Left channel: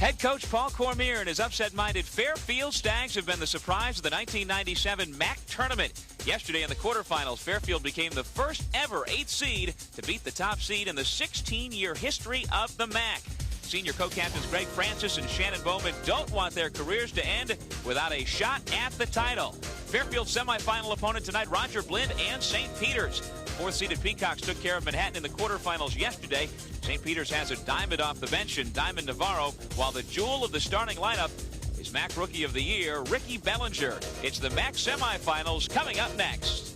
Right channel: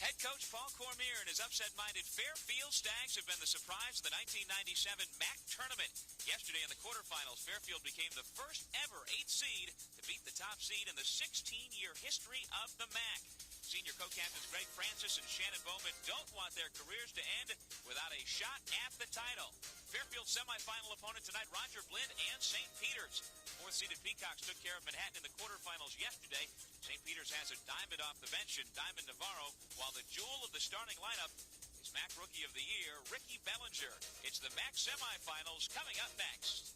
Head coach Paul Cormier and his upset-minded Fairfield Stags have been the surprise of the 1997 MAAC tournament. Yesterday in the quarterfinals, Fairfield became the first ever 8th seed to beat the top seed in the 16-year history of the MAAC. Senior co-captains Greg Francis and Shannon Bowman don't want their careers to end without a shot at the title. Fairfield's semifinal opponent tonight, Roger Blind and St. Peter's. Fourth-seeded Peacocks took care of Manhattan in the quarterfinals yesterday. St. Peter's has a Diamond off the bench in Diamond Navarro, while the jewel of the starting lineup is MAAC Rookie of the Year, Ricky Bellinger. It's the MAAC semifinals coming up next.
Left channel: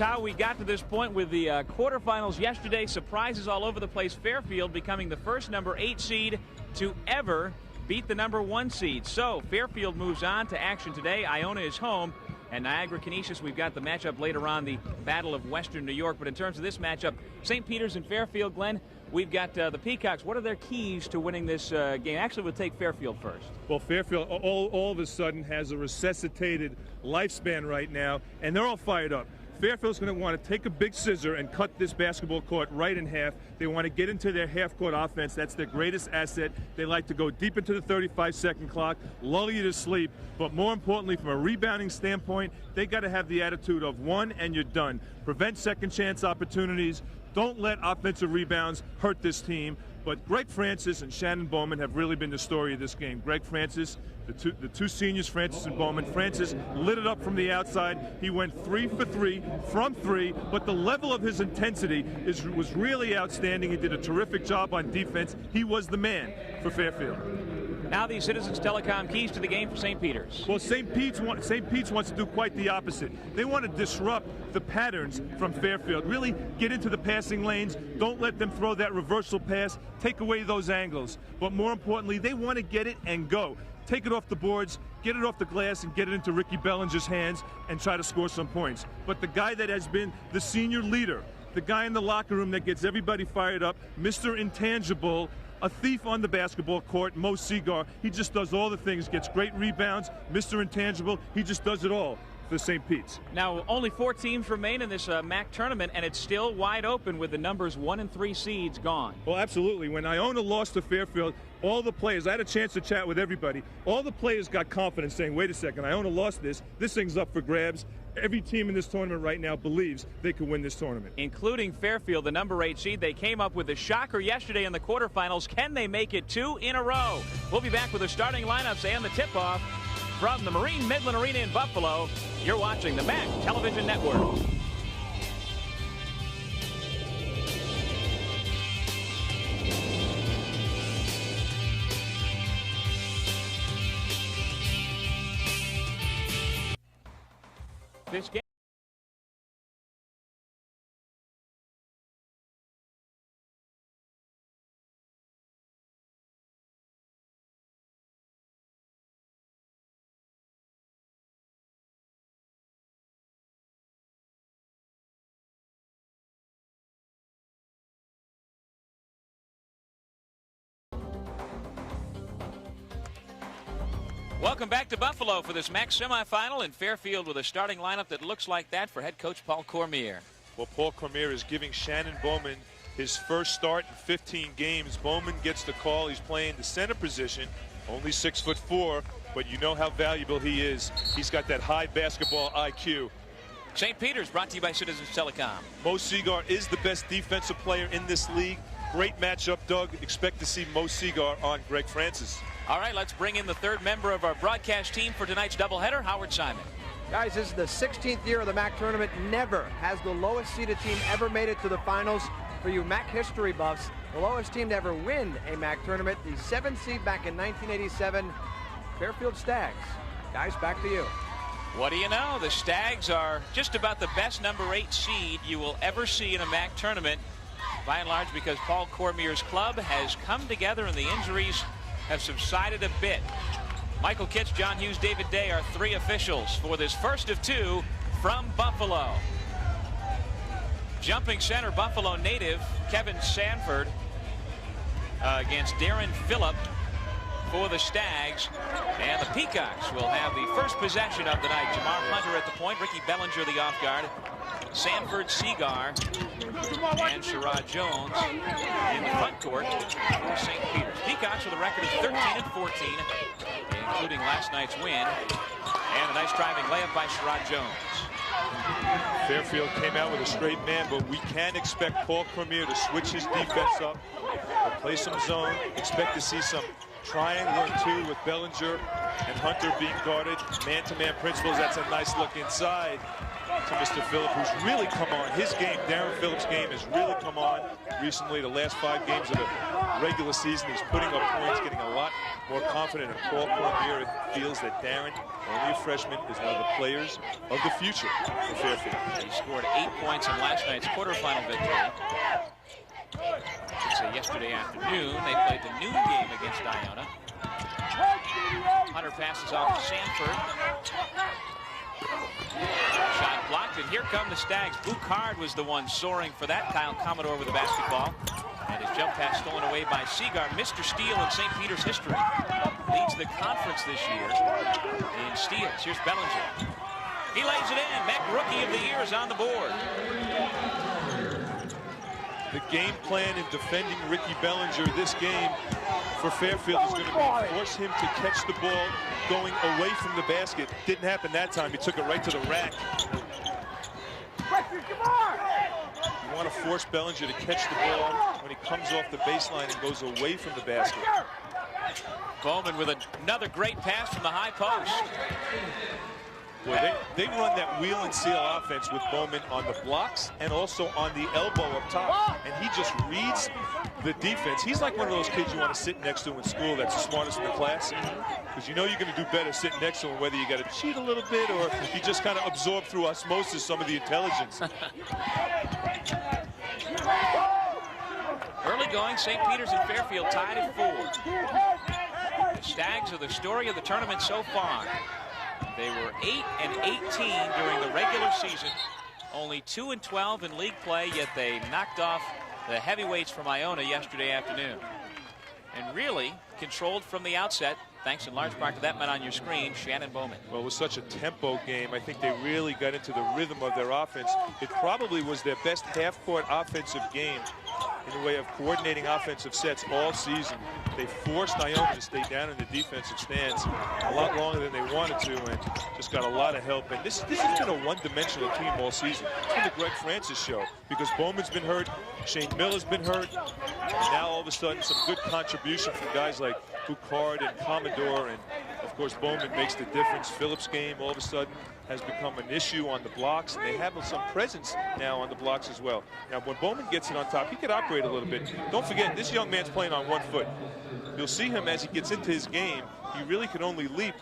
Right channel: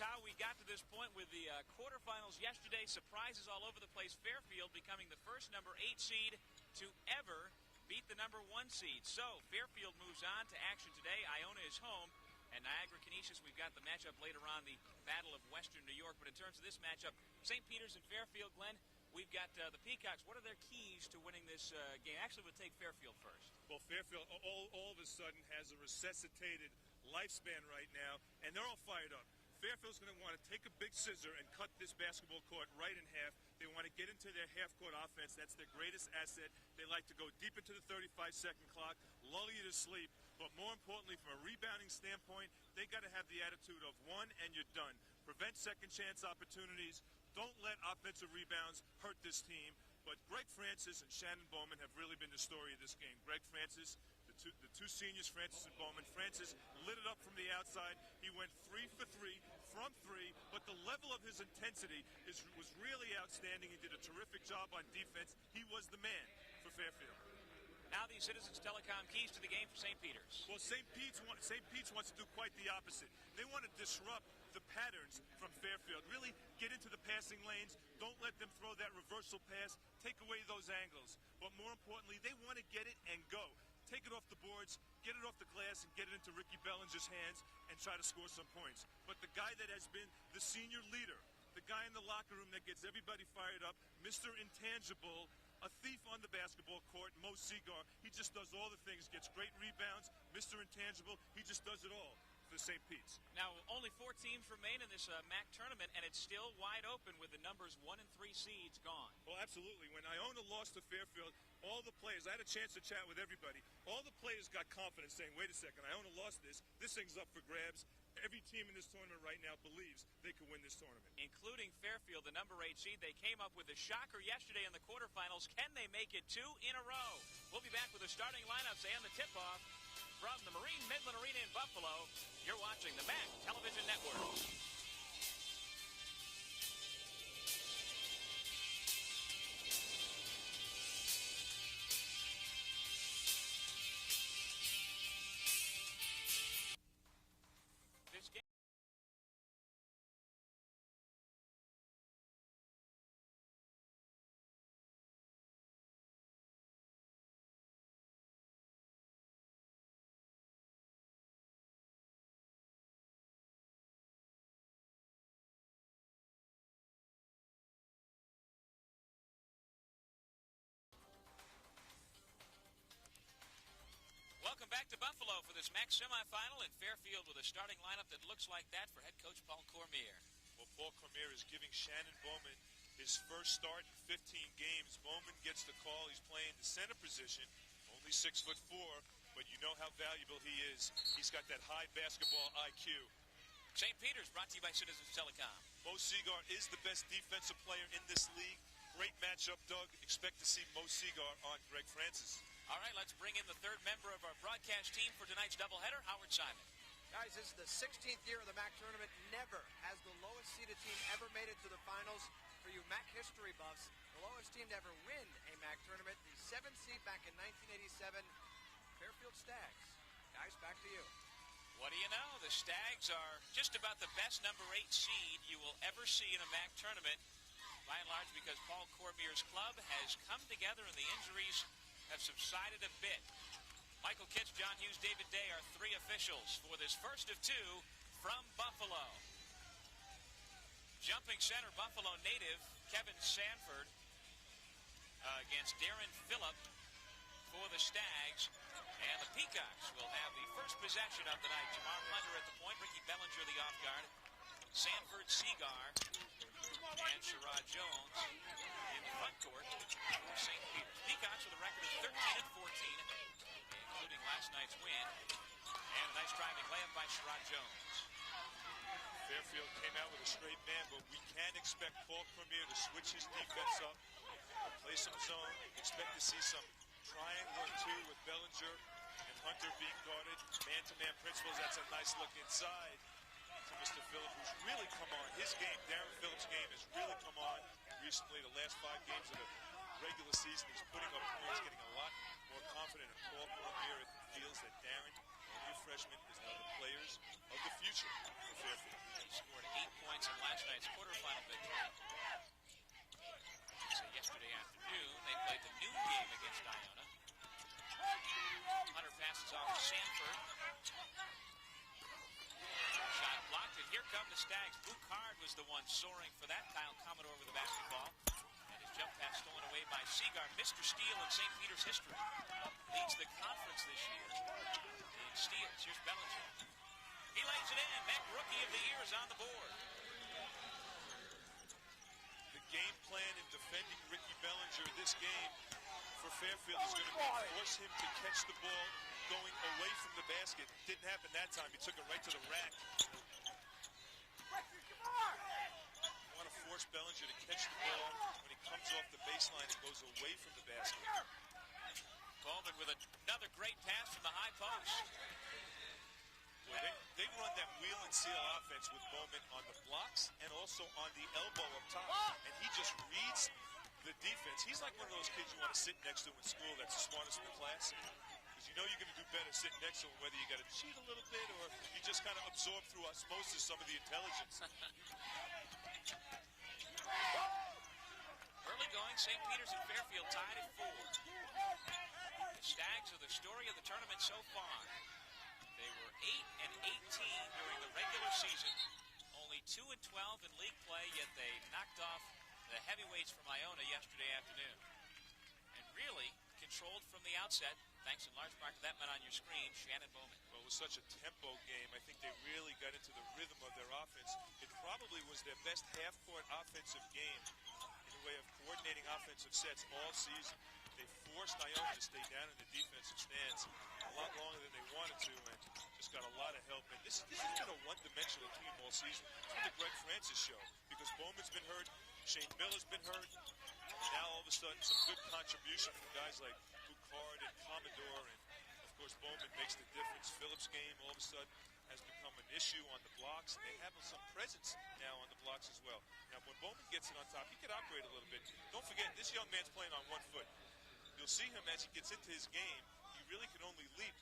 How we got to this point with the quarterfinals yesterday. Surprises all over the place. Fairfield becoming the first number 8 seed to ever beat the number 1 seed. So Fairfield moves on to action today. Iona is home. And Niagara Canisius, we've got the matchup later on, the Battle of Western New York. But in terms of this matchup, St. Peter's and Fairfield, Glenn, we've got the Peacocks. What are their keys to winning this game? Actually, we'll take Fairfield first. Well, Fairfield all of a sudden has a resuscitated lifespan right now, and they're all fired up. Fairfield's going to want to take a big scissor and cut this basketball court right in half. They want to get into their half-court offense. That's their greatest asset. They like to go deep into the 35-second clock, lull you to sleep. But more importantly, from a rebounding standpoint, they got to have the attitude of one and you're done. Prevent second-chance opportunities. Don't let offensive rebounds hurt this team. But Greg Francis and Shannon Bowman have really been the story of this game. Greg Francis, the two seniors, Francis and Bowman. Francis lit it up from the outside. He went 3 for 3 from 3, but the level of his intensity was really outstanding. He did a terrific job on defense. He was the man for Fairfield. Now the Citizens Telecom keys to the game for St. Peter's. Well, St. Pete's wants to do quite the opposite. They want to disrupt the patterns from Fairfield. Really get into the passing lanes. Don't let them throw that reversal pass. Take away those angles. But more importantly, they want to get it and go. Take it off the boards, get it off the glass, and get it into Ricky Bellinger's hands and try to score some points. But the guy that has been the senior leader, the guy in the locker room that gets everybody fired up, Mr. Intangible, a thief on the basketball court, Mo Seagar, he just does all the things, gets great rebounds. Mr. Intangible, he just does it all for St. Pete's. Now, only 4 teams remain in this MAAC tournament, and it's still wide open with the numbers 1 and 3 seeds gone. Well, absolutely. When Iona lost to Fairfield, all the players, I had a chance to chat with everybody, all the players got confidence saying, wait a second, Iona lost this thing's up for grabs. Every team in this tournament right now believes they could win this tournament. Including Fairfield, the number 8 seed. They came up with a shocker yesterday in the quarterfinals. Can they make it 2 in a row? We'll be back with the starting lineups and the tip-off from the Marine Midland Arena in Buffalo. You're watching the MAAC Television Network. This game. Welcome back to Buffalo for this MAAC semifinal, in Fairfield with a starting lineup that looks like that for head coach Paul Cormier. Well, Paul Cormier is giving Shannon Bowman his first start in 15 games. Bowman gets the call. He's playing the center position, only 6'4", but you know how valuable he is. He's got that high basketball IQ. St. Peter's brought to you by Citizens Telecom. Mo Seagar is the best defensive player in this league. Great matchup, Doug. Expect to see Mo Seagar on Greg Francis. All right, let's bring in the third member of our broadcast team for tonight's doubleheader, Howard Simon. Guys, this is the 16th year of the MAAC tournament. Never has the lowest seeded team ever made it to the finals. For you MAAC history buffs, the lowest team to ever win a MAAC tournament, the 7th seed back in 1987, Fairfield Stags. Guys, back to you. What do you know? The Stags are just about the best number 8 seed you will ever see in a MAAC tournament, by and large because Paul Cormier's club has come together and the injuries have subsided a bit. Michael Kitts, John Hughes, David Day are 3 officials for this first of 2 from Buffalo. Jumping center, Buffalo native Kevin Sanford against Darren Phillip for the Stags. And the Peacocks will have the first possession of the night. Jamar Hunter at the point, Ricky Bellinger the off guard, Sanford, Seagar, and Sherrod Jones in the front court for St. Peter's. Peacocks with a record of 13-14, including last night's win. And a nice driving layup by Sherrod Jones. Fairfield came out with a straight man, but we can expect Paul Cormier to switch his defense up, play some zone, expect to see some triangle and 2 with Bellinger and Hunter being guarded. Man-to-man principles. That's a nice look inside to Mr. Phillip, who's really come on. His game, Darren Phillip's game, has really come on recently. The last 5 games of the regular season, he's putting up points, getting a lot more confident. And Paul Cormier feels that Darren, only a freshman, is one of the players of the future for Fairfield. He scored 8 points in last night's quarterfinal victory. So yesterday afternoon, they played the noon game against Iona. Hunter passes off to Sanford. Shot blocked, and here come the Stags. Boucard was the one soaring for that. Kyle Commodore with the basketball. And his jump pass stolen away by Seagar. Mr. Steele in St. Peter's history. Leads the conference this year in steals. Here's Bellinger. He lays it in. MAAC Rookie of the Year is on the board. The game plan in defending Ricky Bellinger this game for Fairfield is going to be force him to catch the ball going away from the basket. Didn't happen that time. He took it right to the rack. You want to force Bellinger to catch the ball when he comes off the baseline and goes away from the basket. Bowman with another great pass from the high post. Boy, they run that wheel and seal offense with Bowman on the blocks and also on the elbow up top. And he just reads the defense. He's like one of those kids you want to sit next to in school that's the smartest in the class. Because you know you're going to do better sitting next to him, whether you got to cheat a little bit or you just kind of absorb through osmosis some of the intelligence. Early going, St. Peter's and Fairfield tied at 4. The Stags are the story of the tournament so far. They were 8-18 during the regular season, only 2-12 in league play, yet they knocked off the heavyweights from Iona yesterday afternoon. And really controlled from the outset, thanks in large part to that man on your screen, Shannon Bowman. Well, it was such a tempo game. I think they really got into the rhythm of their offense. It probably was their best half-court offensive game in the way of coordinating offensive sets all season. They forced Iona to stay down in the defensive stance a lot longer than they wanted to and just got a lot of help. And this has been a one-dimensional team all season. It's been the Greg Francis show because Bowman's been hurt, Shane Miller's been hurt, and now all of a sudden some good contribution from guys like Boucard and Commodore, and of course Bowman makes the difference. Phillips' game all of a sudden has become an issue on the blocks, and they have some presence now on the blocks as well. Now when Bowman gets it on top, he could operate a little bit. Don't forget, this young man's playing on 1 foot. You'll see him as he gets into his game. He really can only leap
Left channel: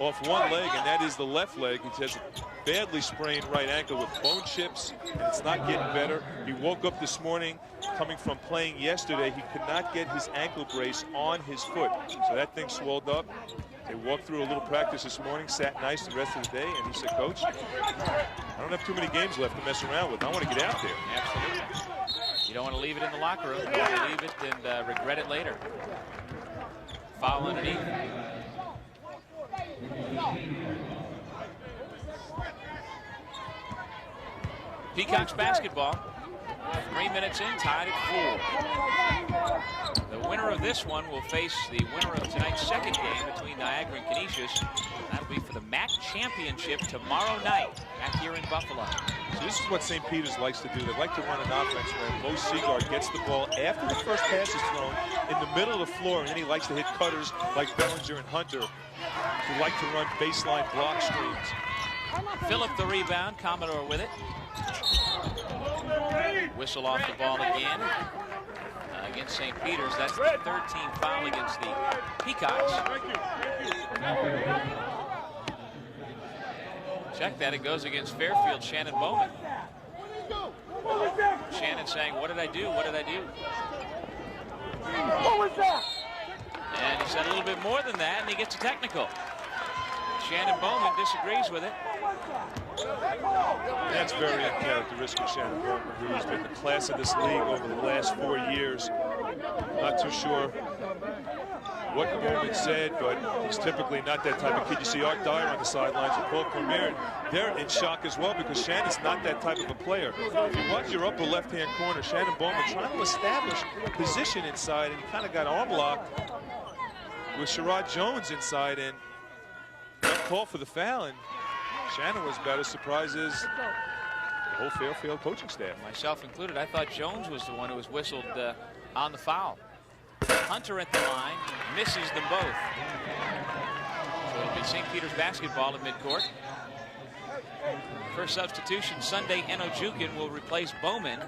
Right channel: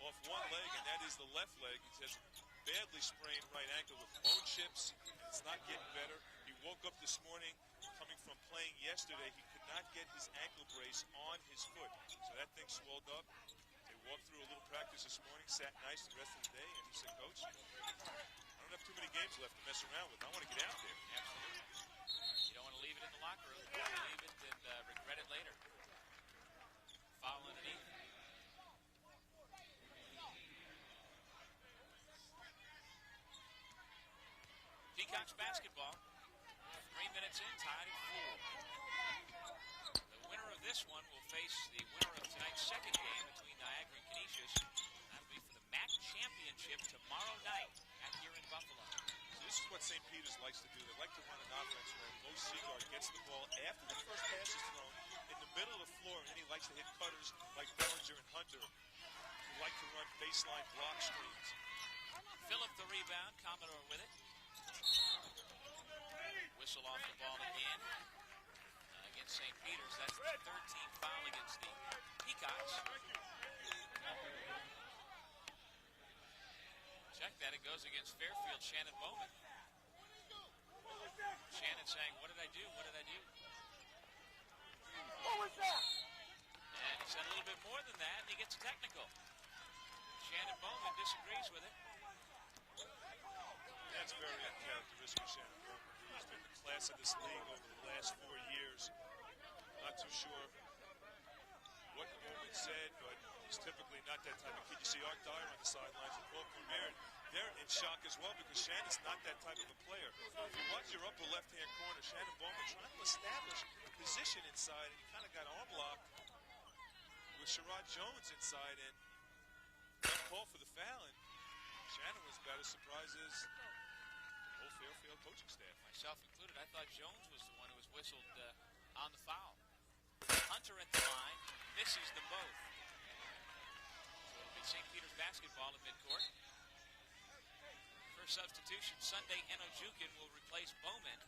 off one leg, and that is the left leg. He has a badly sprained right ankle with bone chips, and it's not getting better. He woke up this morning coming from playing yesterday. He could not get his ankle brace on his foot, so that thing swelled up. They walked through a little practice this morning, sat nice the rest of the day, and he said, Coach, I don't have too many games left to mess around with. I want to get out there. Absolutely. You don't want to leave it in the locker room. You want to leave it and regret it later. Foul underneath. Peacocks basketball. 3 minutes in, tied at 4. The winner of this one will face the winner of tonight's second game between Niagara and Canisius. That'll be for the MAAC championship tomorrow night back here in Buffalo. So this is what St. Peter's likes to do. They like to run an offense where Mo Seagar gets the ball after the first pass is thrown in the middle of the floor, and then he likes to hit cutters like Bellinger and Hunter who like to run baseline block screens. Phillip the rebound, Commodore with it. Whistle off the ball again against St. Peter's. That's the 13th foul against the Peacocks. Check that, it goes against Fairfield, Shannon Bowman. Shannon saying, what did I do? What did I do? What was that? And he said a little bit more than that, and he gets a technical. Shannon Bowman disagrees with it. That's very uncharacteristic of Shannon Bowman, who's been the class of this league over the last 4 years. Not too sure what Bowman said, but he's typically not that type of kid. You see Art Dyer on the sidelines and Paul Cormier. They're in shock as well because Shannon's not that type of a player. If you watch your upper left-hand corner, Shannon Bowman trying to establish position inside, and he kind of got arm locked with Sherrod Jones inside, and got called for the foul, and Shannon was about as surprised as the whole Fairfield coaching staff. Myself included, I thought Jones was the one who was whistled on the foul. Hunter at the line, misses them both. So it'll be St. Peter's basketball at midcourt. First substitution, Sunday Enojukin will replace Bowman.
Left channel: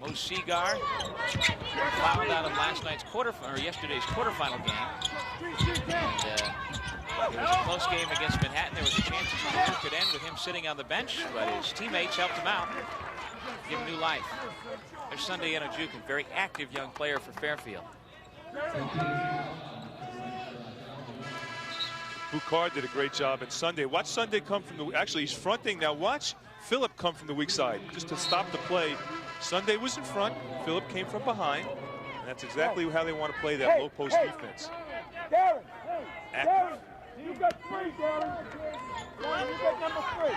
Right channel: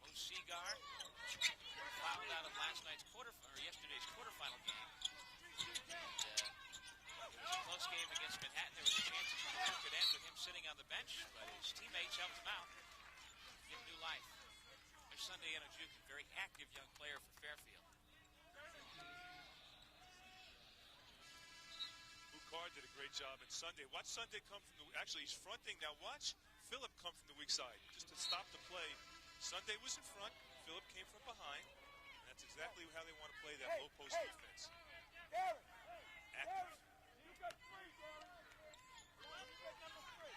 Mo Seagar fouled out of yesterday's quarterfinal game. And, it was a close game against Manhattan. There was a chance his career could end with him sitting on the bench, but his teammates helped him out, give him new life. There's Sunday Enojukin, very active young player for Fairfield. Boucard did a great job, and Sunday. Watch Sunday come from the. Actually, he's fronting now. Watch Phillip come from the weak side just to stop the play. Sunday was in front. Phillip came from behind, and that's exactly how they want to play that low post defense. Active. You got 3, Darren. You got number 3.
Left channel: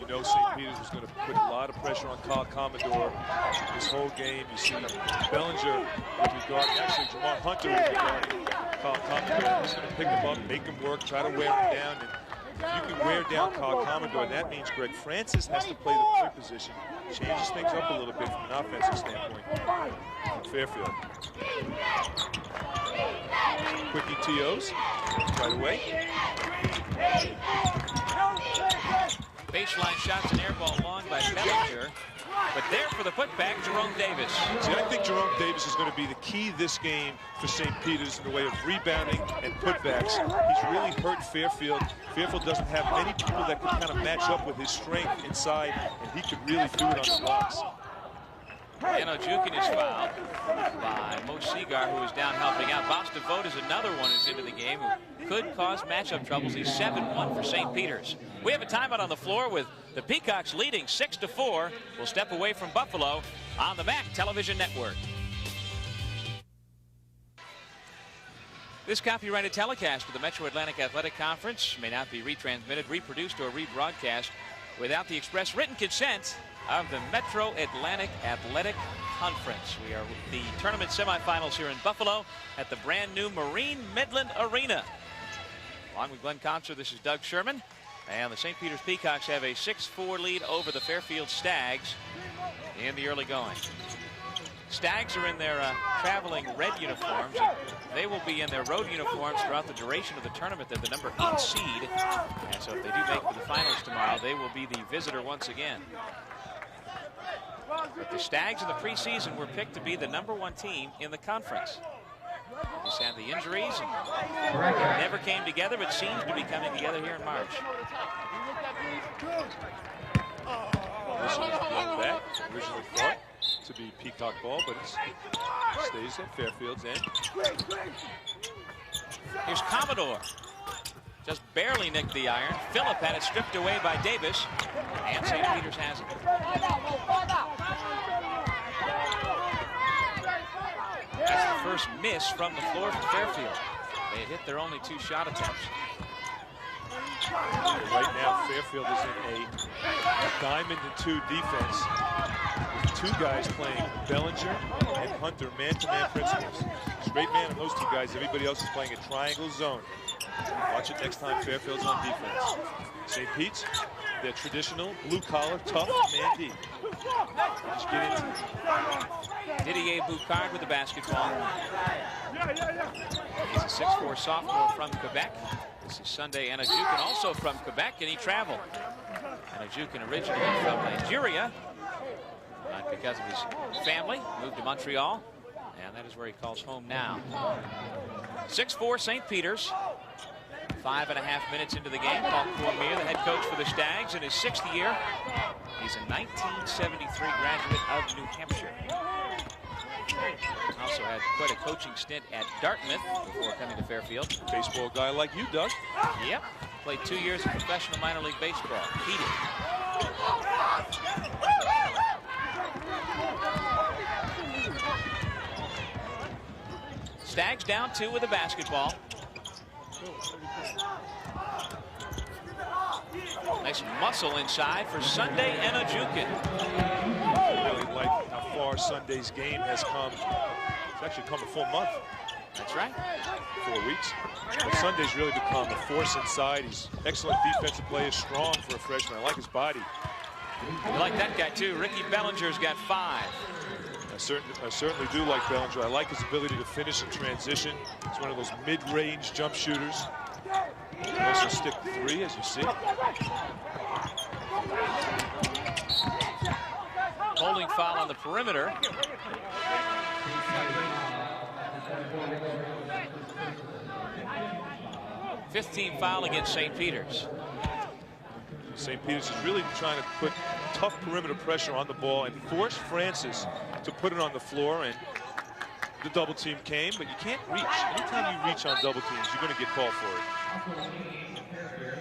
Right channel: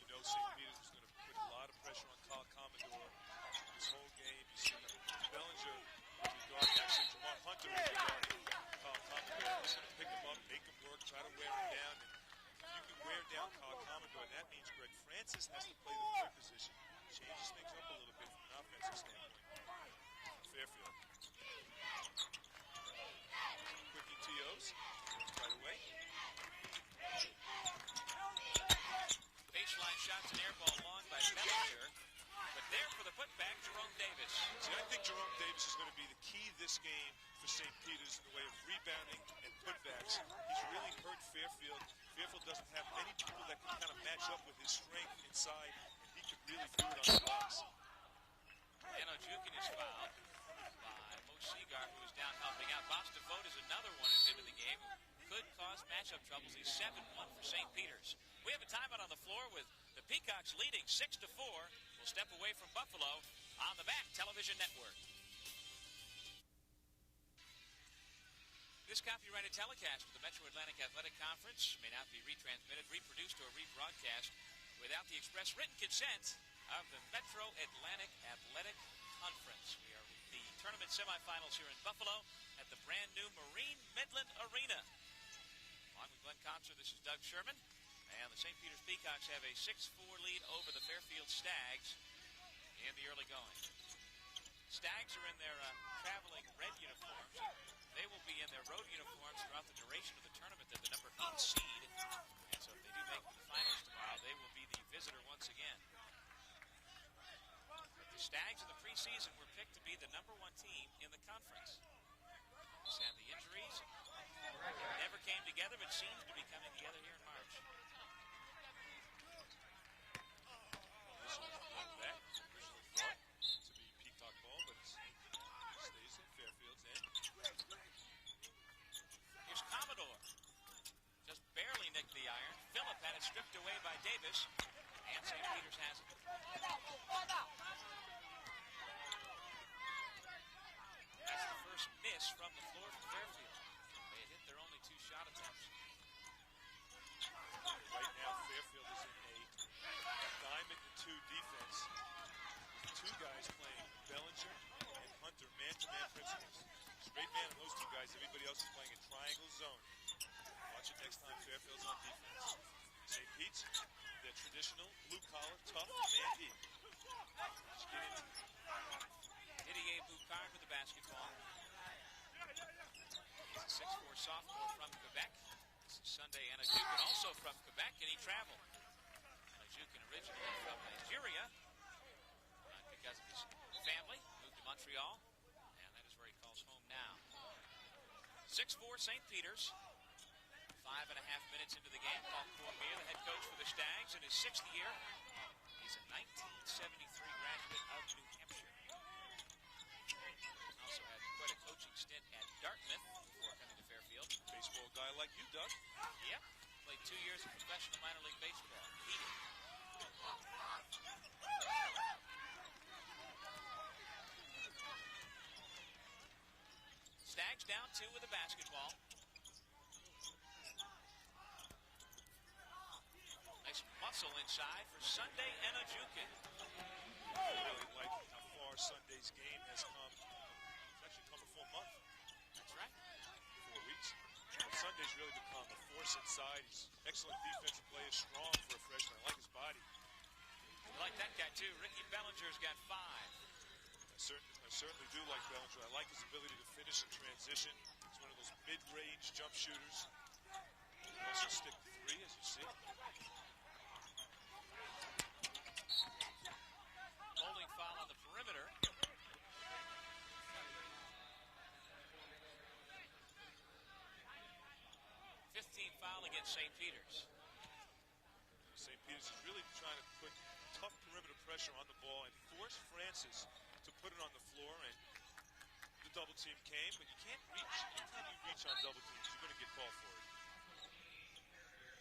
You know St. Peter's was going to put a lot of pressure on Kyle Commodore this whole game. You see Bellinger will be guarding, actually Jamar Hunter will be guarding Kyle Commodore. He's going to pick him up, make him work, try to wear him down. And if you can wear down Kyle Commodore, that means Greg Francis has to play the 3rd position. Changes things up a little bit from an offensive standpoint from Fairfield. Quickie TOs right away. Baseline shots and air ball long by Bellinger. But there for the putback, Jerome Davis. See, I think Jerome Davis is going to be the key this game for St. Peter's in the way of rebounding and putbacks. He's really hurt Fairfield. Fairfield doesn't have many people that can kind of match up with his strength inside, and he could really do it on the box. Enojukin is fouled by Mo Seagar, who is down helping out. Bostavote is another one who's into the game who could cause matchup troubles. He's 7-1 for St. Peter's. We have a timeout on the floor with the Peacocks leading 6-4. We'll step away from Buffalo on the MAAC Television Network. This copyrighted telecast of the Metro Atlantic Athletic Conference may not be retransmitted, reproduced, or rebroadcast without the express written consent of the Metro Atlantic Athletic Conference. We are with the tournament semifinals here in Buffalo at the brand new Marine Midland Arena. Along with Glenn Conser, this is Doug Sherman. And the St. Peter's Peacocks have a 6-4 lead over the Fairfield Stags in the early going. Stags are in their traveling red uniforms. They will be in their road uniforms throughout the duration of the tournament. They're the number 8 seed. And so if they do make it to the finals tomorrow, they will be the visitor once again. But the Stags in the preseason were picked to be the number 1 team in the conference. Just had the injuries and never came together, but seems to be coming together here in March. This is that originally thought to be Peacock ball, but it stays at Fairfield's end. Here's Commodore. Just barely nicked the iron. Phillip had it stripped away by Davis, and St. Peter's has it. That's the first miss from the floor from Fairfield. They had hit their only 2 shot attempts. Right now, Fairfield is in a diamond and 2 defense with 2 guys playing Bellinger and Hunter man-to-man principles. Straight man on those 2 guys. Everybody else is playing a triangle zone. Watch it next time Fairfield's on defense. St. Pete's, their traditional blue-collar, tough man D. Just get into it. Didier Boucard with the basketball. He's a 6'4" sophomore from Quebec. This is Sunday Enojukin, also from Quebec, and he traveled. Anajukin originally from Nigeria, but because of his family, moved to Montreal, and that is where he calls home now. 6-4 St. Peter's. 5.5 minutes into the game. Paul Cormier, the head coach for the Stags, in his 6th year. He's a 1973 graduate of New Hampshire. Also had quite a coaching stint at Dartmouth before coming to Fairfield. Baseball guy like you, Doug. Yep. Played 2 years of professional minor league baseball. Heated. Stags down 2 with a basketball. Nice muscle inside for Sunday Anajukin. I really like how far Sunday's game has come. It's actually come a full month. That's right. 4 weeks. But Sunday's really become a force inside. He's excellent defensive player, strong for a freshman. I like his body. You like that guy too. Ricky Bellinger's got 5. I certainly do like Bellinger. I like his ability to finish in transition. He's one of those mid-range jump shooters. He can also stick 3, as you see. Holding foul on the perimeter. Fifth team foul against St. Peter's. St. Peter's is really trying to put tough perimeter pressure on the ball and force Francis to put it on the floor, and the double team came, but you can't reach. Anytime you reach on double teams, you're going to get called for it.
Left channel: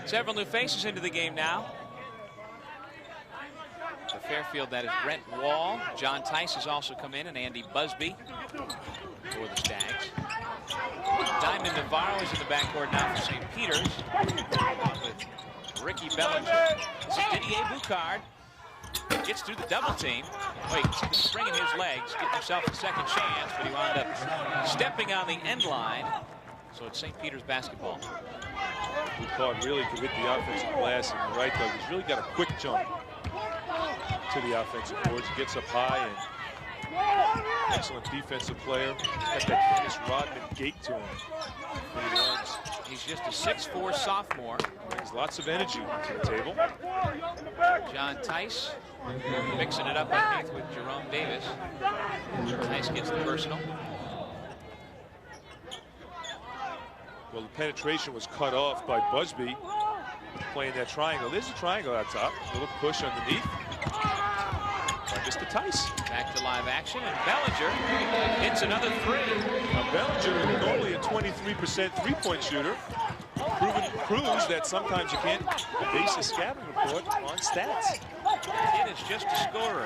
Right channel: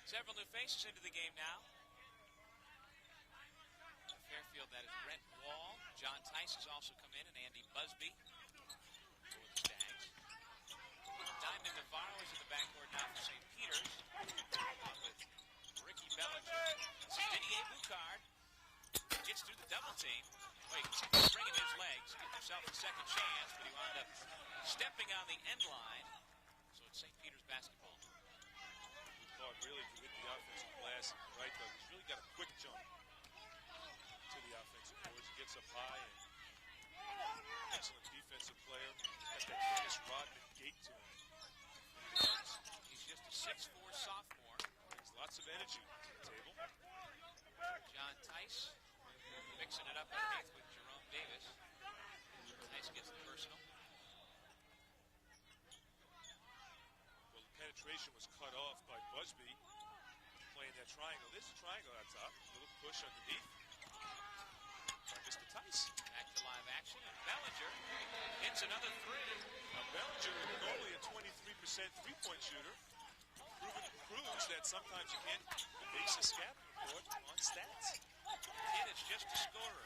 Several new faces into the game now. For Fairfield, that is Brent Wall. John Tice has also come in, and Andy Busby for the Stags. Diamond Navarro is in the backcourt now for St. Peter's with Ricky Bellinger. This is Didier Boucard. Gets through the double team. Wait, springing his legs, getting himself a second chance, but he wound up stepping on the end line. So it's St. Peter's basketball. Boucard really could hit the offensive glass, and you're right, Doug. He's really got a quick jump to the offensive boards. He gets up high, and excellent defensive player. Got that Dennis Rodman gait to him when he runs. He's just a 6'4" sophomore. Brings lots of energy to the table. John Tice mixing it up underneath with Jerome Davis. Tice gets the personal. Well, the penetration was cut off by Busby playing that triangle. There's a triangle out top. A little push underneath. Mr. Tice. Back to live action, and Bellinger hits another 3. Now Bellinger, normally a 23% three-point shooter, proves that sometimes you can't base a scouting report on stats. Kid is just a scorer.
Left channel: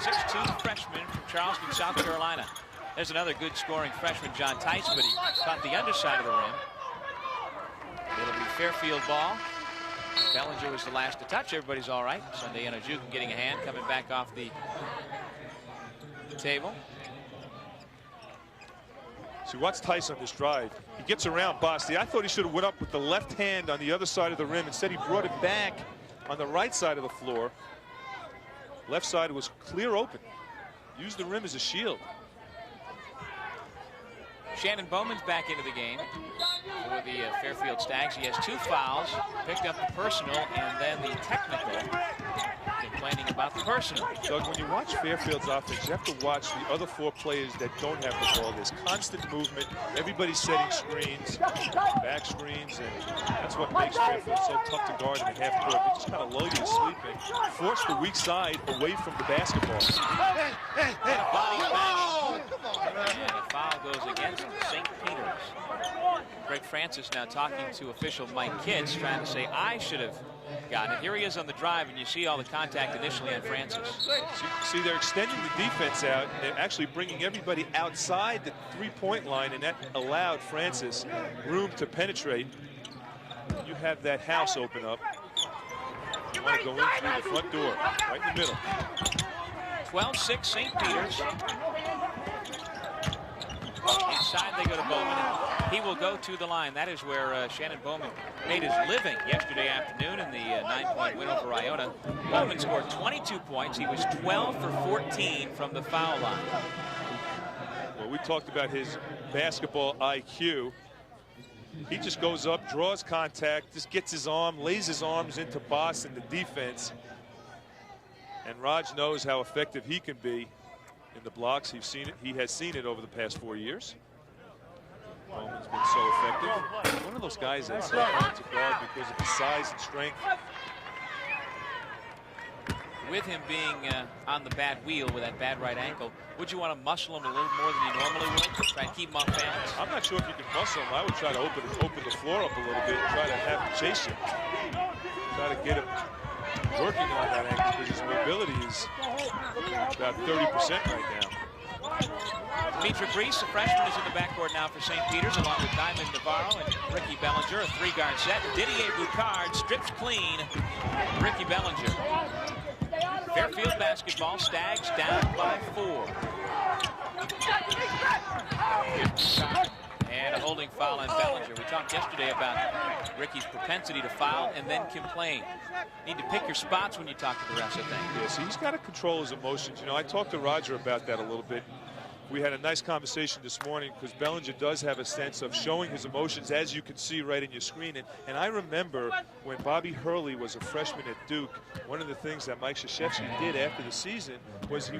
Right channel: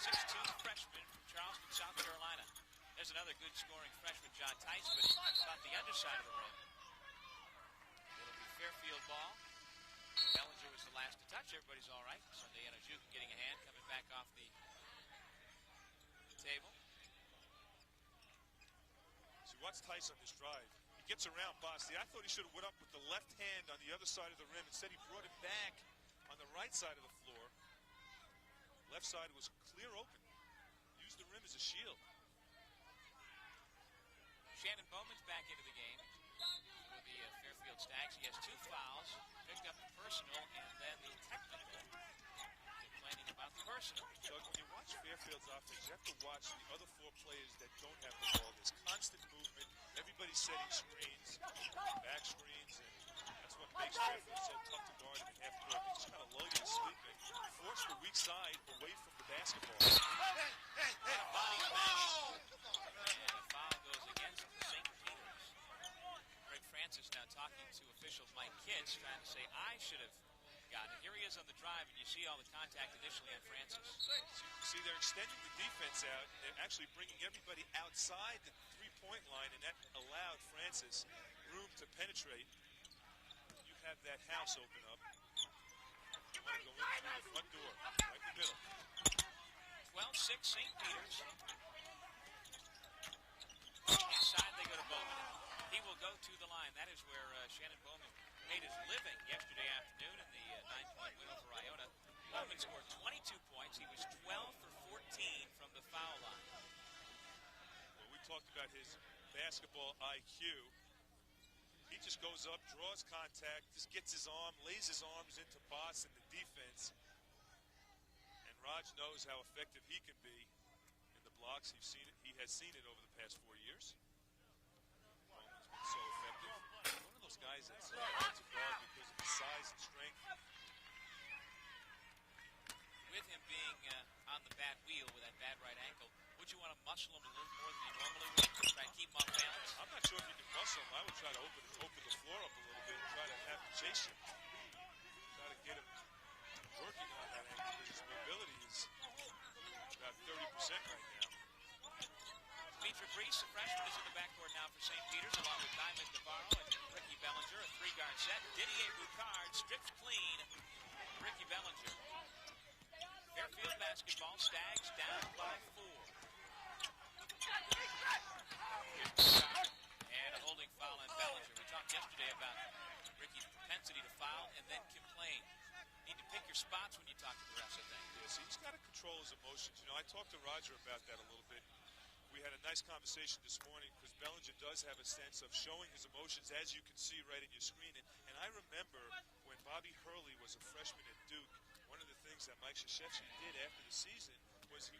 6'2" freshman from Charleston, South Carolina. There's another good scoring freshman, John Tice, but he caught the underside of the rim. It'll be Fairfield ball. Bellinger was the last to touch. Everybody's all right. Sunday Anajukin getting a hand, coming back off the table. See, watch Tice on this drive. He gets around Basti. I thought he should have went up with the left hand on the other side of the rim. Instead, he brought it back on the right side of the floor. Left side was clear open. Used the rim as a shield. Shannon Bowman's back into the game for the Fairfield Stags. He has 2 fouls, picked up the personal, and then the technical. Complaining about the personal. Doug, when you watch Fairfield's offense, you have to watch the other 4 players that don't have the ball. There's constant movement. Everybody's setting screens, back screens, and that's what makes Fairfield so tough to guard in the half court. They just kind of lull you to sleep and force the weak side away from the basketball. And a body bang. And a foul goes against St. Peter's. Greg Francis now talking to official Mike Kitts, trying to say, I should have gotten it. Here he is on the drive, and you see all the contact initially on Francis. See, they're extending the defense out, and they're actually bringing everybody outside the three-point line, and that allowed Francis room to penetrate. You have that house open up. You want to go in through the front door, right in the middle. 12-6 St. Peter's. Inside they go to Bowman. He will go to the line. That is where Shannon Bowman made his living yesterday afternoon in the 9-point win over Iona. Bowman scored 22 points. He was 12 for 14 from the foul line. Well, we talked about his basketball IQ. He just goes up, draws contact, just gets his arm, lays his arms into Boston, the defense. And Raj knows how effective he can be in the blocks. He has seen it over the past 4 years. Bowman's been so effective. One of those guys that's hard to guard because of his size and strength. With him being on the bad wheel with that bad right ankle, would you want to muscle him a little more than you normally would? Try and keep him off balance? I'm not sure if you can muscle him. I would try to open the floor up a little bit and try to have him chase him. Try to get him working on that ankle because his mobility is about 30% right now. Dimitri Brees, a freshman, is in the backcourt now for St. Peter's, along with Diamond Navarro and Ricky Bellinger. A three-guard set. Didier Boucard strips clean. Ricky Bellinger. Fairfield basketball. Stags down by 4. And a holding foul on Bellinger. We talked yesterday about Ricky's propensity to foul and then complain. Need to pick your spots when you talk to the refs, I think. Yeah, so he's got to control his emotions. You know, I talked to Roger about that a little bit. We had a nice conversation this morning because Bellinger does have a sense of showing his emotions, as you can see right in your screen. And I remember when Bobby Hurley was a freshman at Duke, one of the things that Mike Krzyzewski did after the season was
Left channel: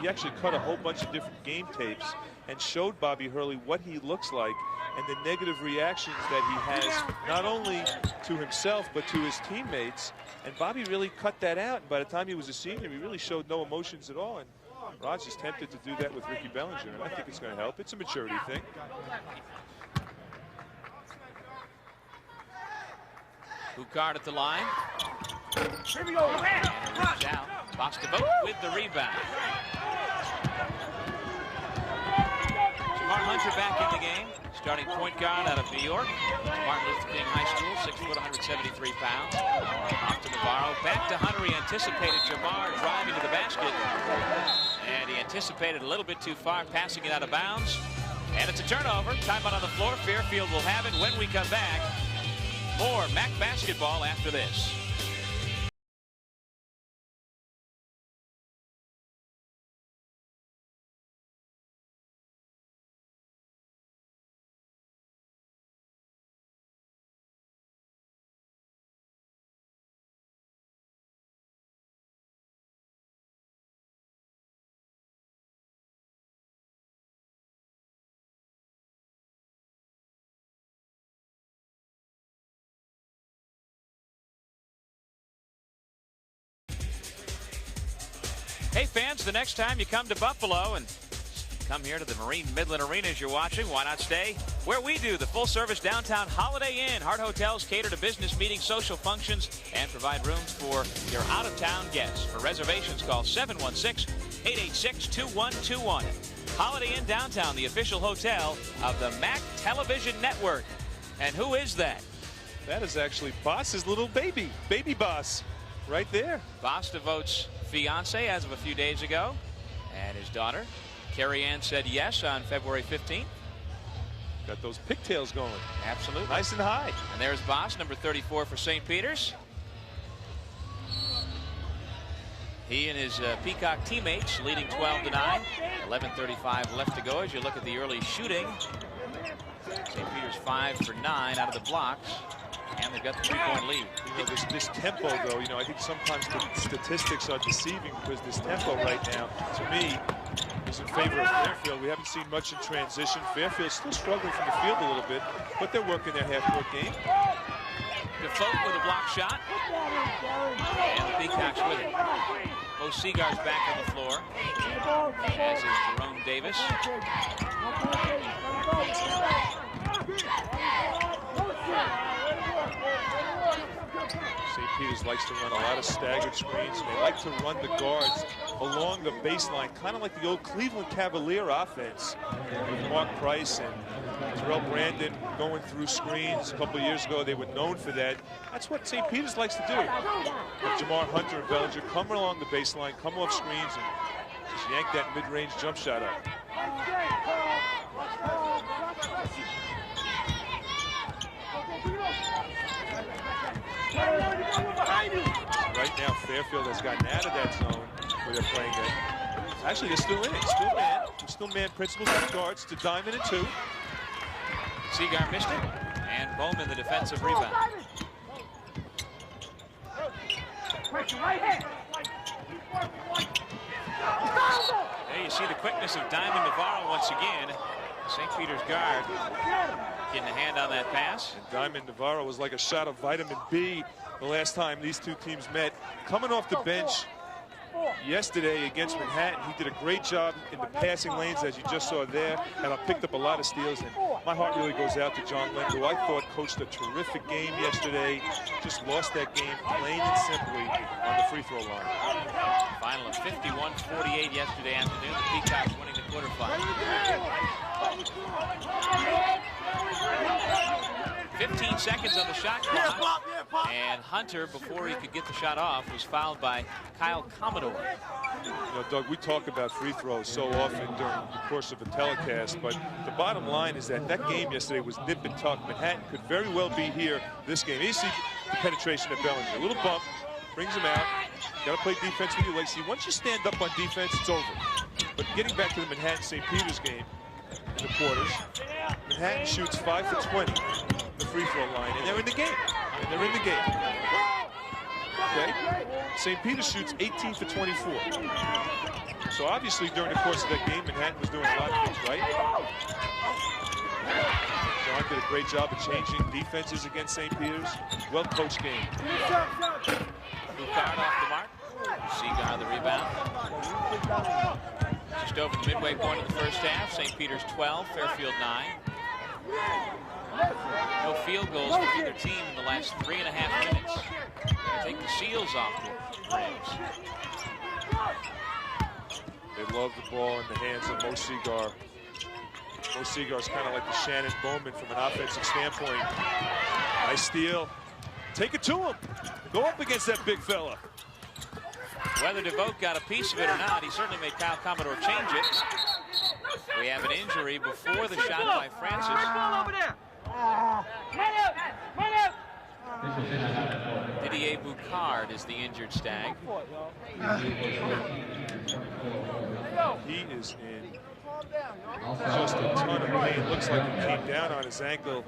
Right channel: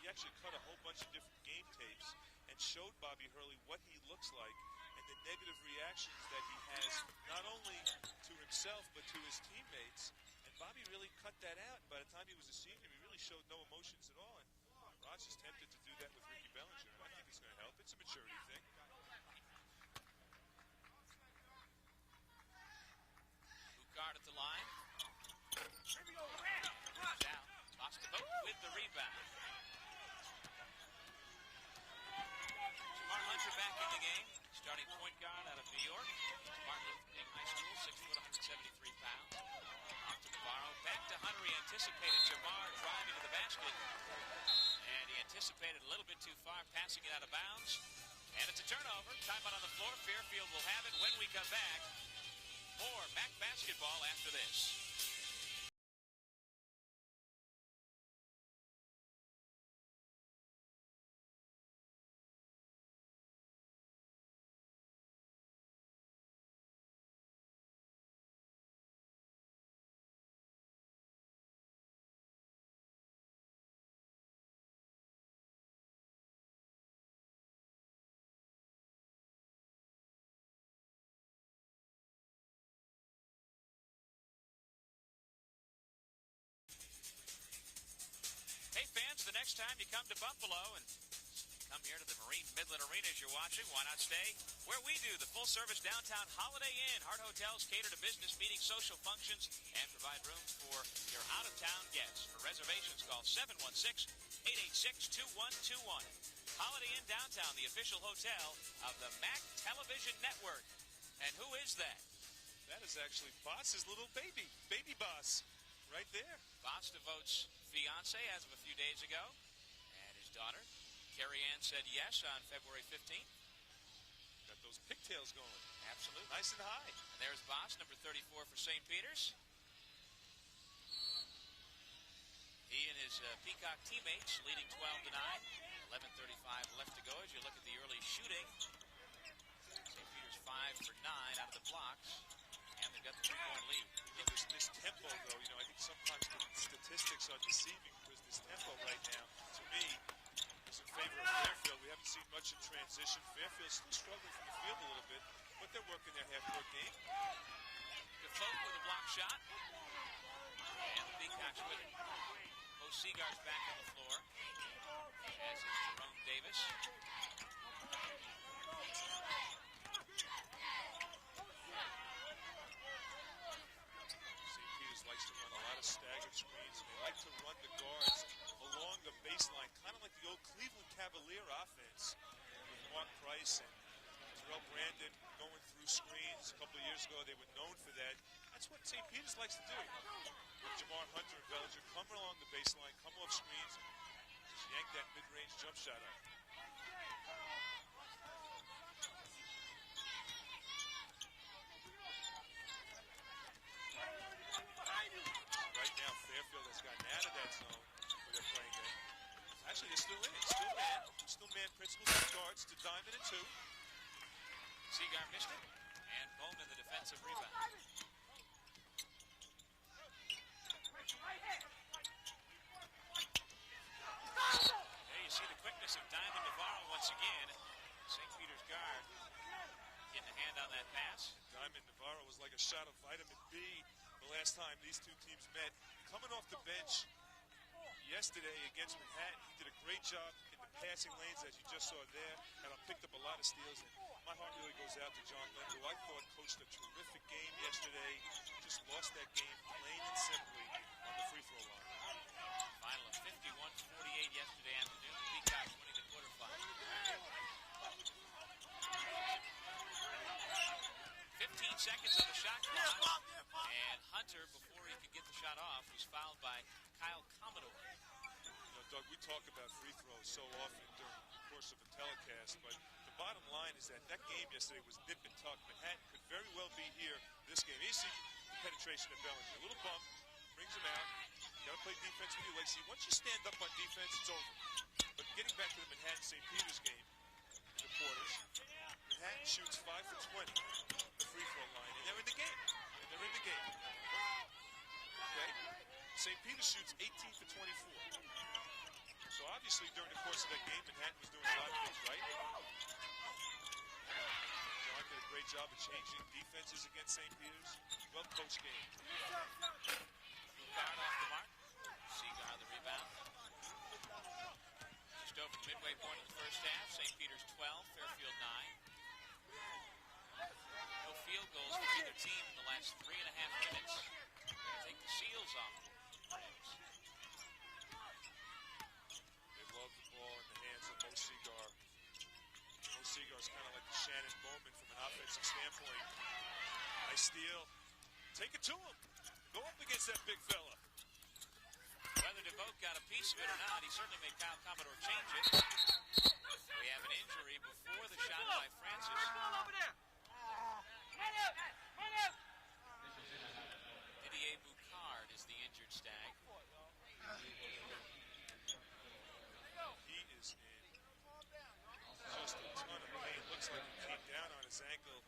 he actually cut a whole bunch of different game tapes and showed Bobby Hurley what he looks like and the negative reactions that he has, not only to himself, but to his teammates. And Bobby really cut that out. And by the time he was a senior, he really showed no emotions at all. And Raj is tempted to do that with Ricky Bellinger, and I think it's going to help. It's a maturity thing. Boucard at the line. Here we go. Out. Bostavote with the rebound. Jamar Hunter back in the game. Starting point guard out of New York. Martin Luther King High School, 6 foot, 173 pounds. Off to Navarro. Back to Hunter. He anticipated Jamar driving to the basket. And he anticipated a little bit too far, passing it out of bounds. And it's a turnover. Timeout on the floor. Fairfield will have it when we come back. More MAAC basketball after this. Hey fans, the next time you come to Buffalo and come here to the Marine Midland Arena as you're watching, why not stay where we do, the full-service downtown Holiday Inn. Hart Hotels cater to business meetings, social functions, and provide rooms for your out-of-town guests. For reservations, call 716-886-2121. Holiday Inn Downtown, the official hotel of the MAAC Television Network. And who is that? That is actually Boss's little baby Boss, right there. Bostavote's fiance as of a few days ago, and his daughter Carrie Ann said yes on February 15th. Got those pigtails going. Absolutely. Nice and high. And there's Boss, number 34 for St. Peter's. He and his Peacock teammates leading 12-9. 11:35 left to go as you look at the early shooting. St. Peter's 5 for 9 out of the blocks. And they've got the 3-point lead. You know, this tempo, though, you know, I think sometimes the statistics are deceiving because this tempo right now, to me, is in favor of Fairfield. We haven't seen much in transition. Fairfield's still struggling from the field a little bit, but they're working their half-court game. Defoe with a block shot. And the Peacocks with it. Both Seagars back on the floor, as is Jerome Davis. St. Peter's likes to run a lot of staggered screens. They like to run the guards along the baseline, kind of like the old Cleveland Cavalier offense with Mark Price and Terrell Brandon going through screens. A couple of years ago, they were known for that. That's what St. Peter's likes to do. But Jamar Hunter and Bellinger come along the baseline, come off screens, and just yank that mid-range jump shot up. Right now, Fairfield has gotten out of that zone where they're playing it. Actually, they're still in it. Still man principles and guards to Diamond and 2. Seagar missed it, and Bowman the defensive rebound. There you see the quickness of Diamond Navarro once again. St. Peter's guard getting a hand on that pass. And Diamond Navarro was like a shot of vitamin B the last time these two teams met. Coming off the bench yesterday against Manhattan, he did a great job in the passing lanes, as you just saw there, and I picked up a lot of steals. And my heart really goes out to John Lynn, who I thought coached a terrific game yesterday. Just lost that game plain and simply on the free throw line. Final of 51-48 yesterday afternoon. The Peacocks winning the quarterfinal. 15 seconds on the shot clock, and Hunter, before he could get the shot off, was fouled by Kyle Commodore. You know, Doug, we talk about free throws so often during the course of a telecast, but the bottom line is that that game yesterday was nip and tuck. Manhattan could very well be here this game. You see the penetration of Bellinger. A little bump, brings him out. Got to play defense with your legs. See, once you stand up on defense, it's over. But getting back to the Manhattan-St. Peter's game in the quarters, Manhattan shoots 5 for 20 the free throw line, and they're in the game. Okay? St. Peter shoots 18 for 24. So obviously during the course of that game, Manhattan was doing a lot of things right. John did a great job of changing defenses against St. Peter's. Well-coached game. Boucard off the mark. Seagar the rebound. Just over the midway point of the first half. St. Peter's 12, Fairfield 9. No field goals for either team in the last 3.5 minutes. Take the Seals off the rims. They love the ball in the hands of Mo Seagar. Mo Seagar's kind of like the Shannon Bowman from an offensive standpoint. Nice steal. Take it to him. Go up against that big fella. Whether DeVoe got a piece of it or not, he certainly made Kyle Commodore change it. We have an injury before the shot by Francis. Didier Boucard is the injured Stag. He is in just a ton of pain. Looks like he came down on his ankle.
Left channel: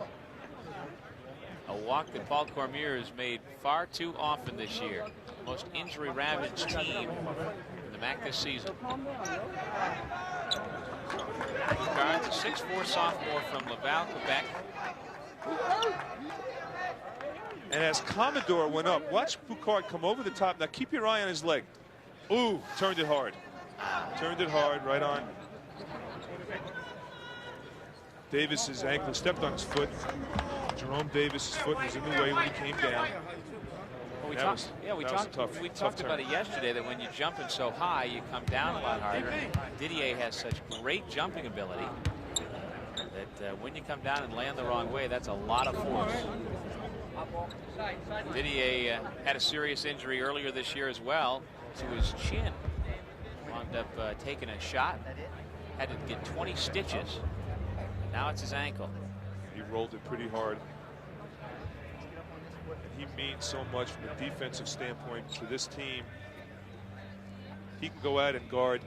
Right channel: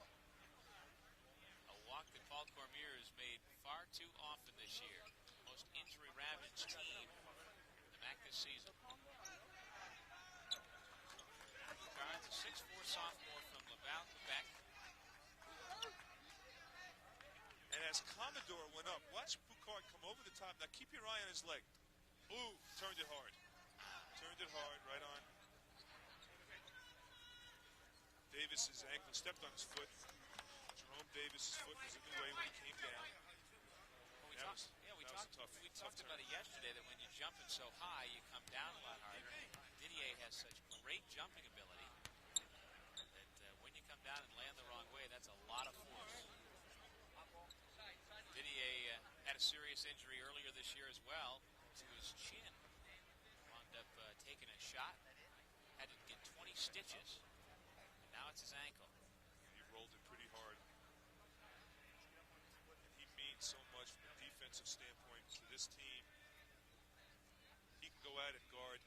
A walk that Paul Cormier has made far too often this year. Most injury-ravaged team in the MAAC this season. Boucard's a 6'4" sophomore from Laval, Quebec. And as Commodore went up, watch Boucard come over the top. Now keep your eye on his leg. Ooh, turned it hard. Turned it hard, right on Davis's ankle, stepped on his foot. Jerome Davis's foot was in the way when he came down. Well, we talked about it yesterday, that when you're jumping so high, you come down a lot harder. Didier has such great jumping ability that when you come down and land the wrong way, that's a lot of force. Didier had a serious injury earlier this year as well to his chin. Wound up taking a shot, had to get 20 stitches. Now it's his ankle. He rolled it pretty hard. He means so much from a defensive standpoint to this team. He can go out and guard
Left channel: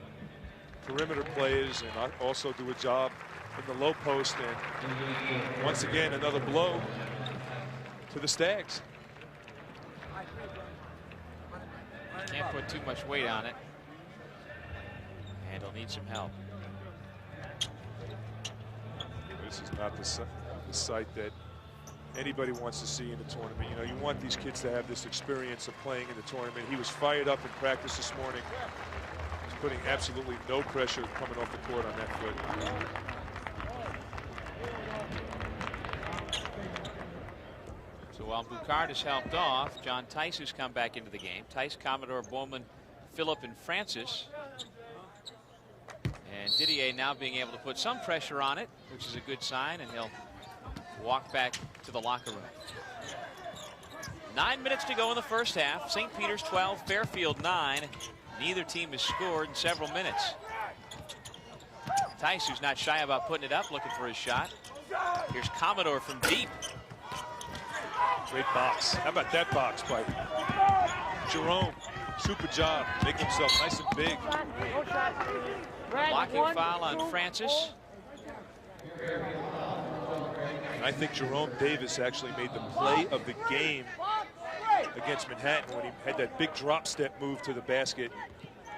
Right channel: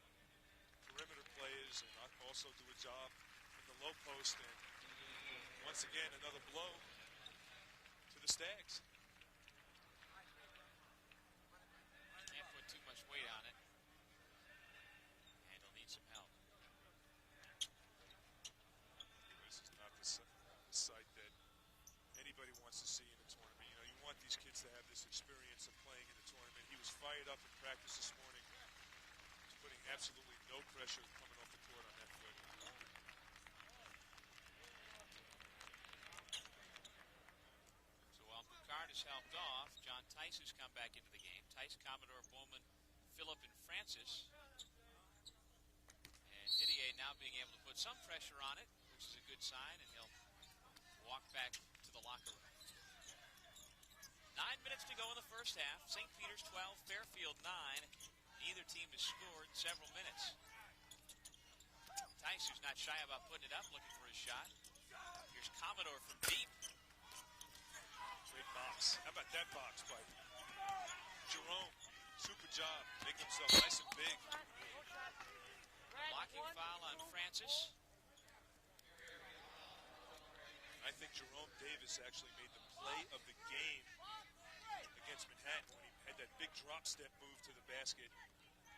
perimeter players and also do a job in the low post. And once again, another blow to the Stags. Can't put too much weight on it, and he'll need some help. This is not the sight that anybody wants to see in the tournament. You know, you want these kids to have this experience of playing in the tournament. He was fired up in practice this morning. He's putting absolutely no pressure coming off the court on that foot. So while Boucard is helped off, John Tice has come back into the game. Tice, Commodore, Bowman, Phillip, and Francis. And Didier now being able to put some pressure on it, which is a good sign, and he'll walk back to the locker room. 9 minutes to go in the first half. St. Peter's 12, Fairfield 9. Neither team has scored in several minutes. Tice, who's not shy about putting it up, looking for his shot. Here's Commodore from deep. Great box. How about that box by Jerome? Super job. Making himself nice and big. Blocking foul on Francis. I think Jerome Davis actually made the play of the game against Manhattan when he had that big drop step move to the basket.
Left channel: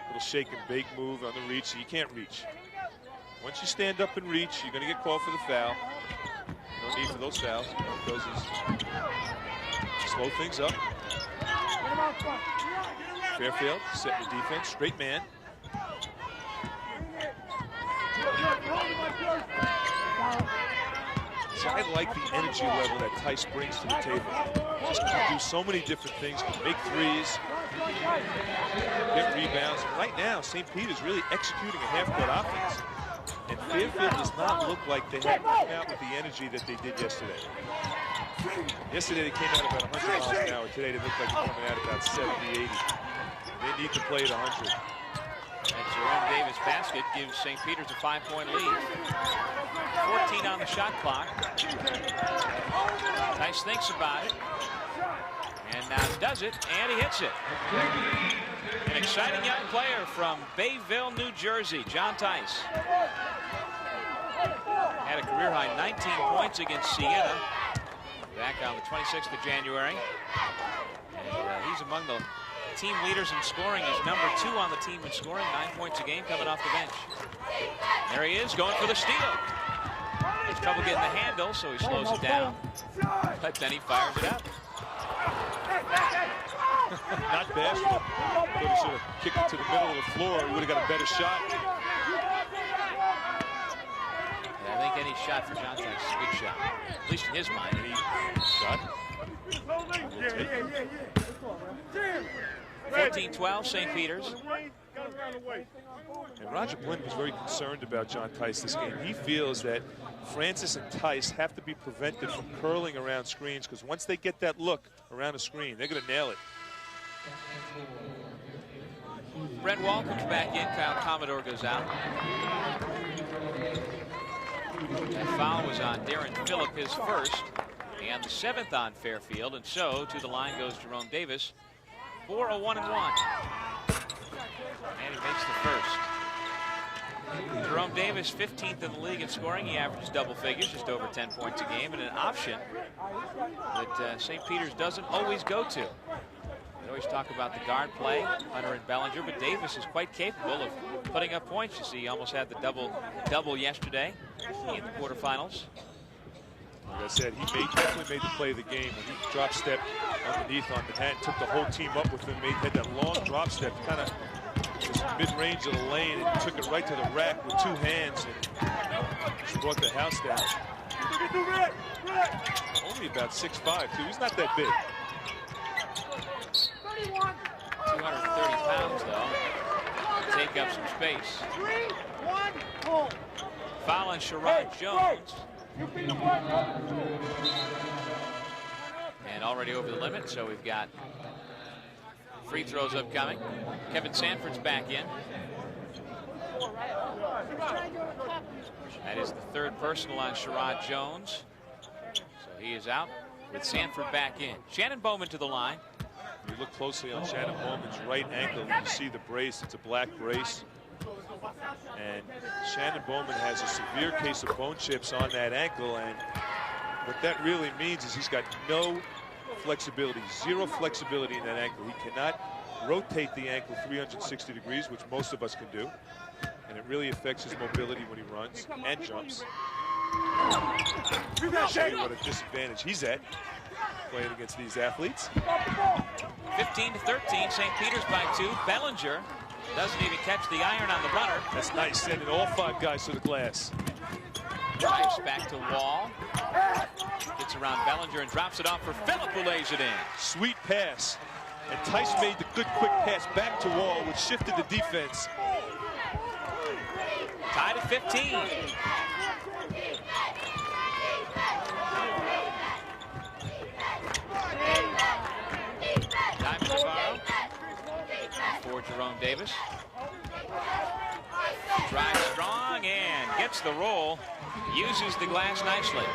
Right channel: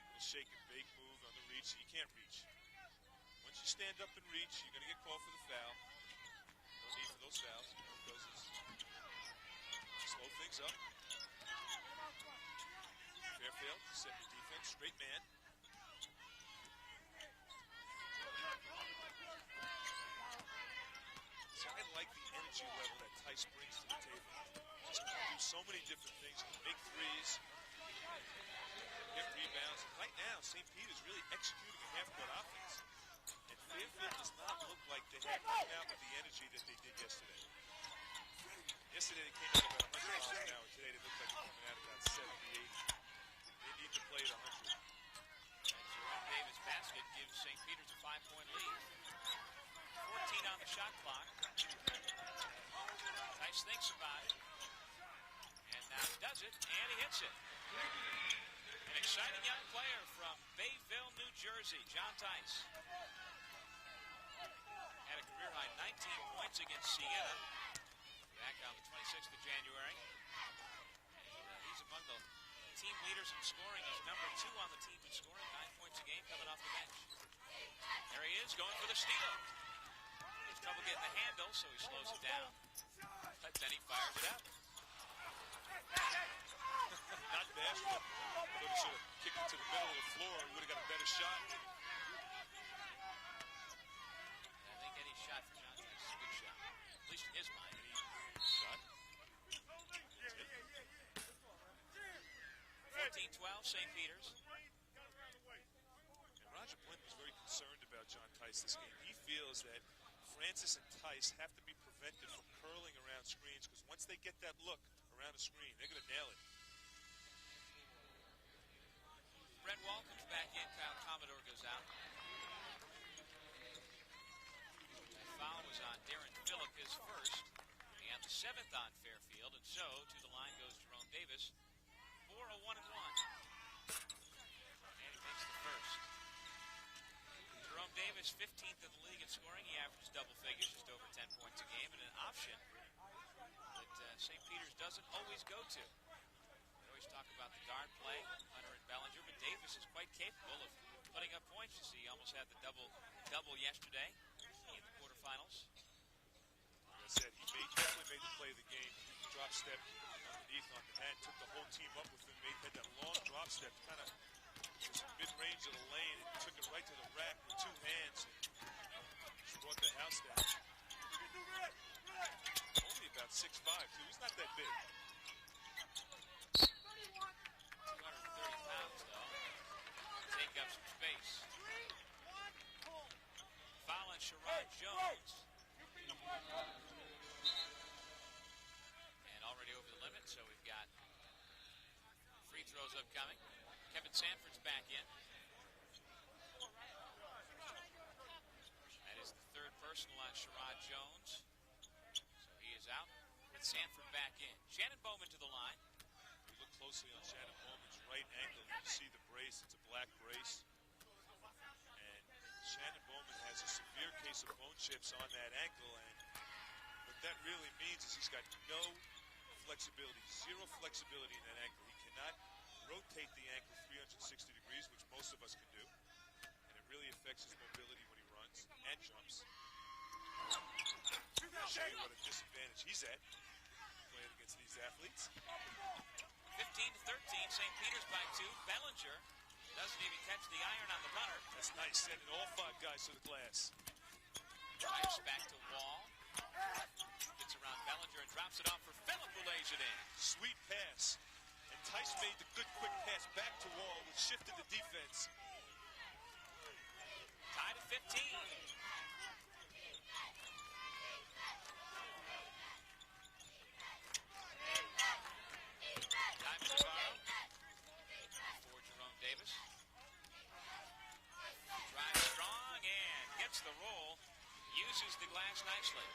Little shake and bake move on the reach, so you can't reach. Once you stand up and reach, you're going to get called for the foul. No need for those fouls. What it does is slow things up. Fairfield setting the defense, straight man. So I like the energy level that Tice brings to the table. Just can do so many different things, can make threes, get rebounds. And right now, St. Peter's really executing a half-court offense. And Fairfield does not look like they have come out with the energy that they did yesterday. Yesterday they came out about 100 miles an hour. Today they look like they're coming out about 70, 80. They need to play at 100. And Jerome Davis' basket gives St. Peter's a 5-point lead. 14 on the shot clock. Tice thinks about it. And now does it, and he hits it. An exciting young player from Bayville, New Jersey, John Tice. Had a career-high 19 points against Siena back on the 26th of January. And he's among the team leaders in scoring. He's number 2 on the team in scoring, 9 points a game coming off the bench. There he is, going for the steal. Has trouble getting the handle, so he slows it down. But then he fires it up. Not bashful. Thought he should have kicked it to the middle of the floor. He would have got a better shot. Yeah, I think any shot for John Tice is a good shot, at least in his mind. Any shot. 14-12, St. Peter's. And Roger Blinn was very concerned about John Tice this game. He feels that Francis and Tice have to be prevented from curling around screens, because once they get that look around a screen, they're going to nail it. Brent Wall comes back in. Kyle Commodore goes out. That foul was on Darren Phillip, his first, and the 7th on Fairfield, and so to the line goes Jerome Davis for a 1-and-1. And he makes the first. Jerome Davis, 15th in the league in scoring. He averages double figures, just over 10 points a game, and an option that St. Peter's doesn't always go to. They always talk about the guard play, Hunter and Bellinger, but Davis is quite capable of putting up points. You see, he almost had the double yesterday in the quarterfinals. Like I said, he definitely made the play of the game when he drop stepped underneath on Manhattan, took the whole team up with him, had that long drop step, kind of just mid-range of the lane, and took it right to the rack with 2 hands and just brought the house down. Only about 6'5", too. He's not that big. 230 pounds, though. Take up some space. Foul on Sherrod Jones. And already over the limit, so we've got free throws upcoming. Kevin Sanford's back in. That is the 3rd personal on Sherrod Jones. So he is out with Sanford back in. Shannon Bowman to the line. You look closely on Shannon Bowman's right ankle, you see the brace. It's a black brace. And Shannon Bowman has a severe case of bone chips on that ankle, and what that really means is he's got no flexibility, 0 flexibility in that ankle. He cannot rotate the ankle 360 degrees, which most of us can do, and it really affects his mobility when he runs and jumps. I'll show you what a disadvantage he's at playing against these athletes. 15-13, St. Peter's by 2. Bellinger doesn't even catch the iron on the runner. That's nice, sending all 5 guys to the glass. Drives back to Wall. Gets around Bellinger and drops it off for Phillip, who lays it in. Sweet pass. And Tice made the good quick pass back to Wall, which shifted the defense. Tied at 15. Diamond Navarro for Jerome Davis. Drives strong and gets the roll. Uses the glass nicely.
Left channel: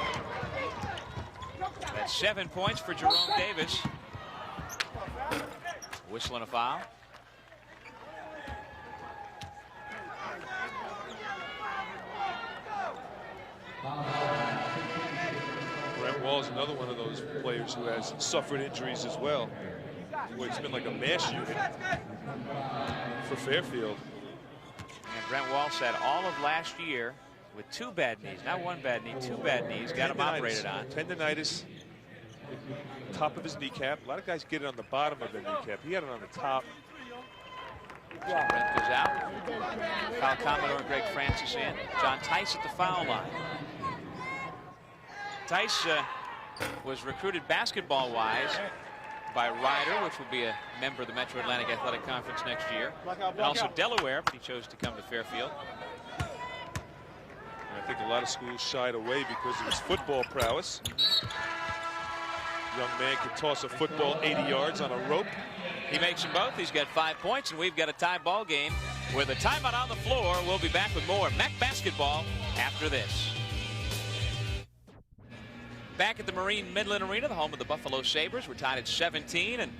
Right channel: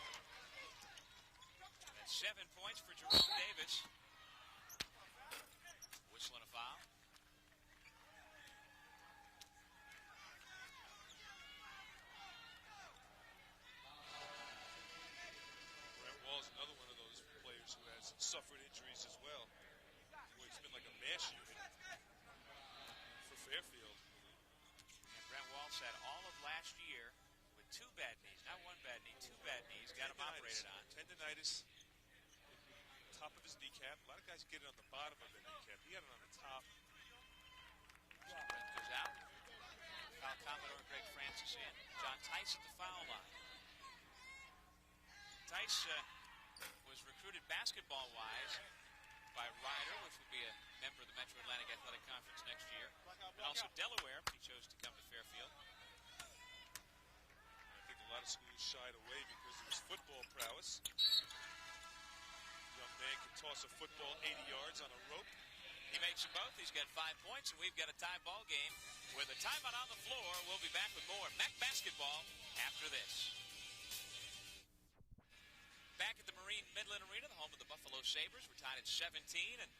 That's 7 points for Jerome Davis. Whistling a foul. Brent Wall is another one of those players who has suffered injuries as well. Boy, it's been like a mash unit for Fairfield. And Brent Wall said all of last year with 2 bad knees, not 1 bad knee, 2 bad knees, got him operated on. Tendonitis, top of his kneecap. A lot of guys get it on the bottom of their kneecap. He had it on the top. So Brent goes out. Kyle Commodore and Greg Francis in. John Tice at the foul line. Tice was recruited basketball-wise by Ryder, which will be a member of the Metro Atlantic Athletic Conference next year. And also Delaware, but he chose to come to Fairfield. And I think a lot of schools shied away because of his football prowess. Young man can toss a football 80 yards on a rope. He makes them both. He's got 5 points, and we've got a tie ball game with a timeout on the floor. We'll be back with more MAAC basketball after this. Back at the Marine Midland Arena, the home of the Buffalo Sabres. We're tied at 17, and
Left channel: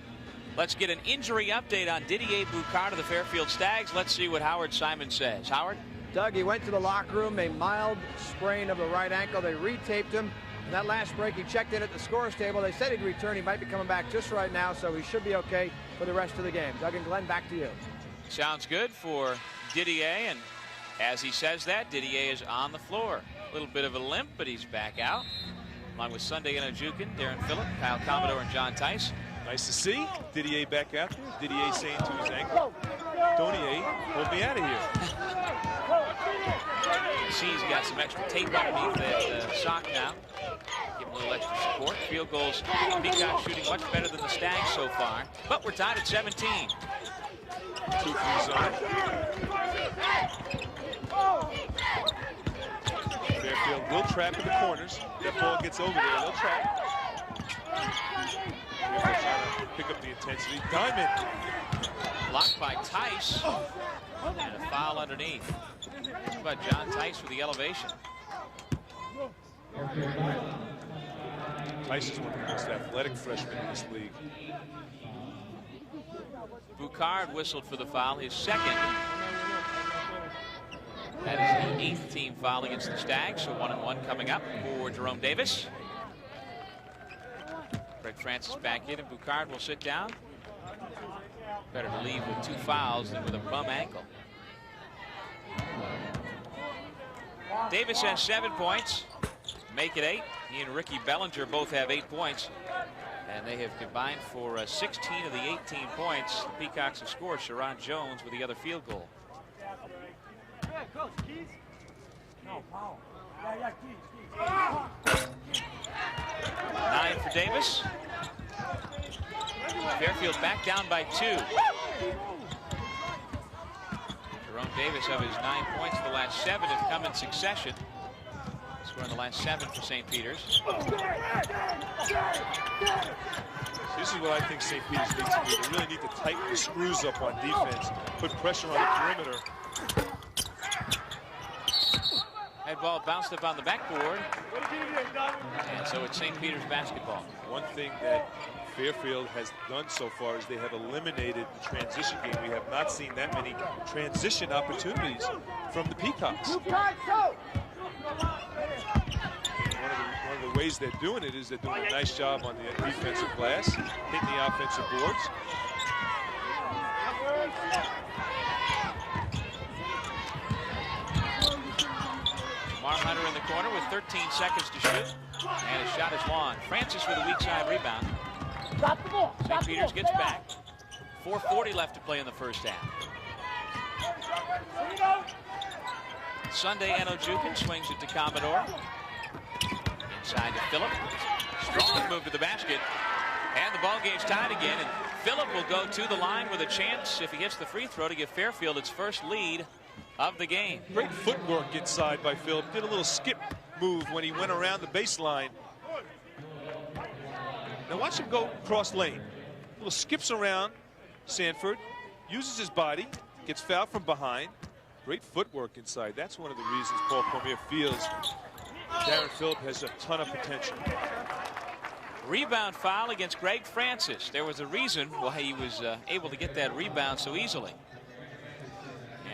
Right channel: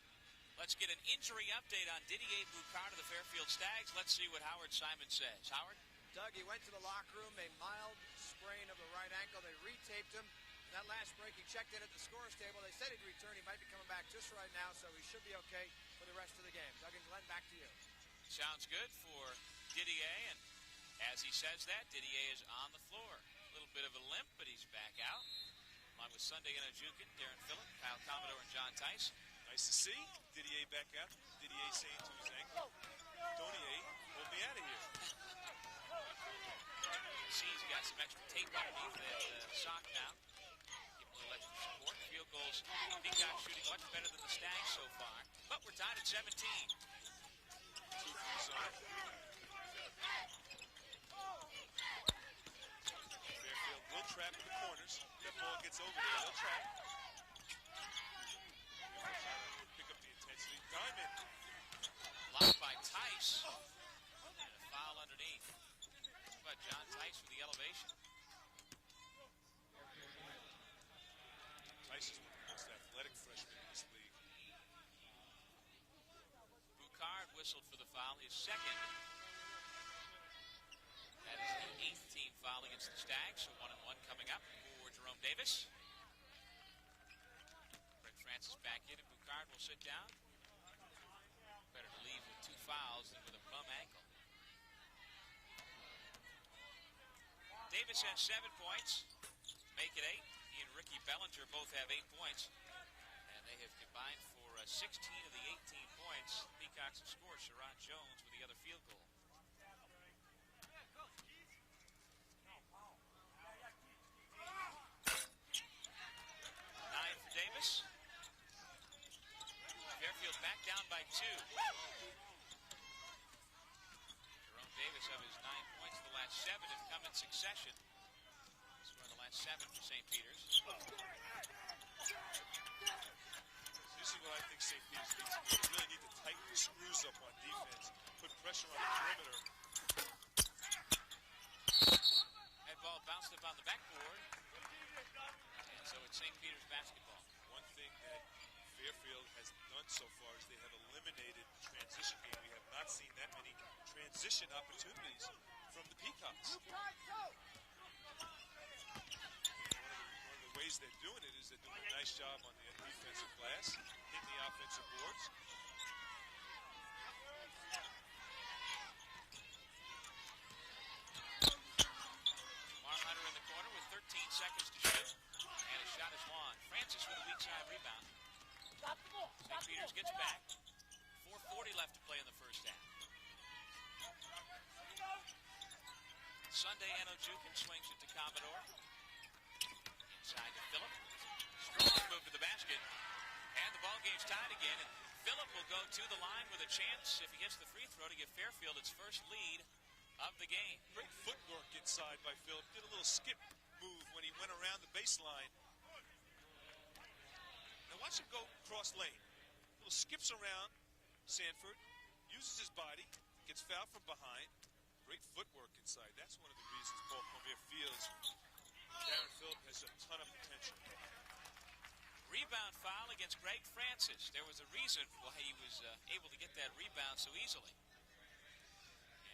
let's get an injury update on Didier Boucard of the Fairfield Stags. Let's see what Howard Simon says. Howard? Doug, he went to the locker room, a mild sprain of the right ankle. They retaped him. In that last break, he checked in at the scorer's table. They said he'd return. He might be coming back just right now, so he should be okay for the rest of the game. Doug and Glenn, back to you. Sounds good for Didier, and as he says that, Didier is on the floor. A little bit of a limp, but he's back out. Along with Sunday Enojukin, Darren Phillip, Kyle Commodore, and John Tice. Nice to see Didier back out there. Didier saying to his ankle, Donier, hold me out of here. See, he's got some extra tape underneath that sock now. Give him a little extra support. Field goals, Peacock shooting much better than the Stags so far. But we're tied at 17. 2-3 zone. Fairfield will trap in the corners. That ball gets over there, they'll trap. Fairfield trying to pick up the intensity. Diamond. Blocked by Tice. And a foul underneath. How about John Tice with the elevation? Tice is one of the most athletic freshmen in this league. Boucard whistled for the foul, his second. That is the 8th team foul against the Stags, so 1-1 coming up for Jerome Davis. Greg Francis back in, and Boucard will sit down. Better to leave with 2 fouls than with a bum ankle. Davis has 7 points, make it 8. He and Ricky Bellinger both have 8 points, and they have combined for 16 of the 18 points. The Peacocks have scored. Sharon Jones with the other field goal. 9 for Davis. Fairfield back down by 2. Jerome Davis, of his 9 points, the last 7 have come in succession. Scoring the last 7 for St. Peter's. This is what I think St. Peter's needs to do. They really need to tighten the screws up on defense, put pressure on the perimeter. That ball bounced up on the backboard. And so it's St. Peter's basketball. One thing that Fairfield has done so far is they have eliminated the transition game. We have not seen that many transition opportunities from the Peacocks. One of the ways they're doing it is they're doing a nice job on the defensive glass, hitting the offensive boards. Mar Hunter in the corner with 13 seconds to shoot. And his shot is long. Francis with a weak side rebound. St. Peter's gets back. 4:40 left to play in the first half. Sunday Enojukin swings it to Commodore. Inside to Phillip. Strong move to the basket. And the ball game's tied again. And Phillip will go to the line with a chance, if he hits the free throw, to give Fairfield its first lead of the game. Great footwork inside by Phillip. Did a little skip move when he went around the baseline. Now watch him go cross lane. Little skips around Sanford, uses his body, gets fouled from behind. Great footwork inside. That's one of the reasons Paul Cormier feels Darren Phillip has a ton of potential. Rebound foul against Greg Francis. There was a reason why he was able to get that rebound so easily.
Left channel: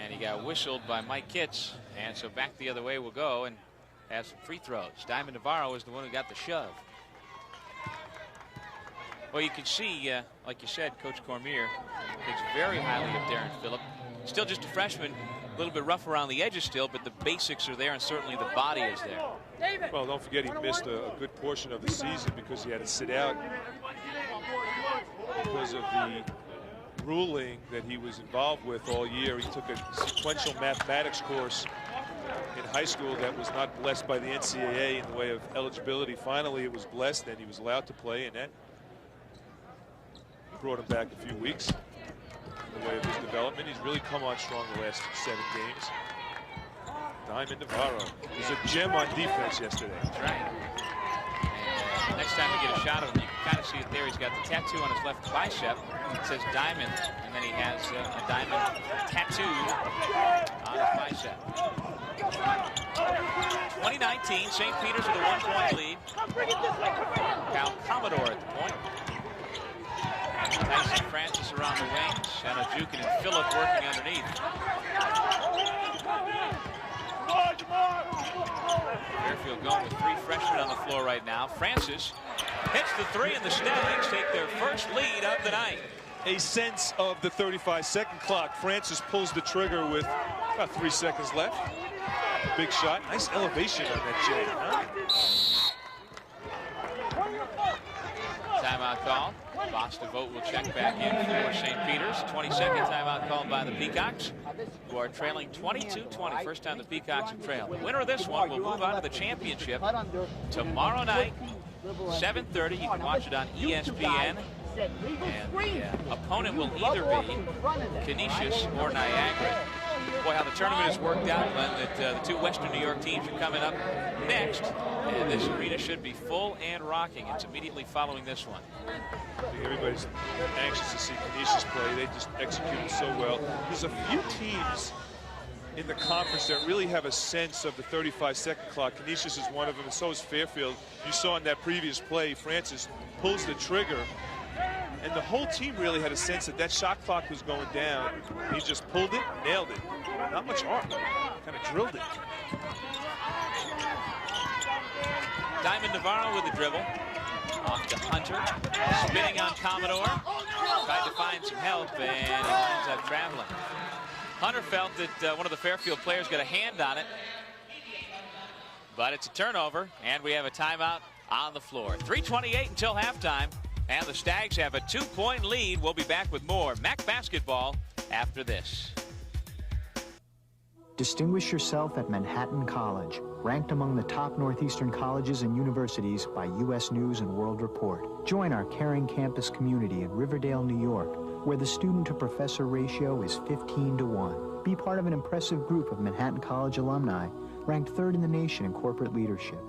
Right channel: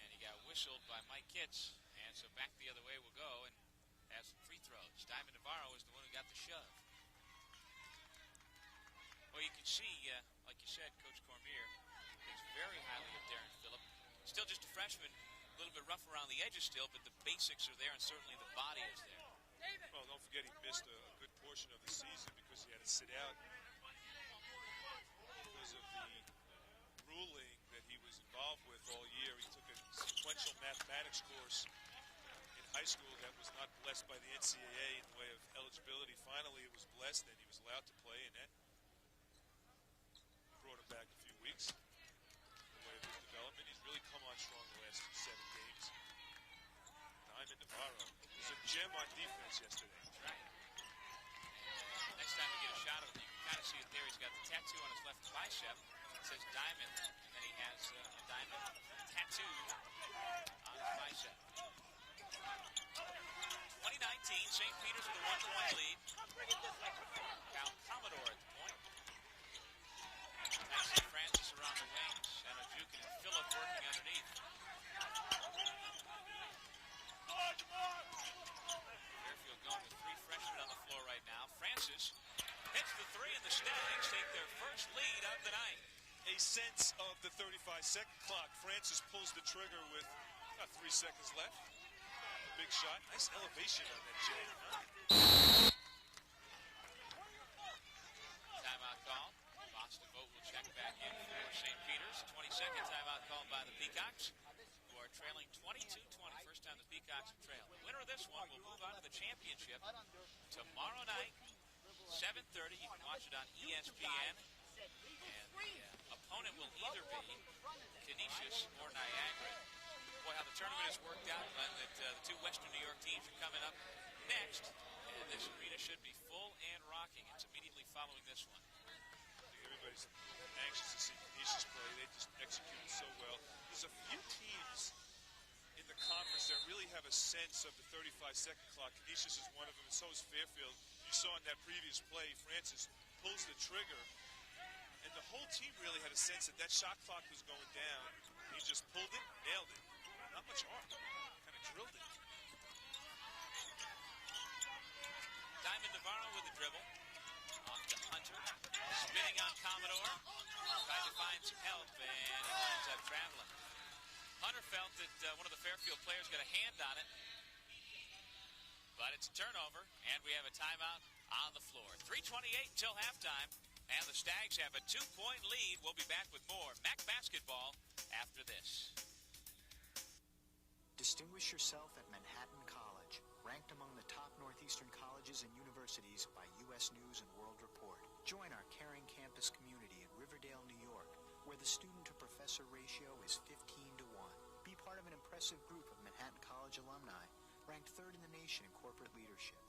And he got whistled by Mike Kitts. And so back the other way we'll go and have some free throws. Diamond Navarro is the one who got the shove. Well, you can see, like you said, Coach Cormier thinks very highly of Darren Phillip. Still just a freshman, a little bit rough around the edges still, but the basics are there, and certainly the body is there. Well, don't forget he missed a good portion of the season because he had to sit out because of the ruling that he was involved with all year. He took a sequential mathematics course in high school that was not blessed by the NCAA in the way of eligibility. Finally, it was blessed, and he was allowed to play, and that brought him back a few weeks in the way of his development. He's really come on strong the last 7 games. Diamond Navarro was a gem on defense yesterday. That's right. And next time we get a shot of him, you can kind of see it there. He's got the tattoo on his left bicep. It says Diamond, and then he has a diamond tattooed on his bicep. 2019, St. Peter's with a 1-point lead. Cal Commodore at the point. Tyson Francis around the wings. Shanajukin and Phillip working underneath. Fairfield going with 3 freshmen on the floor right now. Francis hits the 3, and the Stags take their first lead of the night. A sense of the 35-second clock. Francis pulls the trigger with about 3 seconds left. Big shot. Nice elevation on that J. Huh? Timeout call. Boss DeVoe will check back in for St. Peter's. 22nd timeout called by the Peacocks, who are trailing 22-20. First time the Peacocks have trailed. The winner of this one will move on to the championship tomorrow night, 7:30. You can watch it on ESPN. And the opponent will either be Canisius or Niagara. Boy, how the tournament has worked out, Glenn, that the 2 Western New York teams are coming up next. And this arena should be full and rocking. It's immediately following this one. I think everybody's anxious to see Canisius play. They just executed so well. There's a few teams in the conference that really have a sense of the 35-second clock. Canisius is one of them, and so is Fairfield. You saw in that previous play, Francis pulls the trigger, and the whole team really had a sense that that shot clock was going down. He just pulled it, nailed it. Not much art. Kind of drilled it. Diamond Navarro with the dribble. Off to Hunter. Spinning on Commodore. Tried to find some help, and it winds up traveling. Hunter felt that one of the Fairfield players got a hand on it. But it's a turnover, and we have a timeout on the floor. 3:28 until halftime, and the Stags have a 2-point lead. We'll be back with more MAAC basketball after this. Distinguish yourself at Manhattan College, ranked among the top Northeastern colleges and universities by U.S. News and World Report. Join our caring campus community in Riverdale, New York, where the student-to-professor ratio is 15-to-1. Be part of an impressive group of Manhattan College alumni, ranked 3rd in the nation in corporate leadership.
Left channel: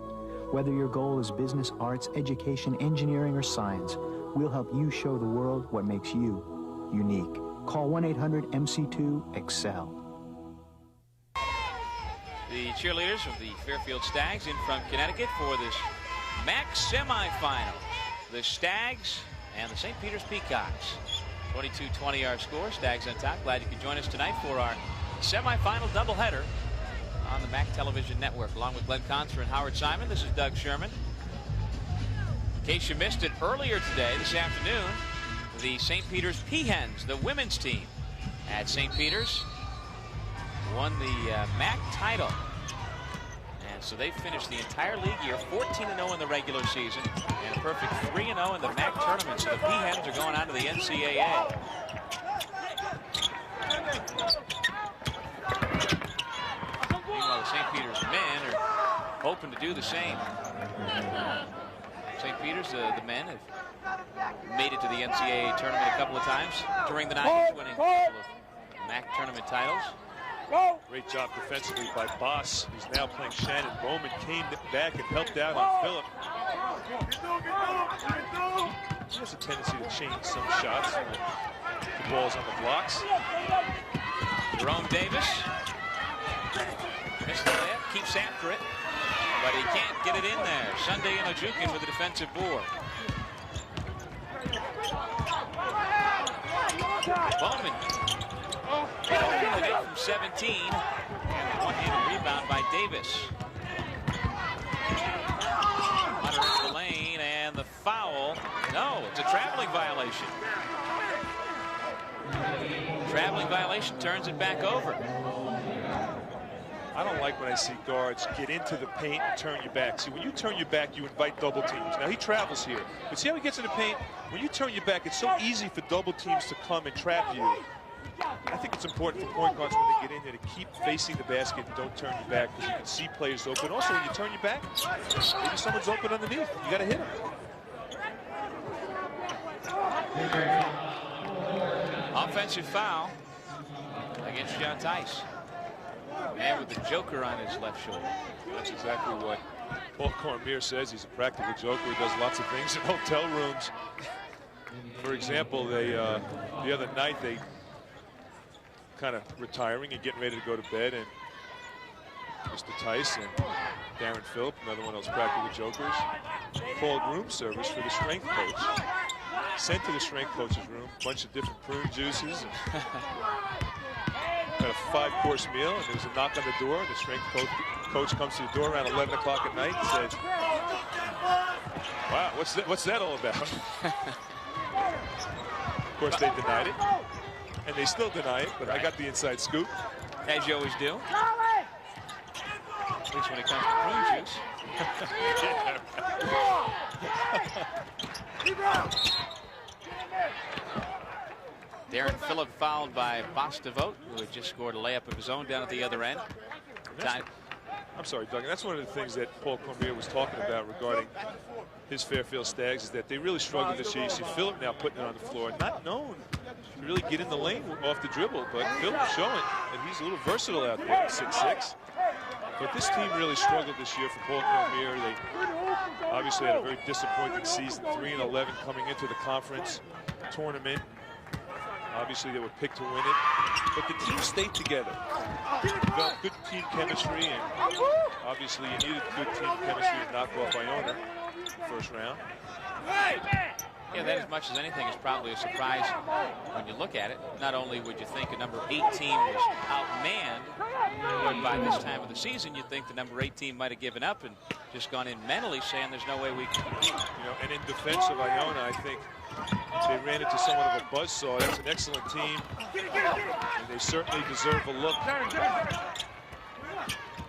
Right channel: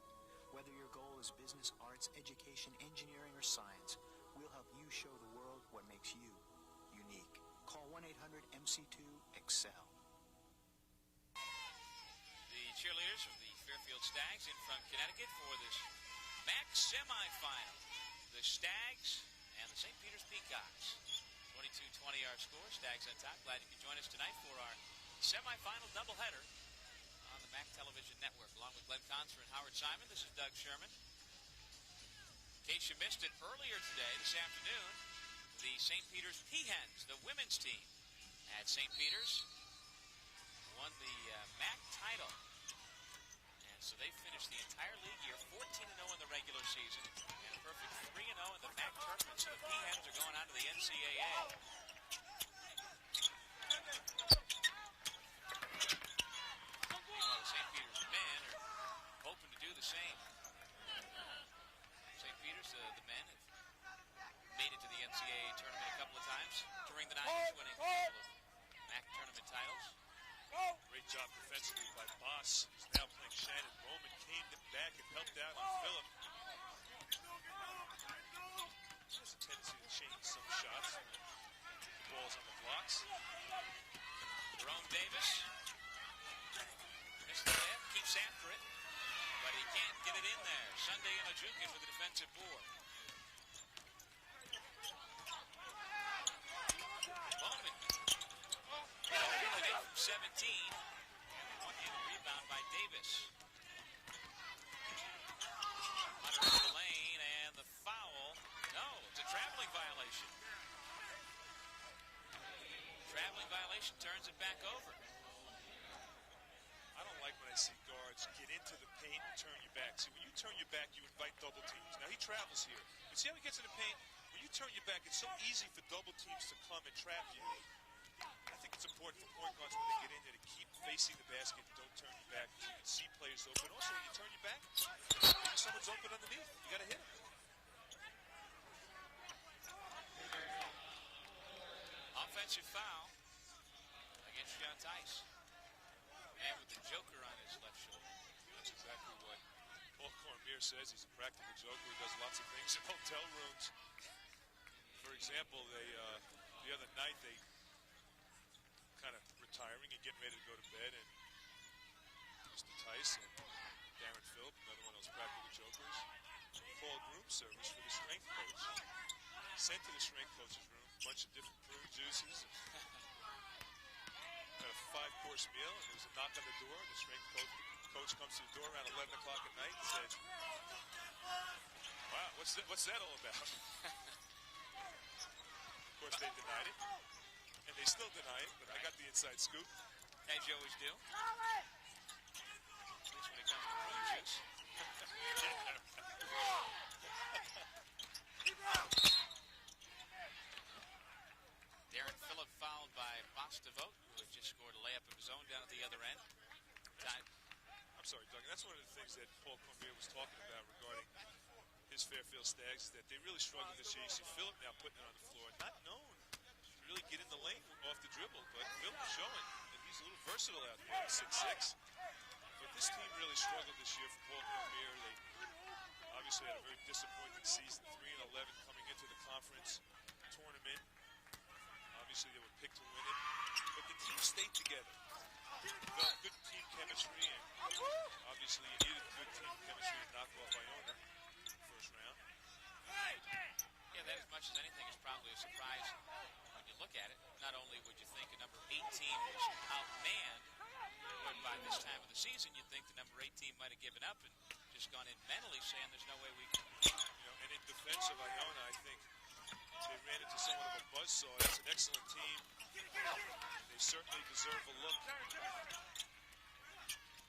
Whether your goal is business, arts, education, engineering, or science, we'll help you show the world what makes you unique. Call 1-800-MC2-EXCEL. The cheerleaders of the Fairfield Stags in from Connecticut for this MAAC semifinal. The Stags and the St. Peter's Peacocks. 22-20 our score. Stags on top. Glad you could join us tonight for our semifinal doubleheader on the MAAC Television Network. Along with Glenn Conser and Howard Simon, this is Doug Sherman. In case you missed it earlier today, this afternoon, the St. Peter's Peahens, the women's team at St. Peter's, won the MAAC title. And so they finished the entire league year 14-0 in the regular season and a perfect 3-0 in the MAAC tournament. So the Peahens are going on to the NCAA. Meanwhile, the St. Peter's men are hoping to do the same. St. Peter's, the men have made it to the NCAA tournament a couple of times during the 90s, winning a couple of MAAC tournament titles. Great job defensively by Boss, who's now playing Shannon Bowman. Came back and helped out on Phillip. He has a tendency to change some shots when the ball's on the blocks. Jerome Davis missed the layup, keeps after it, but he can't get it in there. Sunday Inojukin with the defensive board. Bowman today from 17, and a one-handed rebound by Davis. Hunter into the lane, and the foul. No, it's a traveling violation. Traveling violation turns it back over. I don't like when I see guards get into the paint and turn your back. See, when you turn your back, you invite double teams. Now, he travels here. But see how he gets in the paint? When you turn your back, it's so easy for double teams to come and trap you. I think it's important for point guards when they get in there to keep facing the basket and don't turn your back, because you can see players open. Also, when you turn your back, maybe someone's open underneath. You got to hit them. Offensive foul against John Tice. Man with the joker on his left shoulder. That's exactly what Paul Cormier says. He's a practical joker. He does lots of things in hotel rooms. For example, they the other night they kind of retiring and getting ready to go to bed, and Mr. Tice and Darren Phillip, another one of those practical jokers, called room service for the strength coach. Sent to the strength coach's room, a bunch of different prune juices. Got a 5-course meal, and there's a knock on the door. The strength coach comes to the door around 11 o'clock at night and says, "Wow, what's that all about?" Of course, they denied it, and they still deny it, but I got the inside scoop. As you always do. At least when it comes to prune juice. Darren Phillip fouled by Bostavote, who had just scored a layup of his own down at the other end. I'm sorry, Doug. That's one of the things that Paul Cormier was talking about regarding his Fairfield Stags, is that they really struggled this year. You see Phillip now putting it on the floor, not known to really get in the lane off the dribble, but Phillip showing that he's a little versatile out there at 6'6". But this team really struggled this year for Paul Cormier. They obviously had a very disappointing season, 3-11 coming into the conference tournament. Obviously, they were picked to win it, but the team stayed together. Developed good team chemistry, and obviously you needed good team chemistry to knock off Iona in the first round. Yeah, that as much as anything is probably a surprise when you look at it. Not only would you think a number 8 team was outmanned, but by this time of the season, you'd think the number 8 team might have given up and just gone in mentally saying there's no way we can compete. You know, and in defense of Iona, I think they ran into somewhat of a buzzsaw. That's an excellent team, and they certainly deserve a look.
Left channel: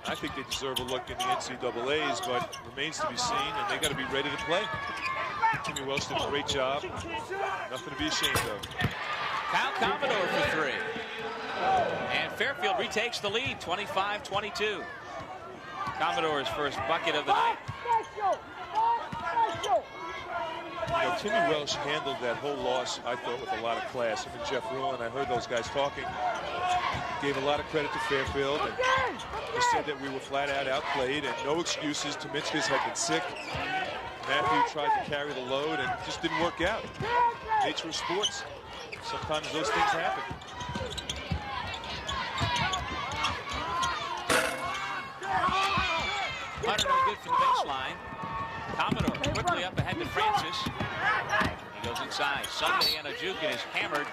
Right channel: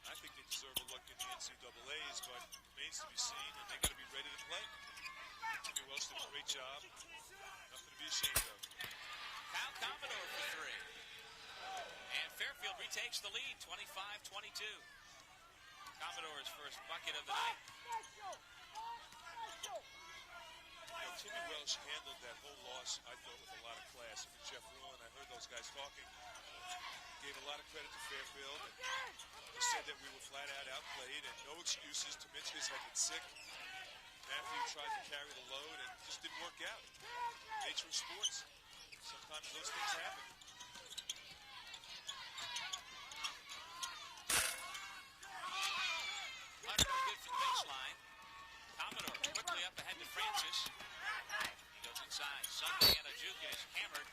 I think they deserve a look in the NCAAs, but remains to be seen, and they got to be ready to play. Timmy Welsh did a great job. Nothing to be ashamed of. Kyle Commodore for 3. And Fairfield retakes the lead, 25-22. Commodore's first bucket of the night. You know, Timmy Welsh handled that whole loss, I thought, with a lot of class. Him and Jeff Rulon, I heard those guys talking. Gave a lot of credit to Fairfield, and they said that we were flat out outplayed and no excuses. Tominskis had been sick. Matthew tried to carry the load and it just didn't work out. Nature of sports. Sometimes those things happen. Hunter no good for the baseline. Commodore quickly up ahead to Francis. He goes inside. Sunday and Ojukin is hammered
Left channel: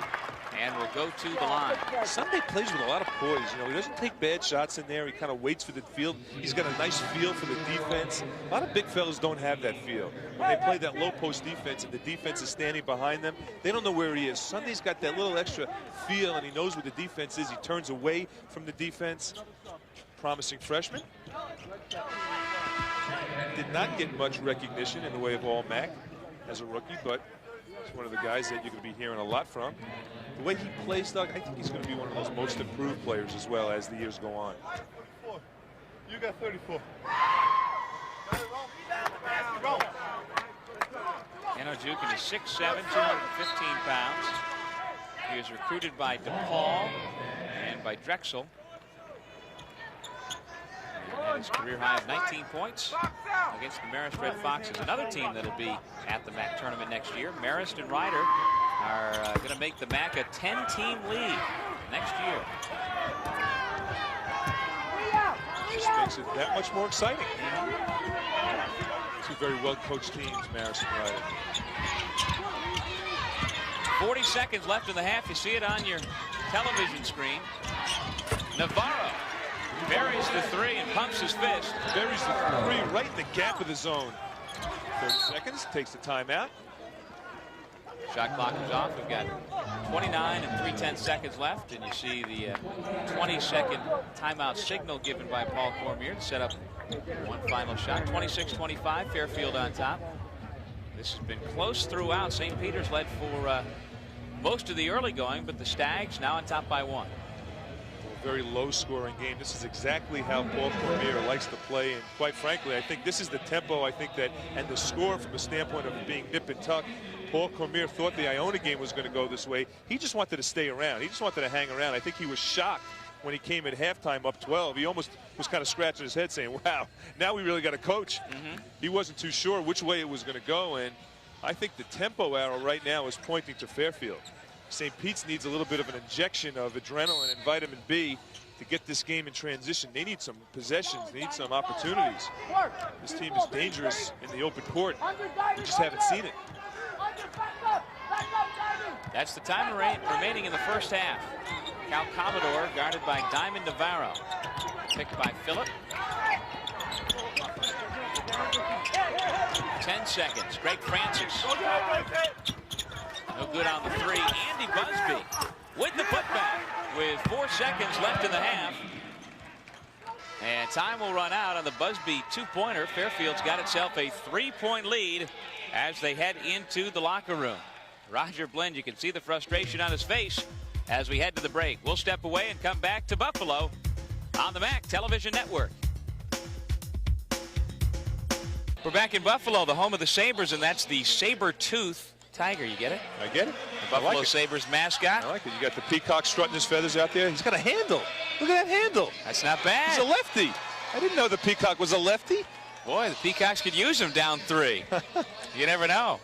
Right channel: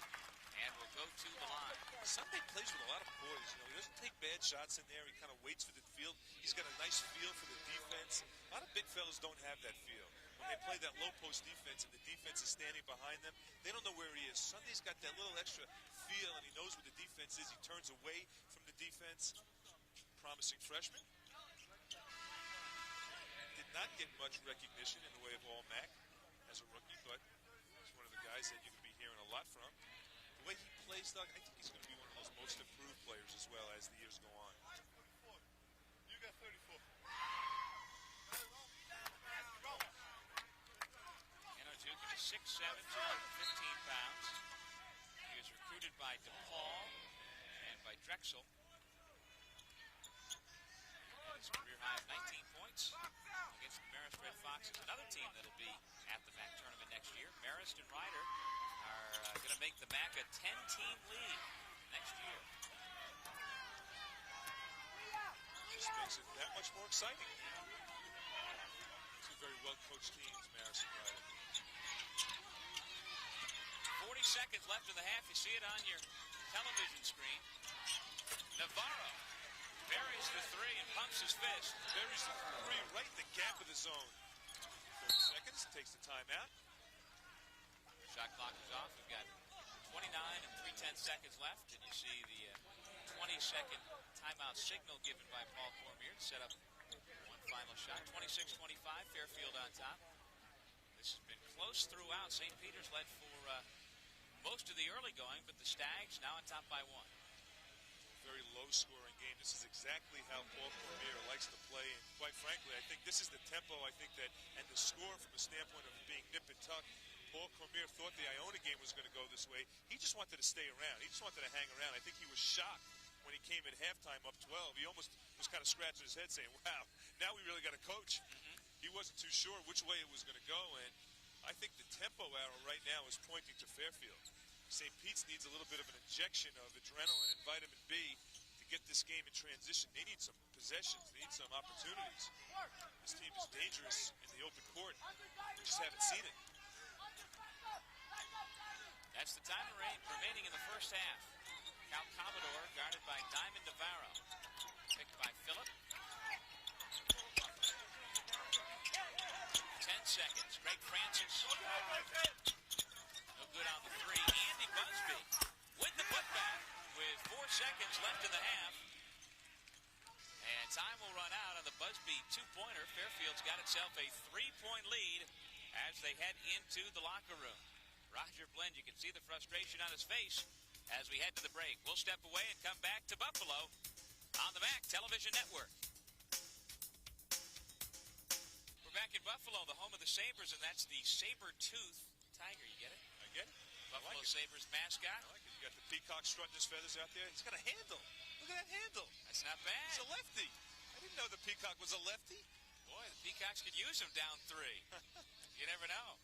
and will go to the line. Sunday plays with a lot of poise. You know, he doesn't take bad shots in there. He kind of waits for the field. He's got a nice feel for the defense. A lot of big fellas don't have that feel. When they play that low post defense and the defense is standing behind them, they don't know where he is. Sunday's got that little extra feel, and he knows where the defense is. He turns away from the defense. Promising freshman. Did not get much recognition in the way of all MAAC as a rookie, but he's one of the guys that you're going to be hearing a lot from. The way he plays, Doug, I think he's going to be one of those most improved players as well as the years go on. You got 34. And Ojukin is 6'7", 215 pounds. He was recruited by DePaul and by Drexel. And his career high of 19 points against the Marist Red Foxes, another team that'll be at the MAAC tournament next year. Marist and Ryder are going to make the MAAC a 10-team league next year. Just makes it that much more exciting. Two very well-coached teams, Marist and Ryder. 40 seconds left in the half. You see it on your television screen. Navarro buries the 3 and pumps his fist. Buries the 3 right in the gap of the zone. 30 seconds, takes the timeout. Shot clock is off. We've got 29 and 3/10 seconds left, and you see the 20-second timeout signal given by Paul Cormier to set up one final shot. 26-25, Fairfield on top. This has been close throughout. St. Peter's led for most of the early going, but the Stags now on top by 1. A very low-scoring game. This is exactly how Paul Cormier likes to play, and quite frankly, I think this is the tempo. I think that, and the score from the standpoint of being nip and tuck. Paul Cormier thought the Iona game was going to go this way. He just wanted to stay around. He just wanted to hang around. I think he was shocked when he came at halftime up 12. He almost was kind of scratching his head saying, wow, now we really got a coach. He wasn't too sure which way it was going to go, and I think the tempo arrow right now is pointing to Fairfield. St. Pete's needs a little bit of an injection of adrenaline and vitamin B to get this game in transition. They need some possessions. They need some opportunities. This team is dangerous in the open court. We just haven't seen it. That's the time remaining in the first half. Cal Commodore guarded by Diamond Navarro. Picked by Phillip. 10 seconds. Greg Francis. No good on the three. Andy Busby with the putback with 4 seconds left in the half. And time will run out on the Busby two-pointer. Fairfield's got itself a 3-point lead as they head into the locker room. Roger Blend, you can see the frustration on his face as we head to the break. We'll step away and come back to Buffalo on the MAAC Television Network. We're back in Buffalo, the home of the Sabres, and that's the saber-tooth tiger. You get it? I get it. The Buffalo Sabres mascot. I like it. You got the peacock strutting his feathers out there. He's got a handle. Look at that handle. That's not bad. He's a lefty. I didn't know the peacock was a lefty. Boy, the Peacocks could use him down 3. You never know.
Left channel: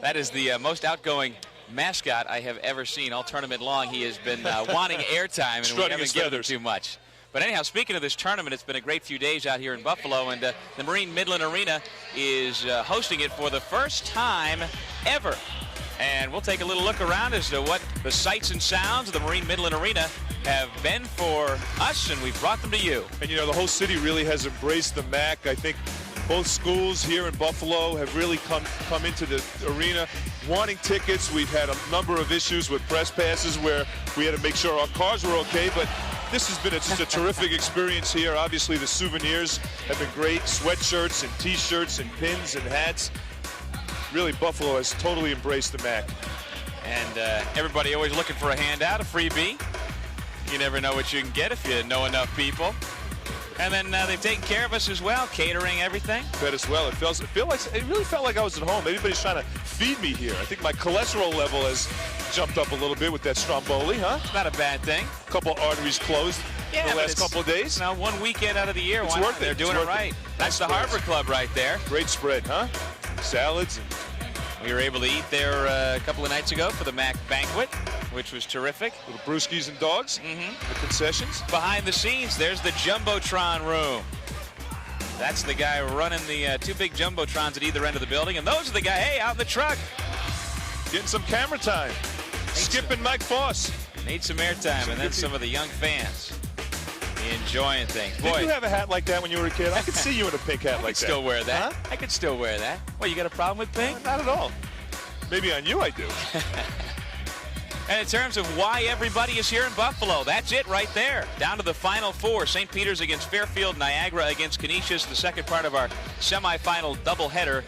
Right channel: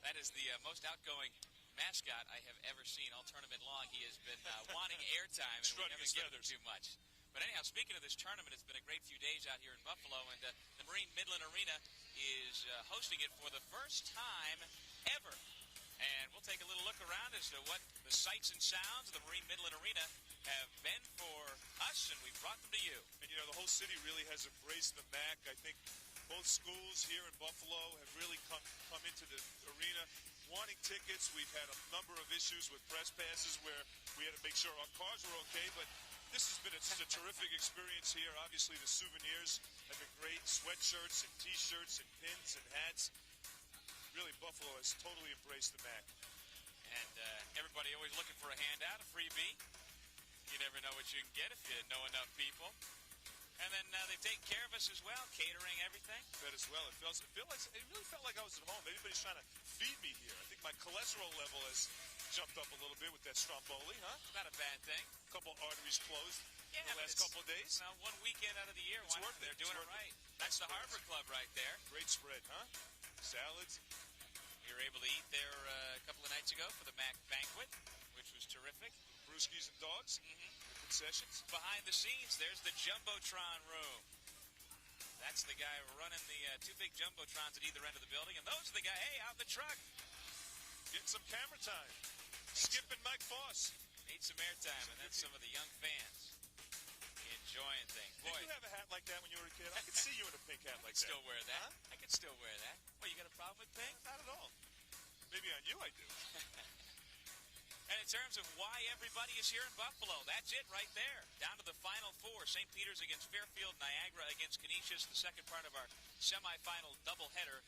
That is the most outgoing mascot I have ever seen all tournament long. He has been wanting airtime, and we haven't given him too much. But anyhow, speaking of this tournament, it's been a great few days out here in Buffalo, and the Marine Midland Arena is hosting it for the first time ever. And we'll take a little look around as to what the sights and sounds of the Marine Midland Arena have been for us, and we've brought them to you. And, you know, the whole city really has embraced the MAAC. I think both schools here in Buffalo have really come into the arena wanting tickets. We've had a number of issues with press passes where we had to make sure our cars were okay, but this has been just a terrific experience here. Obviously, the souvenirs have been great, sweatshirts and T-shirts and pins and hats. Really, Buffalo has totally embraced the MAAC. And everybody always looking for a handout, a freebie. You never know what you can get if you know enough people. And then they've taken care of us as well, catering everything. Fed us well. It really felt like I was at home. Everybody's trying to feed me here. I think my cholesterol level has jumped up a little bit with that Stromboli, huh? It's not a bad thing. A couple arteries closed the last couple of days. Now, one weekend out of the year, it's why worth not? it. They're doing it right. That's the Harbor Club right there. Great spread, huh? Salads. We were able to eat there a couple of nights ago for the MAAC banquet, which was terrific. Little brewskis and dogs, the concessions. Behind the scenes, there's the Jumbotron room. That's the guy running the 2 big Jumbotrons at either end of the building, and those are the guy, hey, out in the truck. Getting some camera time. Skip and Mike Foss. Need some airtime, and then some of the young fans enjoying things. Boy, did you have a hat like that when you were a kid? I could see you in a pink hat like that. I could still wear that. Huh? I could still wear that. Well, you got a problem with pink? Not at all. Maybe on you I do. And in terms of why everybody is here in Buffalo, that's it right there. Down to the Final Four. St. Peter's against Fairfield, Niagara against Canisius. The second part of our semifinal doubleheader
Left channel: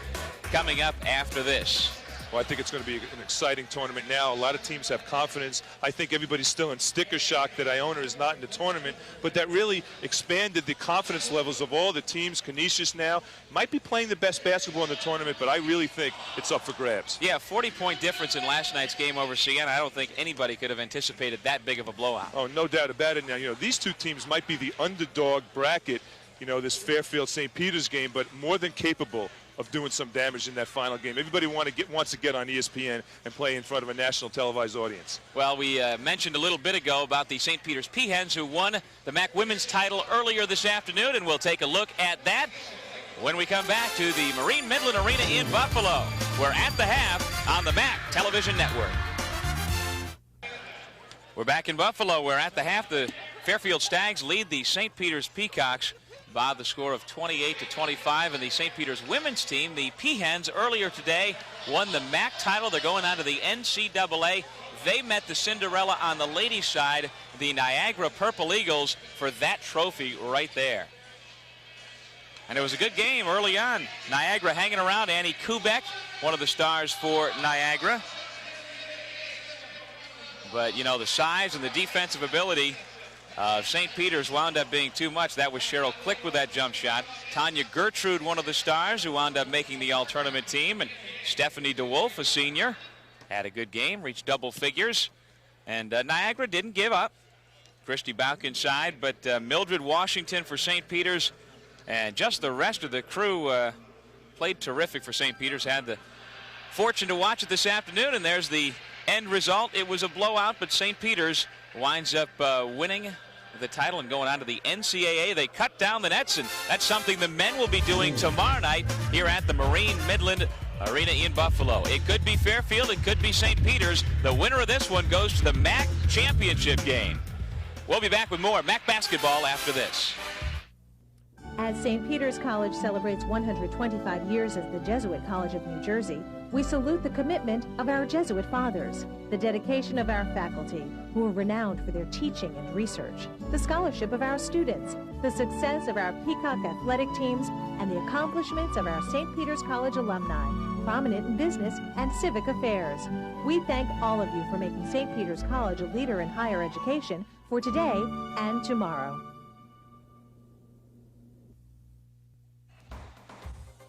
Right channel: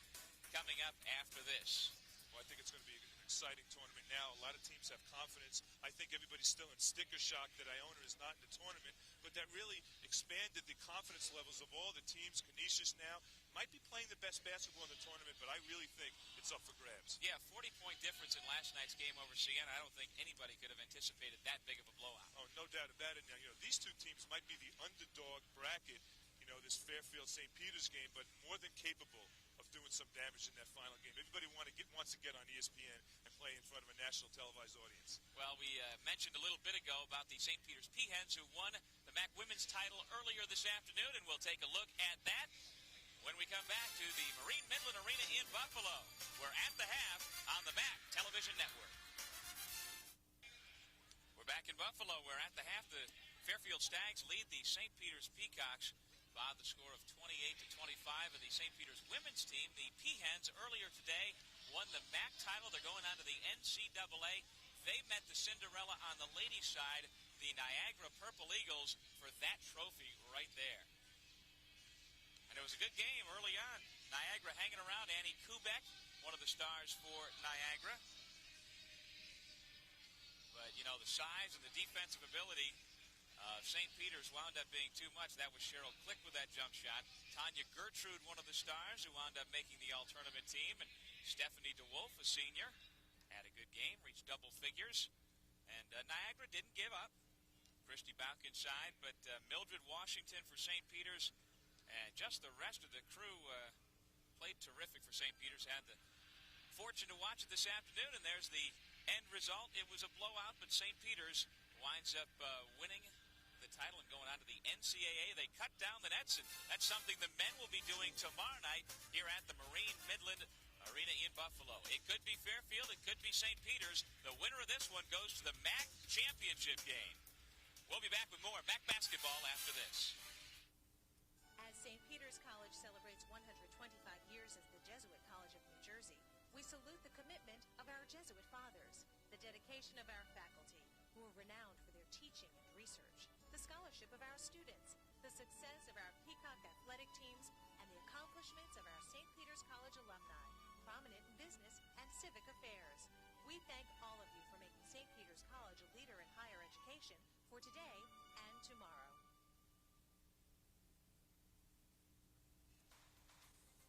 coming up after this. Well, I think it's going to be an exciting tournament now. A lot of teams have confidence. I think everybody's still in sticker shock that Iona is not in the tournament, but that really expanded the confidence levels of all the teams. Canisius now might be playing the best basketball in the tournament, but I really think it's up for grabs. Yeah, 40-point difference in last night's game over Siena. I don't think anybody could have anticipated that big of a blowout. Oh, no doubt about it. Now, you know, these two teams might be the underdog bracket, you know, this Fairfield-St. Peter's game, but more than capable of doing some damage in that final game. Everybody wants to get on ESPN and play in front of a national televised audience. Well, we mentioned a little bit ago about the St. Peter's Peahens who won the MAAC women's title earlier this afternoon, and we'll take a look at that when we come back to the Marine Midland Arena in Buffalo. We're at the half on the MAAC Television Network. We're back in Buffalo. We're at the half. The Fairfield Stags lead the St. Peter's Peacocks by the score of 28-25. And the St. Peter's women's team, the Peahens, earlier today won the MAAC title. They're going on to the NCAA. They met the Cinderella on the ladies' side, the Niagara Purple Eagles, for that trophy right there. And it was a good game early on. Niagara hanging around. Annie Kubek, one of the stars for Niagara. But, you know, the size and the defensive ability of St. Peter's wound up being too much. That was Cheryl Click with that jump shot. Tanya Gertrude, one of the stars, who wound up making the all-tournament team. And Stephanie DeWolf, a senior, had a good game, reached double figures. And Niagara didn't give up. Christy Bauk inside, but Mildred Washington for St. Peter's. And just the rest of the crew played terrific for St. Peter's. Had the fortune to watch it this afternoon, and there's the end result. It was a blowout, but St. Peter's winds up winning the title and going on to the NCAA. They cut down the nets, and that's something the men will be doing tomorrow night here at the Marine Midland Arena in Buffalo. It could be Fairfield, it could be St. Peter's. The winner of this one goes to the MAAC championship game. We'll be back with more MAAC basketball after this. As St. Peter's College celebrates 125 years as the Jesuit College of New Jersey, we salute the commitment of our Jesuit fathers, the dedication of our faculty, who are renowned for their teaching and research, the scholarship of our students, the success of our Peacock athletic teams, and the accomplishments of our St. Peter's College alumni, prominent in business and civic affairs. We thank all of you for making St. Peter's College a leader in higher education for today and tomorrow.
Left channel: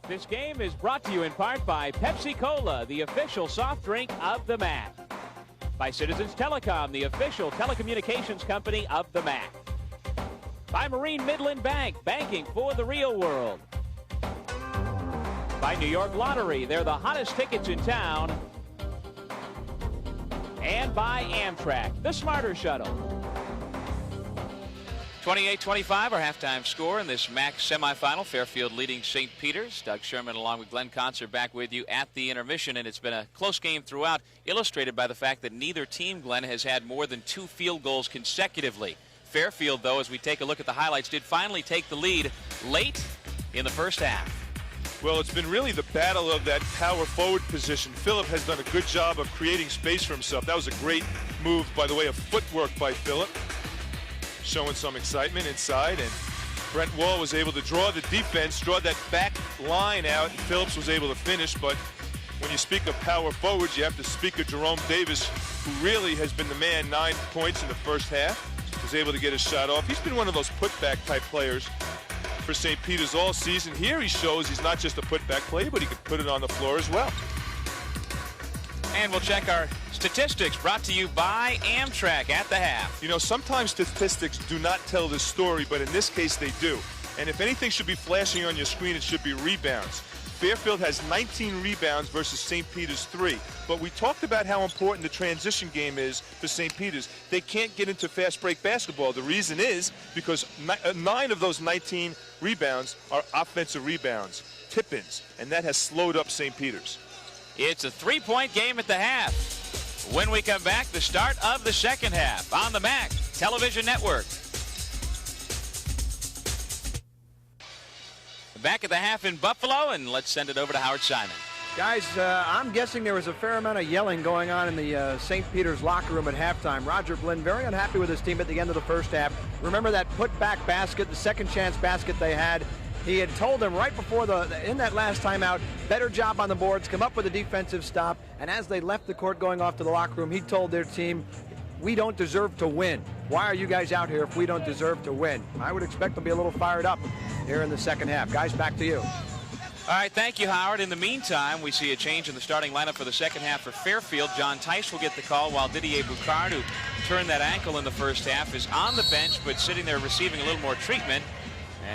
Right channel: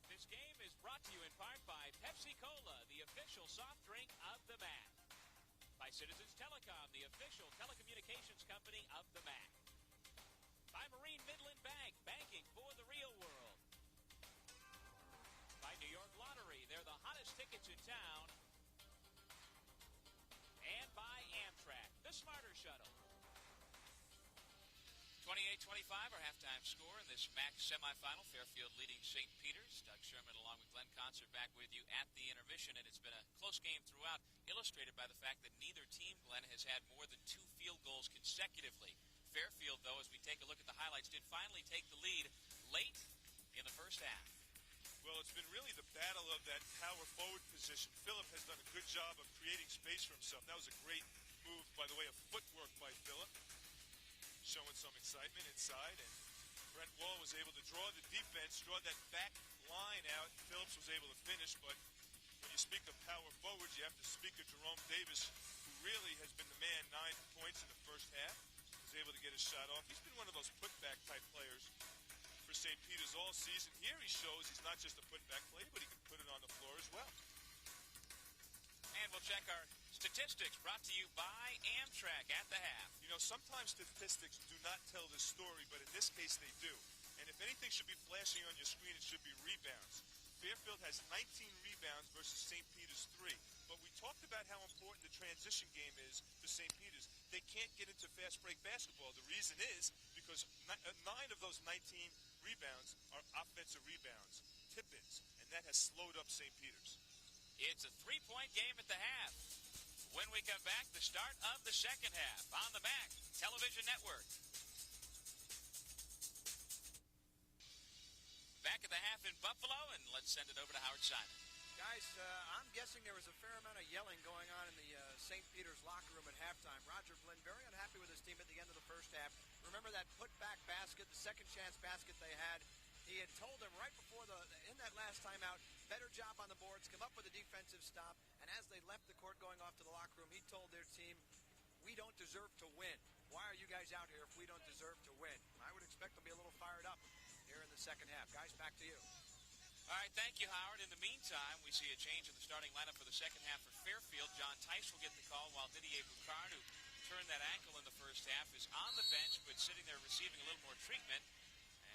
This game is brought to you in part by Pepsi-Cola, the official soft drink of the MAAC. By Citizens Telecom, the official telecommunications company of the MAAC. By Marine Midland Bank, banking for the real world. By New York Lottery, they're the hottest tickets in town. And by Amtrak, the smarter shuttle. 28-25, our halftime score in this MAAC semifinal. Fairfield leading St. Peter's. Doug Sherman along with Glenn Concert back with you at the intermission, and it's been a close game throughout, illustrated by the fact that neither team, Glenn, has had more than 2 field goals consecutively. Fairfield, though, as we take a look at the highlights, did finally take the lead late in the first half. Well, it's been really the battle of that power forward position. Phillip has done a good job of creating space for himself. That was a great move by the way of footwork by Phillip. Showing some excitement inside, and Brent Wall was able to draw the defense, draw that back line out, and Phillips was able to finish. But when you speak of power forwards, you have to speak of Jerome Davis, who really has been the man. 9 points in the first half, was able to get his shot off. He's been one of those putback type players for St. Peter's all season. Here he shows he's not just a putback player, but he can put it on the floor as well. And we'll check our statistics, brought to you by Amtrak at the half. You know, sometimes statistics do not tell this story, but in this case they do. And if anything should be flashing on your screen, it should be rebounds. Fairfield has 19 rebounds versus St. Peter's 3. But we talked about how important the transition game is for St. Peter's. They can't get into fast break basketball. The reason is because 9 of those 19 rebounds are offensive rebounds, tip-ins, and that has slowed up St. Peter's. It's a 3-point game at the half. When we come back, the start of the second half on the MAAC Television Network. Back at the half in Buffalo, and let's send it over to Howard Simon. Guys, I'm guessing there was a fair amount of yelling going on in the St. Peter's locker room at halftime. Roger Blinn very unhappy with his team at the end of the first half. Remember that put-back basket, the second chance basket they had? He had told them right before in that last timeout, better job on the boards, come up with a defensive stop, and as they left the court going off to the locker room, he told their team, we don't deserve to win. Why are you guys out here if we don't deserve to win? I would expect them to be a little fired up here in the second half. Guys, back to you. All right, thank you, Howard. In the meantime, we see a change in the starting lineup for the second half for Fairfield. John Tice will get the call, while Didier Boucard, who turned that ankle in the first half, is on the bench, but sitting there receiving a little more treatment.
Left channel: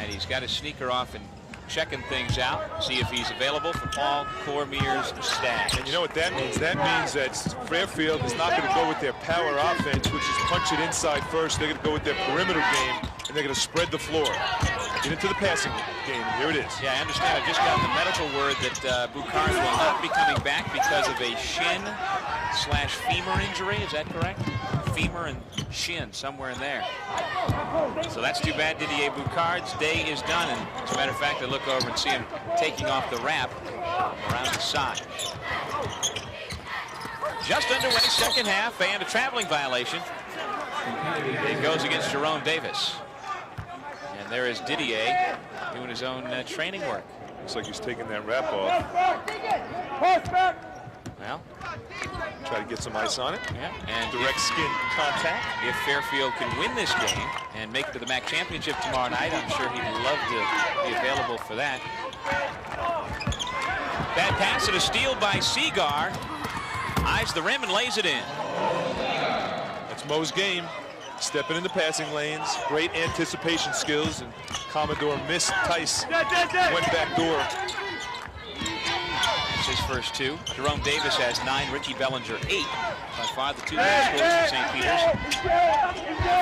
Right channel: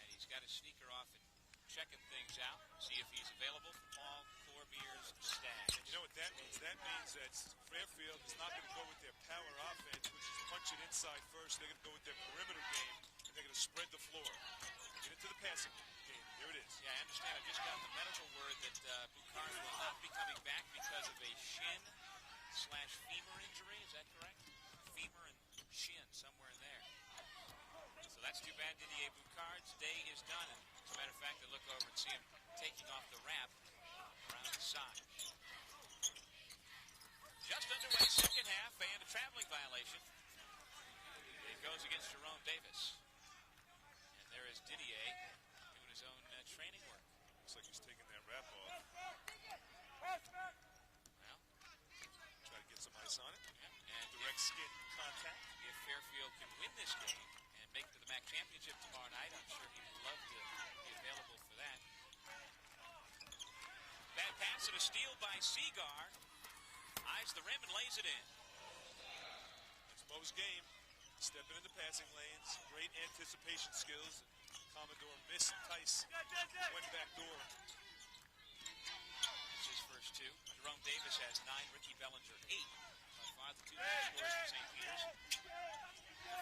And he's got his sneaker off and checking things out, see if he's available for Paul Cormier's Stags. And you know what that means? That means that Fairfield is not going to go with their power offense, which is punch it inside first. They're going to go with their perimeter game, and they're going to spread the floor. Get into the passing game. Here it is. Yeah, I understand. I just got the medical word that Boucard will not be coming back because of a shin/femur injury. Is that correct? femur and shin, somewhere in there. So that's too bad. Didier Boucard's day is done. And as a matter of fact, I look over and see him taking off the wrap around his side. Just underway, second half, and a traveling violation. It goes against Jerome Davis. And there is Didier doing his own training work. Looks like he's taking that wrap off. Well, try to get some ice on it. Yeah, and direct skin contact. If Fairfield can win this game and make it to the MAAC championship tomorrow night, I'm sure he'd love to be available for that. Bad pass and a steal by Seagar. Eyes the rim and lays it in. That's Mo's game. Stepping into passing lanes, great anticipation skills, and Commodore missed. Tice went back door. That's his first two. Jerome Davis has 9, Ricky Bellinger 8. By far the two leading scorers for St. Peter's.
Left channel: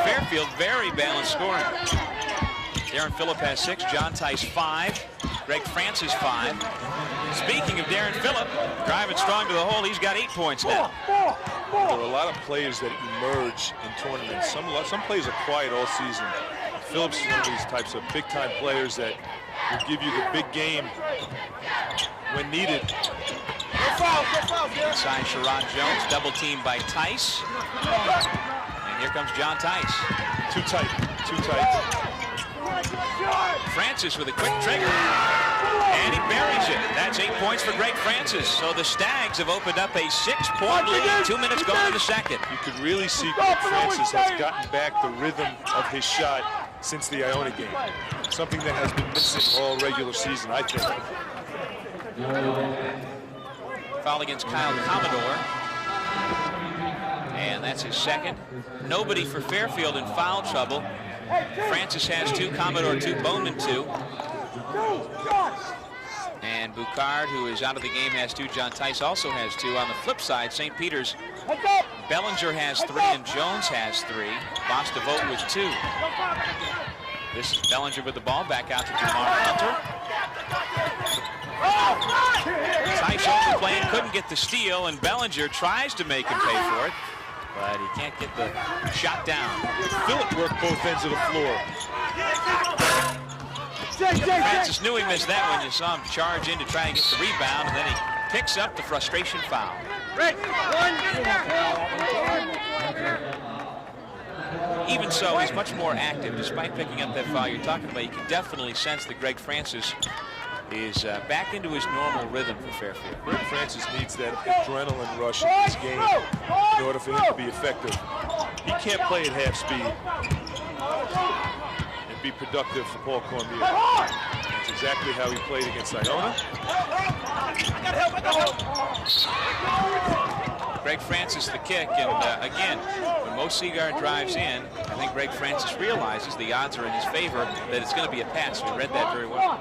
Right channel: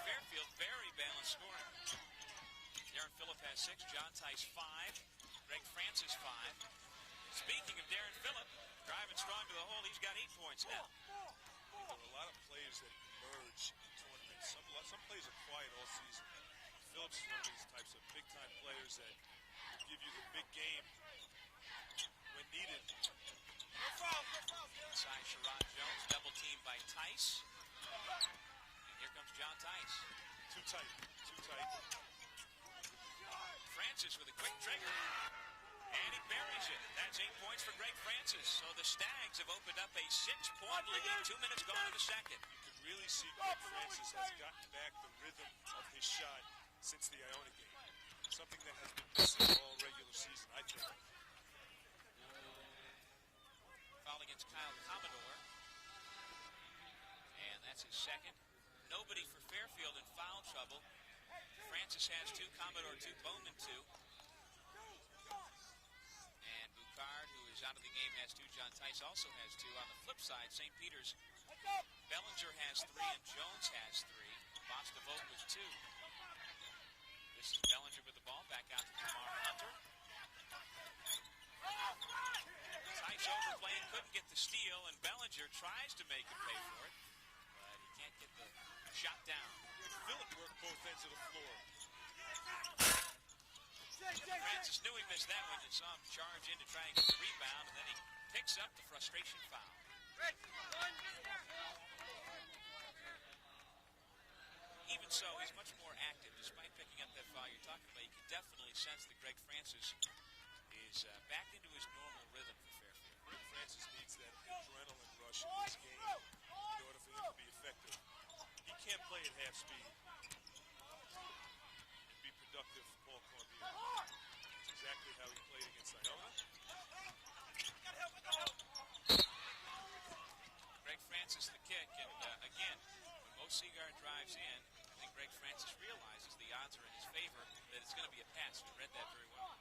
Fairfield, very balanced scoring. Darren Phillip has 6, John Tice 5, Greg Francis 5. Speaking of Darren Phillip, driving strong to the hole, he's got 8 points now. There are a lot of players that emerge in tournaments. Some players are quiet all season. Phillips is one of these types of big-time players that will give you the big game when needed. Inside Sherrod Jones, double teamed by Tice. And here comes John Tice. Too tight, too tight. Francis with a quick trigger. And he buries it. That's 8 points for Greg Francis. So the Stags have opened up a 6-point lead. 2 minutes gone in the second. You could really see Greg Francis has gotten back the rhythm of his shot since the Iona game. Something that has been missing all regular season, I think. Foul against Kyle Commodore. And that's his second. Nobody for Fairfield in foul trouble. Francis has 2, Commodore 2, Bowman 2. And Boucard, who is out of the game, has 2. John Tice also has 2. On the flip side, St. Peter's, Bellinger has 3 and Jones has 3. Bostavote with 2. This is Bellinger with the ball, back out to Jamar Hunter. Tice overplaying, couldn't get the steal, and Bellinger tries to make him pay for it, but he can't get the shot down. Phillip worked both ends of the floor. Francis knew he missed that when you saw him charge in to try and get the rebound, and then he picks up the frustration foul. Even so, he's much more active despite picking up that foul you're talking about. You can definitely sense that Greg Francis is back into his normal rhythm for Fairfield. Greg Francis needs that adrenaline rush in this game in order for him to be effective. He can't play at half speed and be productive for Paul Cormier. That's exactly how he played against Iona. Greg Francis the kick, and again, when Mo Seagar drives in, I think Greg Francis realizes the odds are in his favor that it's going to be a pass. We read that very well.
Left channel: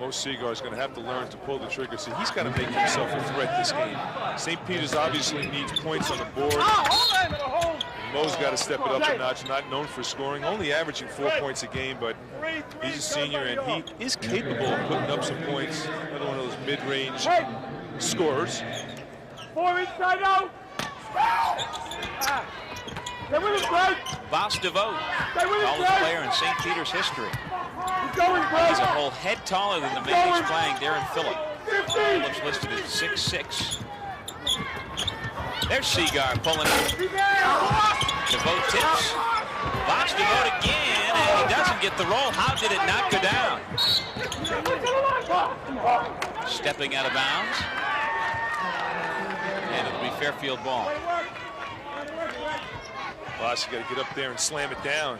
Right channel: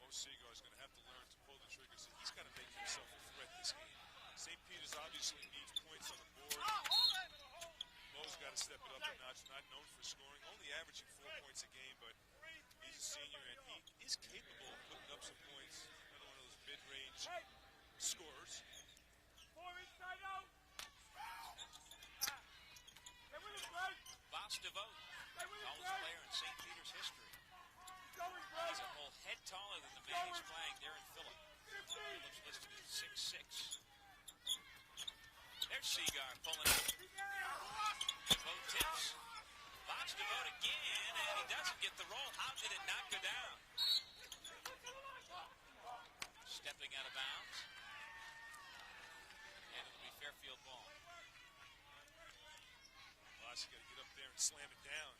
Mo Seagar is going to have to learn to pull the trigger. So he's got to make himself a threat this game. St. Peter's obviously needs points on the board. And Mo's got to step it up a notch. Not known for scoring, only averaging 4 points a game, but he's a senior and he is capable of putting up some points. Another one of those mid-range scorers. 4 inside out. Bostavote, tallest player in St. Peter's history. He's a whole head taller than the man he's playing, Darren Phillip. Phillip's listed at 6'6". There's Seagar pulling it. Devote tips. Bostavote again, and he doesn't get the roll. How did it not go down? Stepping out of bounds. And it'll be Fairfield ball. Boss, you got to get up there and slam it down.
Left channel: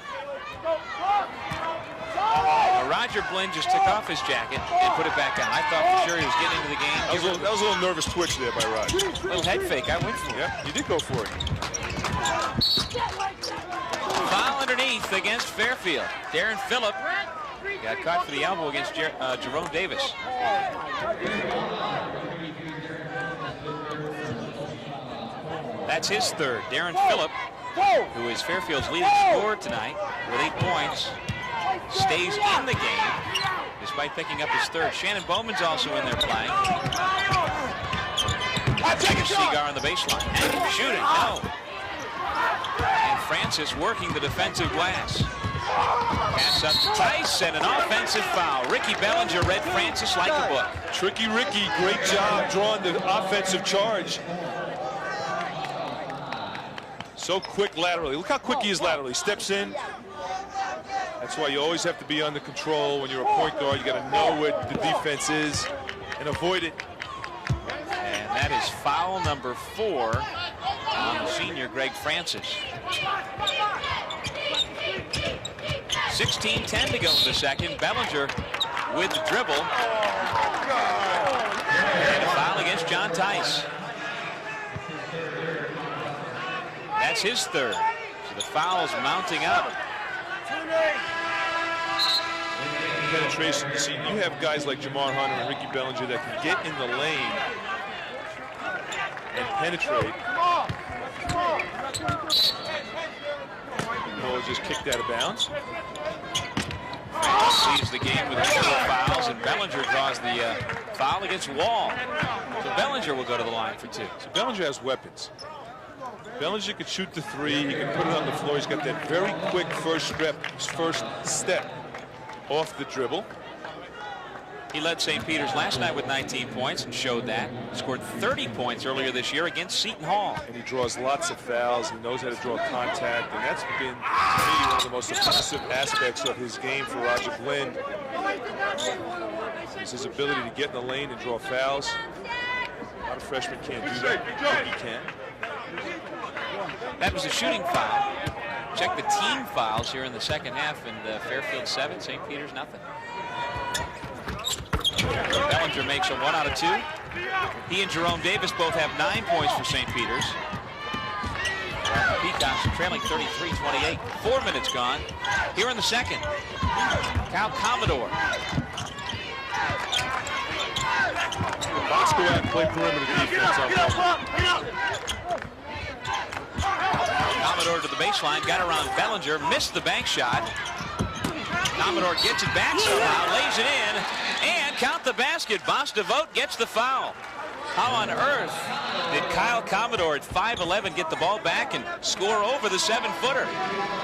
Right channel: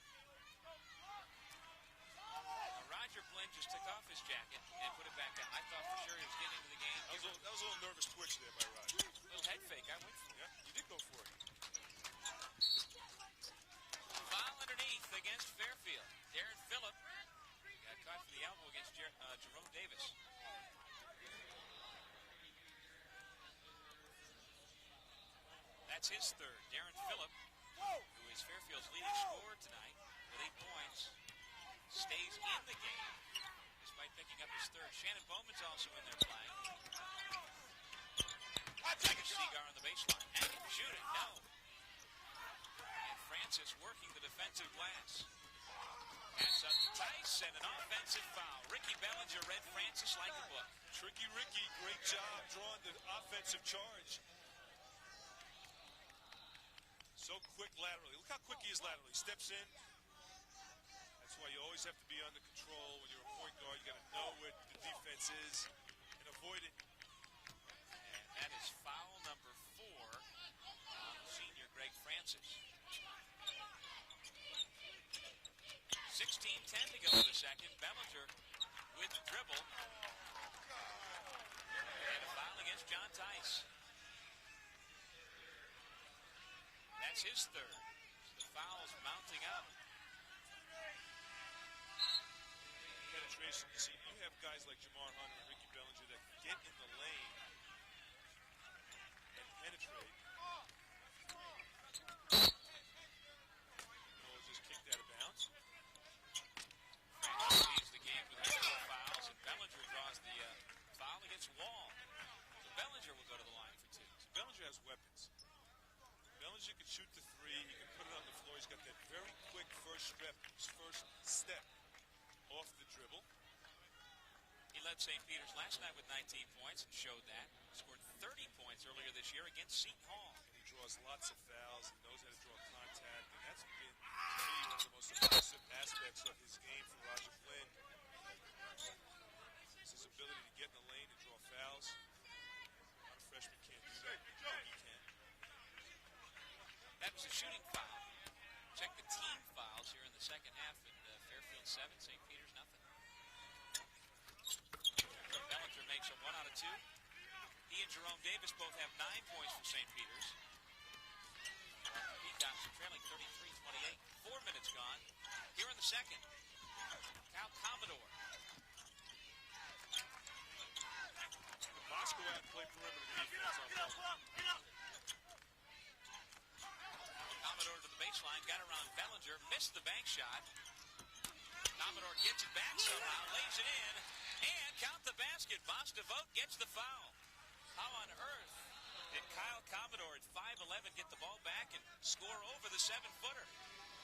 Roger Blinn just took off his jacket and put it back on. I thought for sure he was getting into the game. That was a little nervous twitch there by Roger. Little head fake. I went for it. Yeah, you did go for it. Foul underneath against Fairfield. Darren Phillip got caught for the elbow against Jerome Davis. That's his third. Darren Phillip, who is Fairfield's leading scorer tonight with 8 points, stays in the game despite picking up his third. Shannon Bowman's also in there playing. Second Seagar on the baseline. And shooting, no. Francis working the defensive glass. Pass up to Tice and an offensive foul. Ricky Bellinger read Francis like a book. Tricky Ricky, great job drawing the offensive charge. So quick laterally. Look how quick he is laterally. Steps in. That's why you always have to be under control when you're a point guard. You got to know where the defense is and avoid it. And that is foul number 4 on the senior Greg Francis. 16-10 to go in the second. Bellinger with the dribble. And a foul against John Tice. That's his third. So the foul's mounting up. Penetration. See, you have guys like Jamar Hunter and Ricky Bellinger that can get in the lane and penetrate. Ball just kicked out of bounds. Francis leads the game with 4 fouls, and Bellinger draws the foul against Wall. So Bellinger will go to the line for 2. So Bellinger has weapons. Bellinger can shoot the 3. He can put it on the floor. He's got that very quick first step off the dribble. He led St. Peter's last night with 19 points and showed that. Scored 30 points earlier this year against Seton Hall. And he draws lots of fouls. He knows how to draw contact. And that's been, to me, one of the most impressive aspects of his game for Roger Blinn. Is his ability to get in the lane and draw fouls. A lot of freshmen can't do that. He can. That was a shooting foul. Check the team fouls here in the second half, and Fairfield 7, St. Peter's nothing. Bellinger makes a 1 out of 2. He and Jerome Davis both have 9 points for St. Peter's. The Peacocks are trailing 33-28. 4 minutes gone. Here in the second, Cal Commodore. Let's go out and play perimeter defense on Bellinger. Commodore to the baseline, got around Bellinger, missed the bank shot. Commodore gets it back somehow, lays it in, and count the basket. Basta Vogt gets the foul. How on earth did Kyle Commodore at 5'11" get the ball back and score over the 7-footer?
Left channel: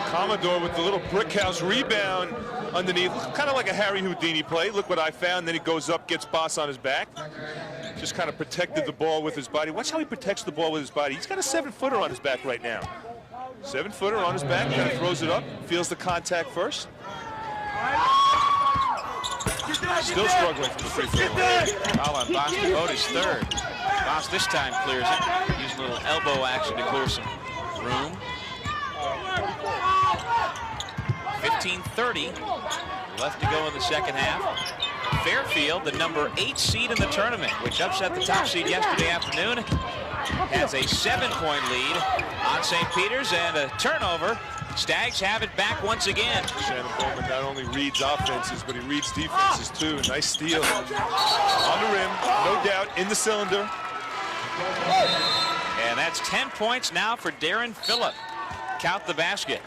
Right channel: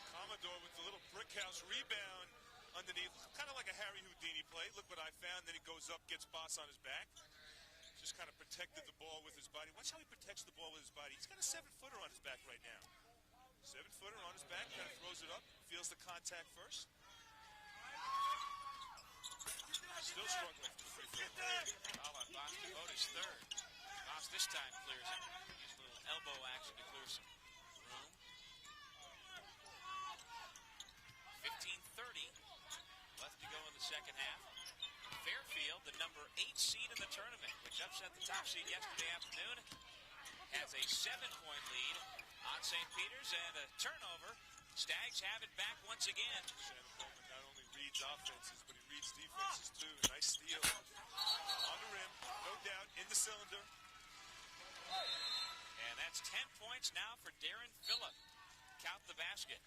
Commodore with the little brick house rebound underneath, kind of like a Harry Houdini play. Look what I found. Then he goes up, gets Boss on his back. Just kind of protected the ball with his body. Watch how he protects the ball with his body. He's got a 7-footer on his back right now. 7-footer on his back, kind of throws it up, feels the contact first. Still struggling from the free throw line. Foul on Basta Vogt is third. Boss this time clears it. Using a little elbow action to clear some room. 15:30 left to go in the second half. Fairfield, the number 8 seed in the tournament, which upset the top seed yesterday afternoon, has a 7-point lead on St. Peter's, and a turnover. Stags have it back once again. Shannon Bowman not only reads offenses, but he reads defenses too. Nice steal on the rim, no doubt, in the cylinder. And that's 10 points now for Darren Phillip. Count the basket.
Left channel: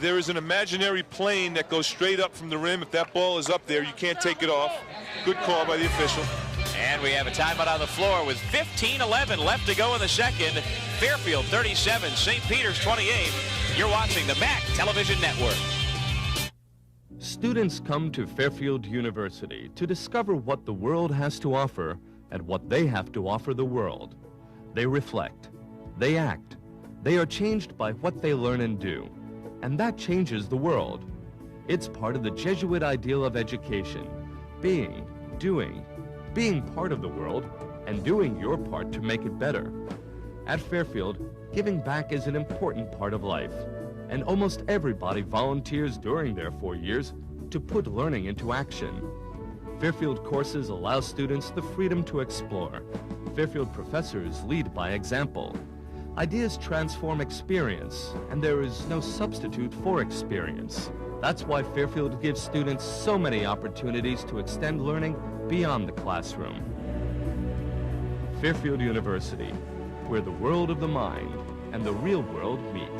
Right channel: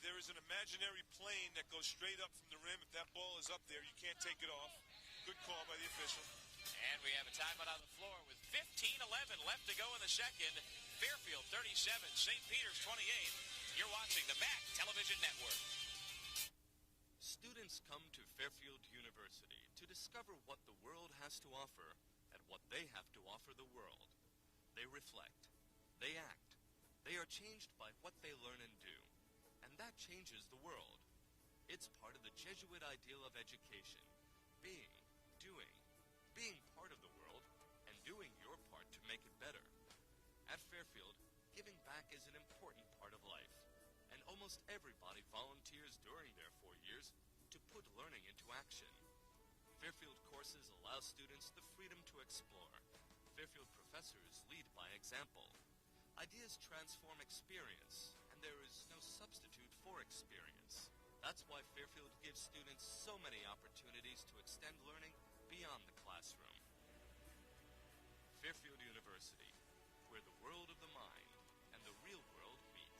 There is an imaginary plane that goes straight up from the rim. If that ball is up there, you can't take it off. Good call by the official. And we have a timeout on the floor with 15:11 left to go in the second. Fairfield 37, St. Peter's 28. You're watching the MAAC Television Network. Students come to Fairfield University to discover what the world has to offer and what they have to offer the world. They reflect, they act, they are changed by what they learn and do, and that changes the world. It's part of the Jesuit ideal of education, being, doing, being part of the world, and doing your part to make it better. At Fairfield, giving back is an important part of life, and almost everybody volunteers during their 4 years to put learning into action. Fairfield courses allow students the freedom to explore. Fairfield professors lead by example. Ideas transform experience, and there is no substitute for experience. That's why Fairfield gives students so many opportunities to extend learning beyond the classroom. Fairfield University, where the world of the mind and the real world meet.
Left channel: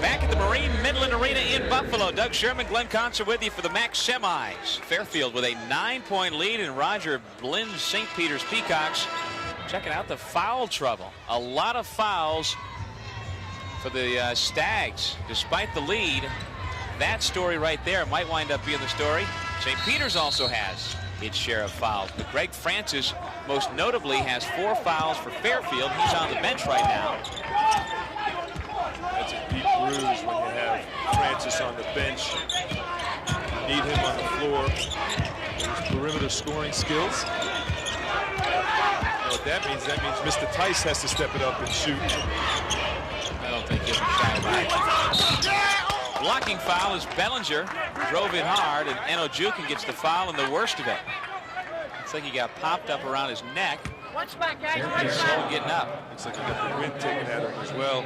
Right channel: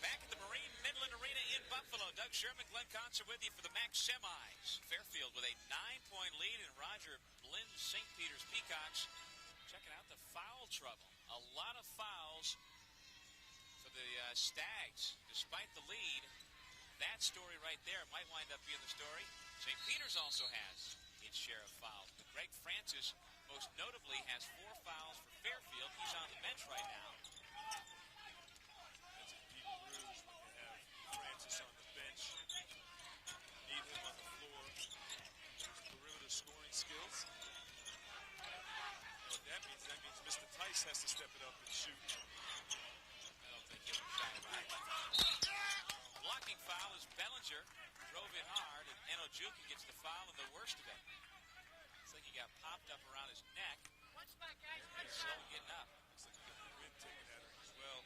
Back at the Marine Midland Arena in Buffalo, Doug Sherman, Glenn Concert with you for the MAAC semis. Fairfield with a 9-point lead, and Roger Blynn's St. Peter's Peacocks Checking out the foul trouble. A lot of fouls for the Stags. Despite the lead, that story right there might wind up being the story. St. Peter's also has its share of fouls, but Greg Francis most notably has 4 fouls for Fairfield. He's on the bench right now. That's a deep bruise when you have Francis on the bench. You need him on the floor. His perimeter scoring skills. You know what that means? That means Mr. Tice has to step it up and shoot. I don't think he'll be shy about it. Blocking foul is Bellinger. Drove in hard, and Eno Jukin gets the foul and the worst of it. Looks like he got popped up around his neck. He's slow getting up. Looks like he got the wind taken out of him as well.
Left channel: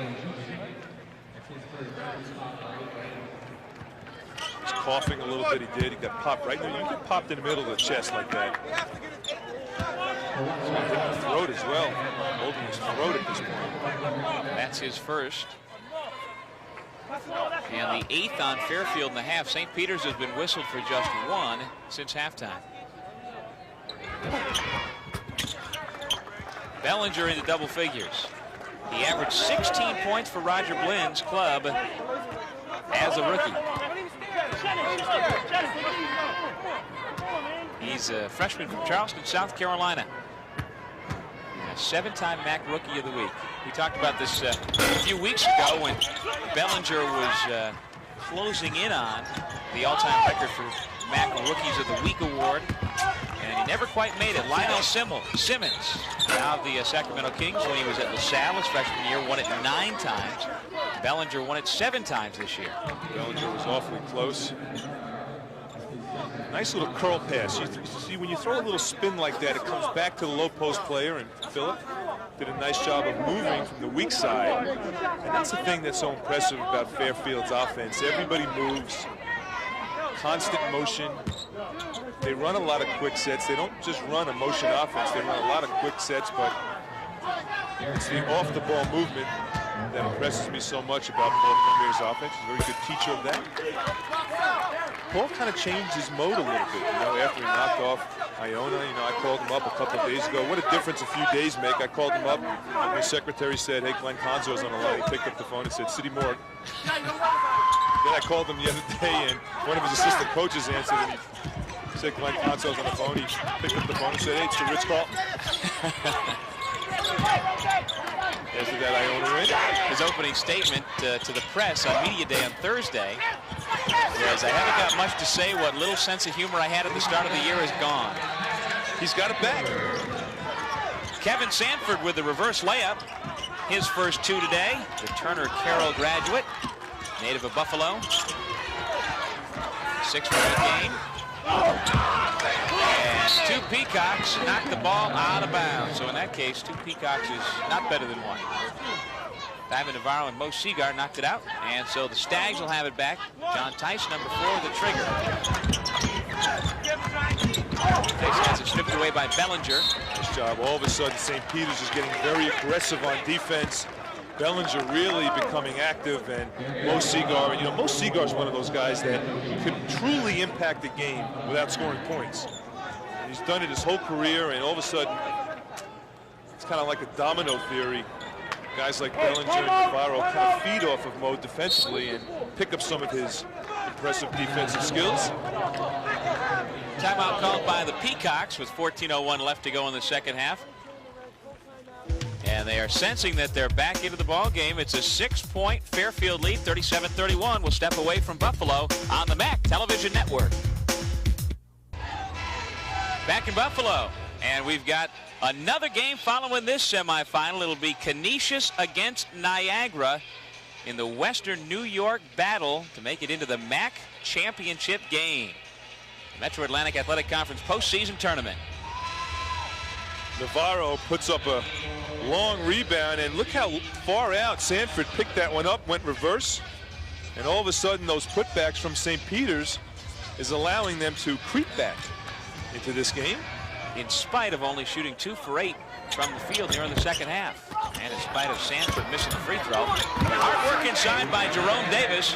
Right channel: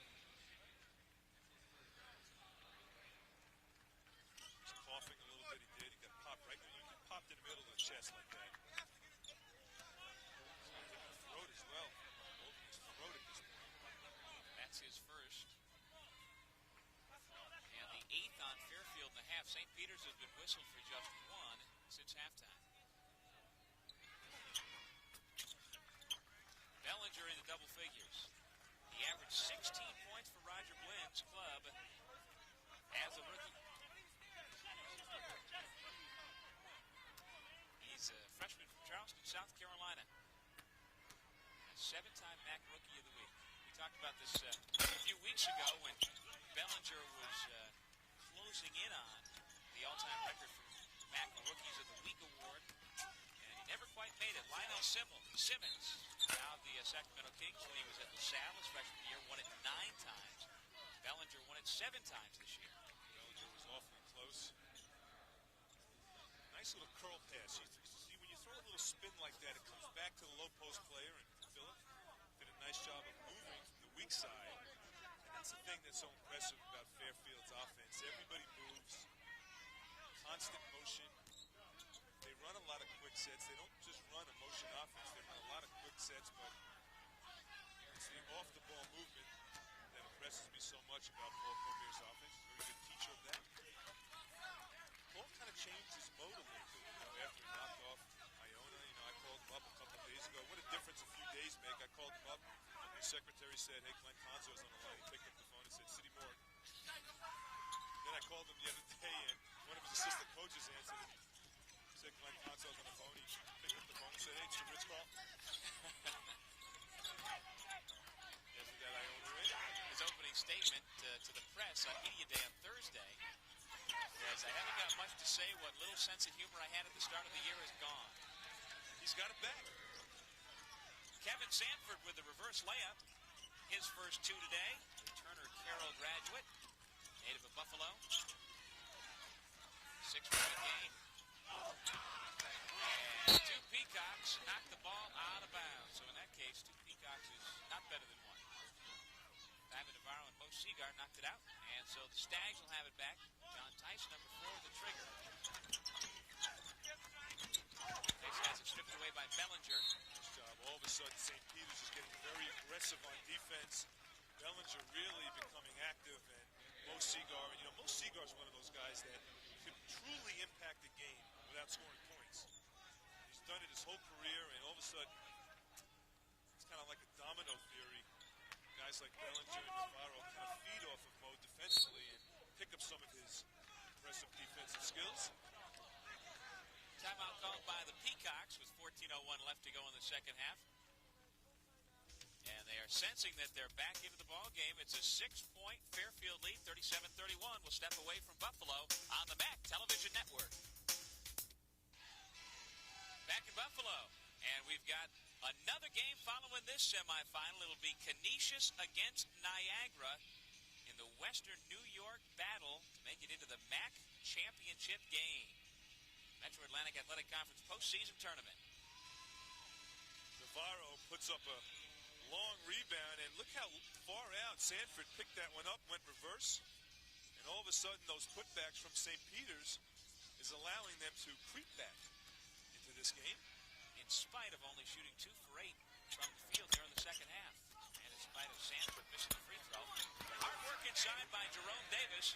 He's coughing a little bit. He did. He got popped right there. You get popped in the middle of the chest like that. He's going to hit the throat as well. Holding his throat at this point. That's his first. And the 8th on Fairfield in the half. St. Peter's has been whistled for just 1 since halftime. Bellinger into double figures. He averaged 16 points for Roger Blynn's club as a rookie. He's a freshman from Charleston, South Carolina. A 7-time MAAC Rookie of the Week. We talked about this a few weeks ago when Bellinger was closing in on the all-time record for MAAC Rookies of the Week award, and he never quite made it. Lionel Simmons, now of the Sacramento Kings, when he was at LaSalle his freshman year, won it 9 times. Bellinger won it 7 times this year. Bellinger was awfully close. Nice little curl pass. You see, when you throw a little spin like that, it comes back to the low post player, and Phillip did a nice job of moving from the weak side. And that's the thing that's so impressive about Fairfield's offense. Everybody moves, constant motion. They run a lot of quick sets. They don't just run a motion offense. They run a lot of quick sets, but it's the off-the-ball movement that impresses me so much about Paul Cormier's offense. He's a very good teacher of that. Paul kind of changed his mode a little bit, you know, after he knocked off Iona. You know, I called him up a couple of days ago. What a difference a few days make. I called him up, and my secretary said, hey, Glenn Conzo's on the line. He picked up the phone and said, City Morgue. Then I called him the other day, and one of his assistant coaches answered, and he said, Glenn Conzo's on the phone. He picked up the phone and said, hey, it's the Ritz-Carlton. After that Iona win. His opening statement to the press on Media Day on Thursday was, I haven't got much to say. What little sense of humor I had at the start of the year is gone. He's got it back. Kevin Sanford with the reverse layup. His first 2 today. The Turner Carroll graduate, native of Buffalo. 6-point game. And 2 Peacocks knocked the ball out of bounds. So in that case, 2 Peacocks is not better than 1. Diamond Navarro and Mo Seagar knocked it out. And so the Stags will have it back. John Tice, number 4, the trigger. Tice has it stripped away by Bellinger. Nice job. All of a sudden, St. Peter's is getting very aggressive on defense. Bellinger really becoming active, and Mo Seagar. You know, Mo Seagar is one of those guys that could truly impact the game without scoring points. And he's done it his whole career, and all of a sudden, it's kind of like a domino theory. Guys like Bellinger and Navarro kind of feed off of Mo defensively and pick up some of his impressive defensive skills. Timeout called by the Peacocks with 14:01 left to go in the second half. And they are sensing that they're back into the ball game. It's a 6-point Fairfield lead, 37-31. Will step away from Buffalo on the MAAC Television Network. Back in Buffalo, and we've got another game following this semifinal. It'll be Canisius against Niagara in the Western New York battle to make it into the MAAC championship game. Metro Atlantic Athletic Conference postseason tournament. Navarro puts up a long rebound, and look how far out Sanford picked that one up, went reverse, and all of a sudden those putbacks from St. Peter's is allowing them to creep back into this game. In spite of only shooting 2 for 8 from the field here in the second half, and in spite of Sanford missing the free throw. Hard work inside by Jerome Davis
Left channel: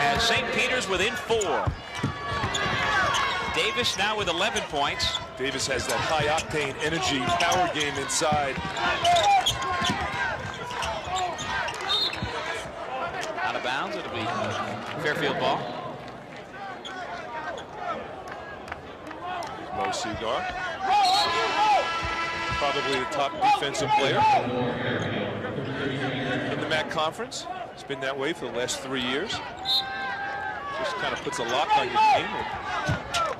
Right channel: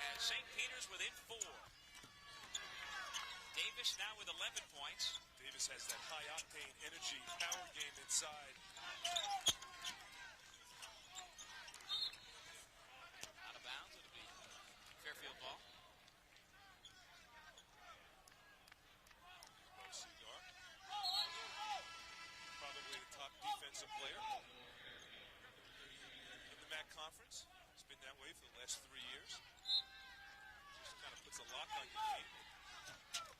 as St. Peter's within 4. Davis now with 11 points. Davis has that high-octane energy, power game inside. Out of bounds, it'll be Fairfield ball. Mo Seagar, probably the top defensive player in the MAAC conference. It's been that way for the last 3 years. Just kind of puts a lock on your game and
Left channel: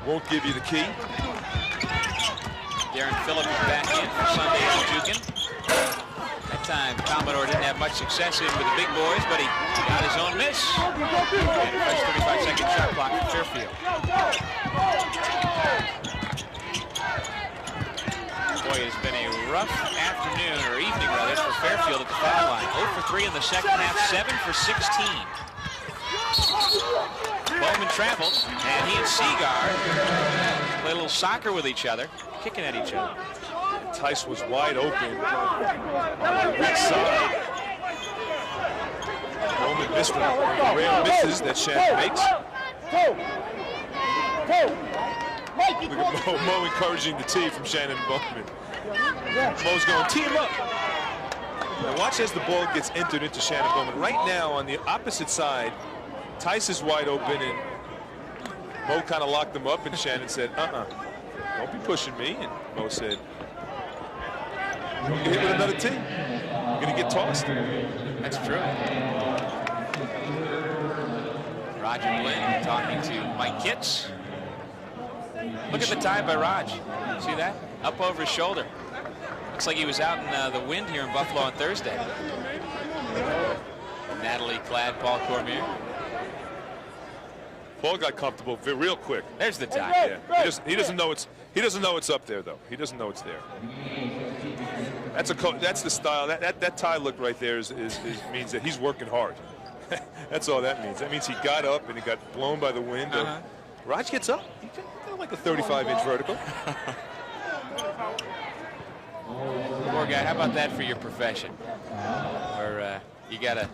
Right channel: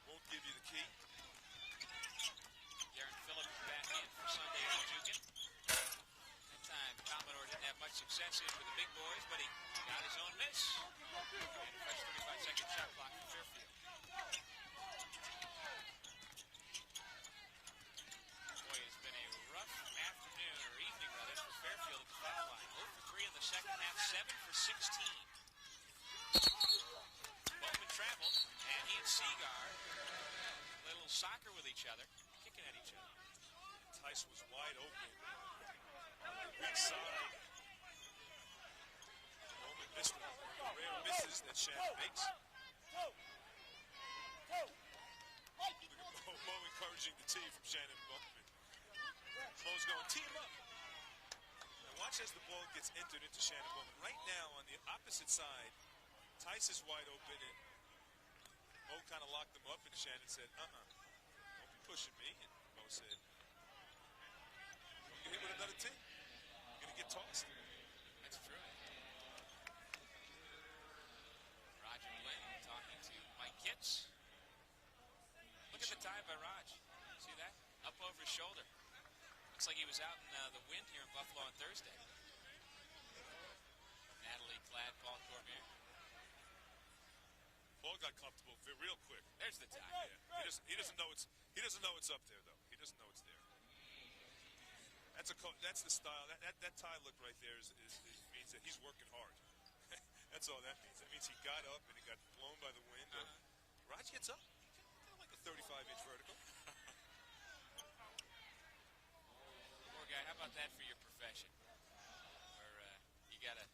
won't give you the key. Darren Phillips is back in for Sunday's Jukin. That time, Commodore didn't have much success in with the big boys, but he got his own miss. And a fresh 35-second shot clock for Fairfield. Boy, it's been a rough afternoon, or evening rather, for Fairfield at the foul line. 0 for 3 in the second half, 7 for 16. Bowman traveled, and he and Seagar play a little soccer with each other, kicking at each other. Tice was wide open on the weak side. Bowman missed one. The rare misses that Shannon makes. Look at Mo encouraging the tee from Shannon and Bowman. Mo's going, tee him up. Now watch as the ball gets entered into Shannon Bowman. Right now on the opposite side, Tice is wide open, and Mo kind of locked him up, and Shannon said, don't be pushing me. And Mo said, you're going to hit with another tee. You're going to get tossed. That's true. Roger Blinn talking to Mike Kitts. Look at the time by Raj. See that? Up over his shoulder. Looks like he was out in the wind here in Buffalo on Thursday. Natalie Cladd, Paul Cormier. Paul got comfortable real quick. There's the tie. Yeah. He doesn't know it's up there though. He doesn't know it's there. That's the style. That tie look right there means that he's working hard. That's all that means. That means he got up and he got blown by the wind. Raj gets up. He got like a 35-inch vertical. Poor guy. How about that for your profession? Where you got a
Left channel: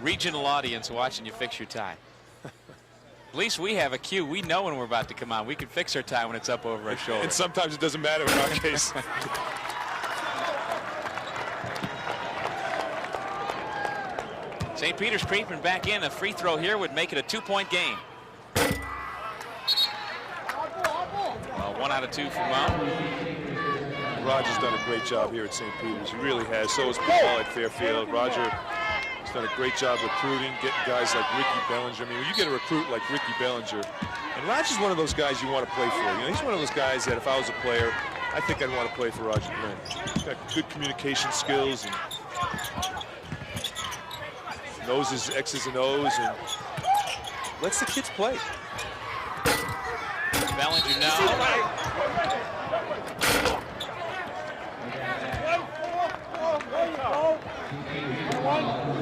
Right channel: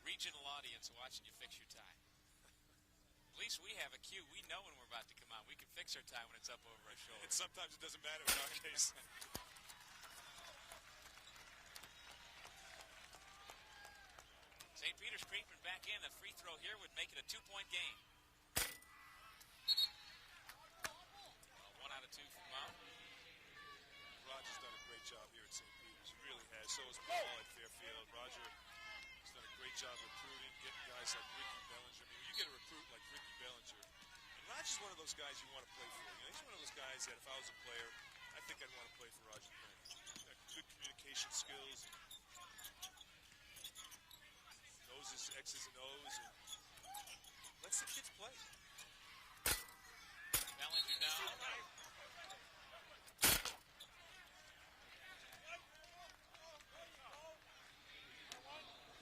regional audience watching you fix your tie. At least we have a cue. We know when we're about to come on. We can fix our tie when it's up over our shoulder. And sometimes it doesn't matter in our case. St. Peter's creeping back in. A free throw here would make it a 2-point game. Well, 1 out of 2 for Mo. Roger's done a great job here at St. Peter's. He really has. So has Paul at Fairfield. Roger has done a great job recruiting, getting guys like Ricky Bellinger. I mean, when you get a recruit like Ricky Bellinger, and Roger's one of those guys you want to play for. You know, he's one of those guys that if I was a player, I think I'd want to play for Roger Blinn. He's got good communication skills and knows his X's and O's and lets the kids play. Bellinger now.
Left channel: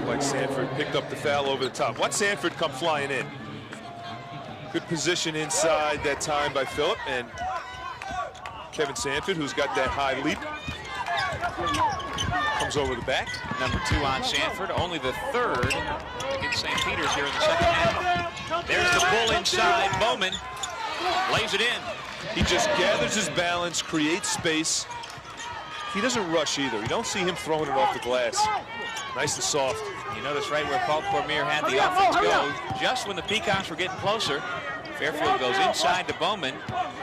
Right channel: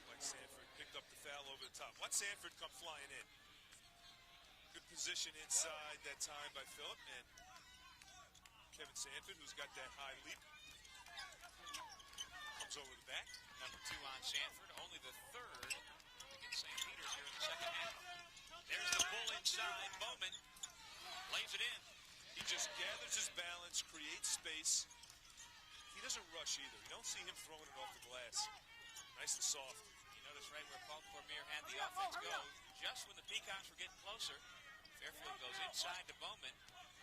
Like Sanford picked up the foul over the top. Watch Sanford come flying in. Good position inside that time by Phillip, and Kevin Sanford, who's got that high leap, comes over the back. Number 2 on Sanford, only the 3rd against St. Peter's here in the second half. There's the pull inside. Bowman lays it in. He just gathers his balance, creates space. He doesn't rush either. You don't see him throwing it off the glass. Nice and soft. You notice right where Paul Cormier had the offense go, just when the Peacocks were getting closer, Fairfield goes inside to Bowman,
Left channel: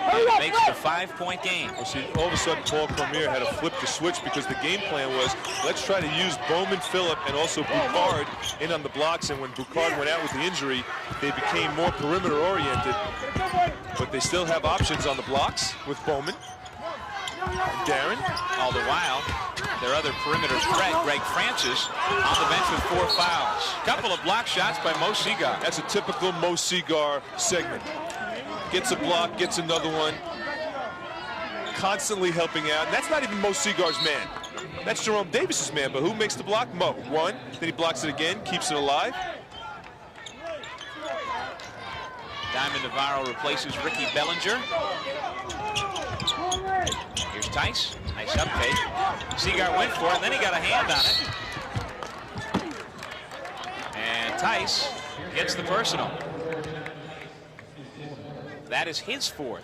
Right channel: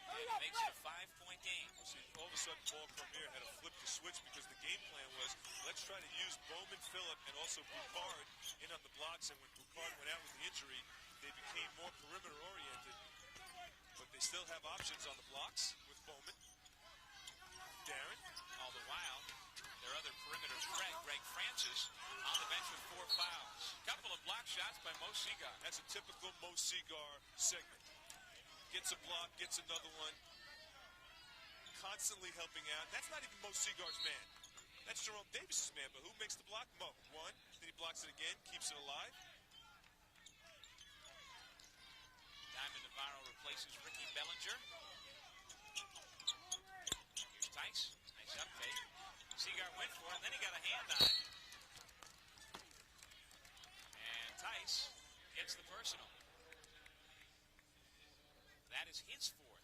and it makes it a 5-point game. Well, see, all of a sudden, Paul Cormier had to flip the switch because the game plan was, let's try to use Bowman, Phillip, and also Boucard in on the blocks. And when Boucard went out with the injury, they became more perimeter-oriented. But they still have options on the blocks with Bowman and Darren. All the while, their other perimeter threat, Greg Francis, on the bench with 4 fouls. Couple of block shots by Mo Seagar. That's a typical Mo Seagar segment. Gets a block, gets another one. Constantly helping out. And that's not even Mo Seagar's man. That's Jerome Davis's man, but who makes the block? Mo. 1, then he blocks it again, keeps it alive. Diamond Navarro replaces Ricky Bellinger. Here's Tice. Nice uptake. Seagar went for it, and then he got a hand on it. And Tice gets the personal. That is his 4th.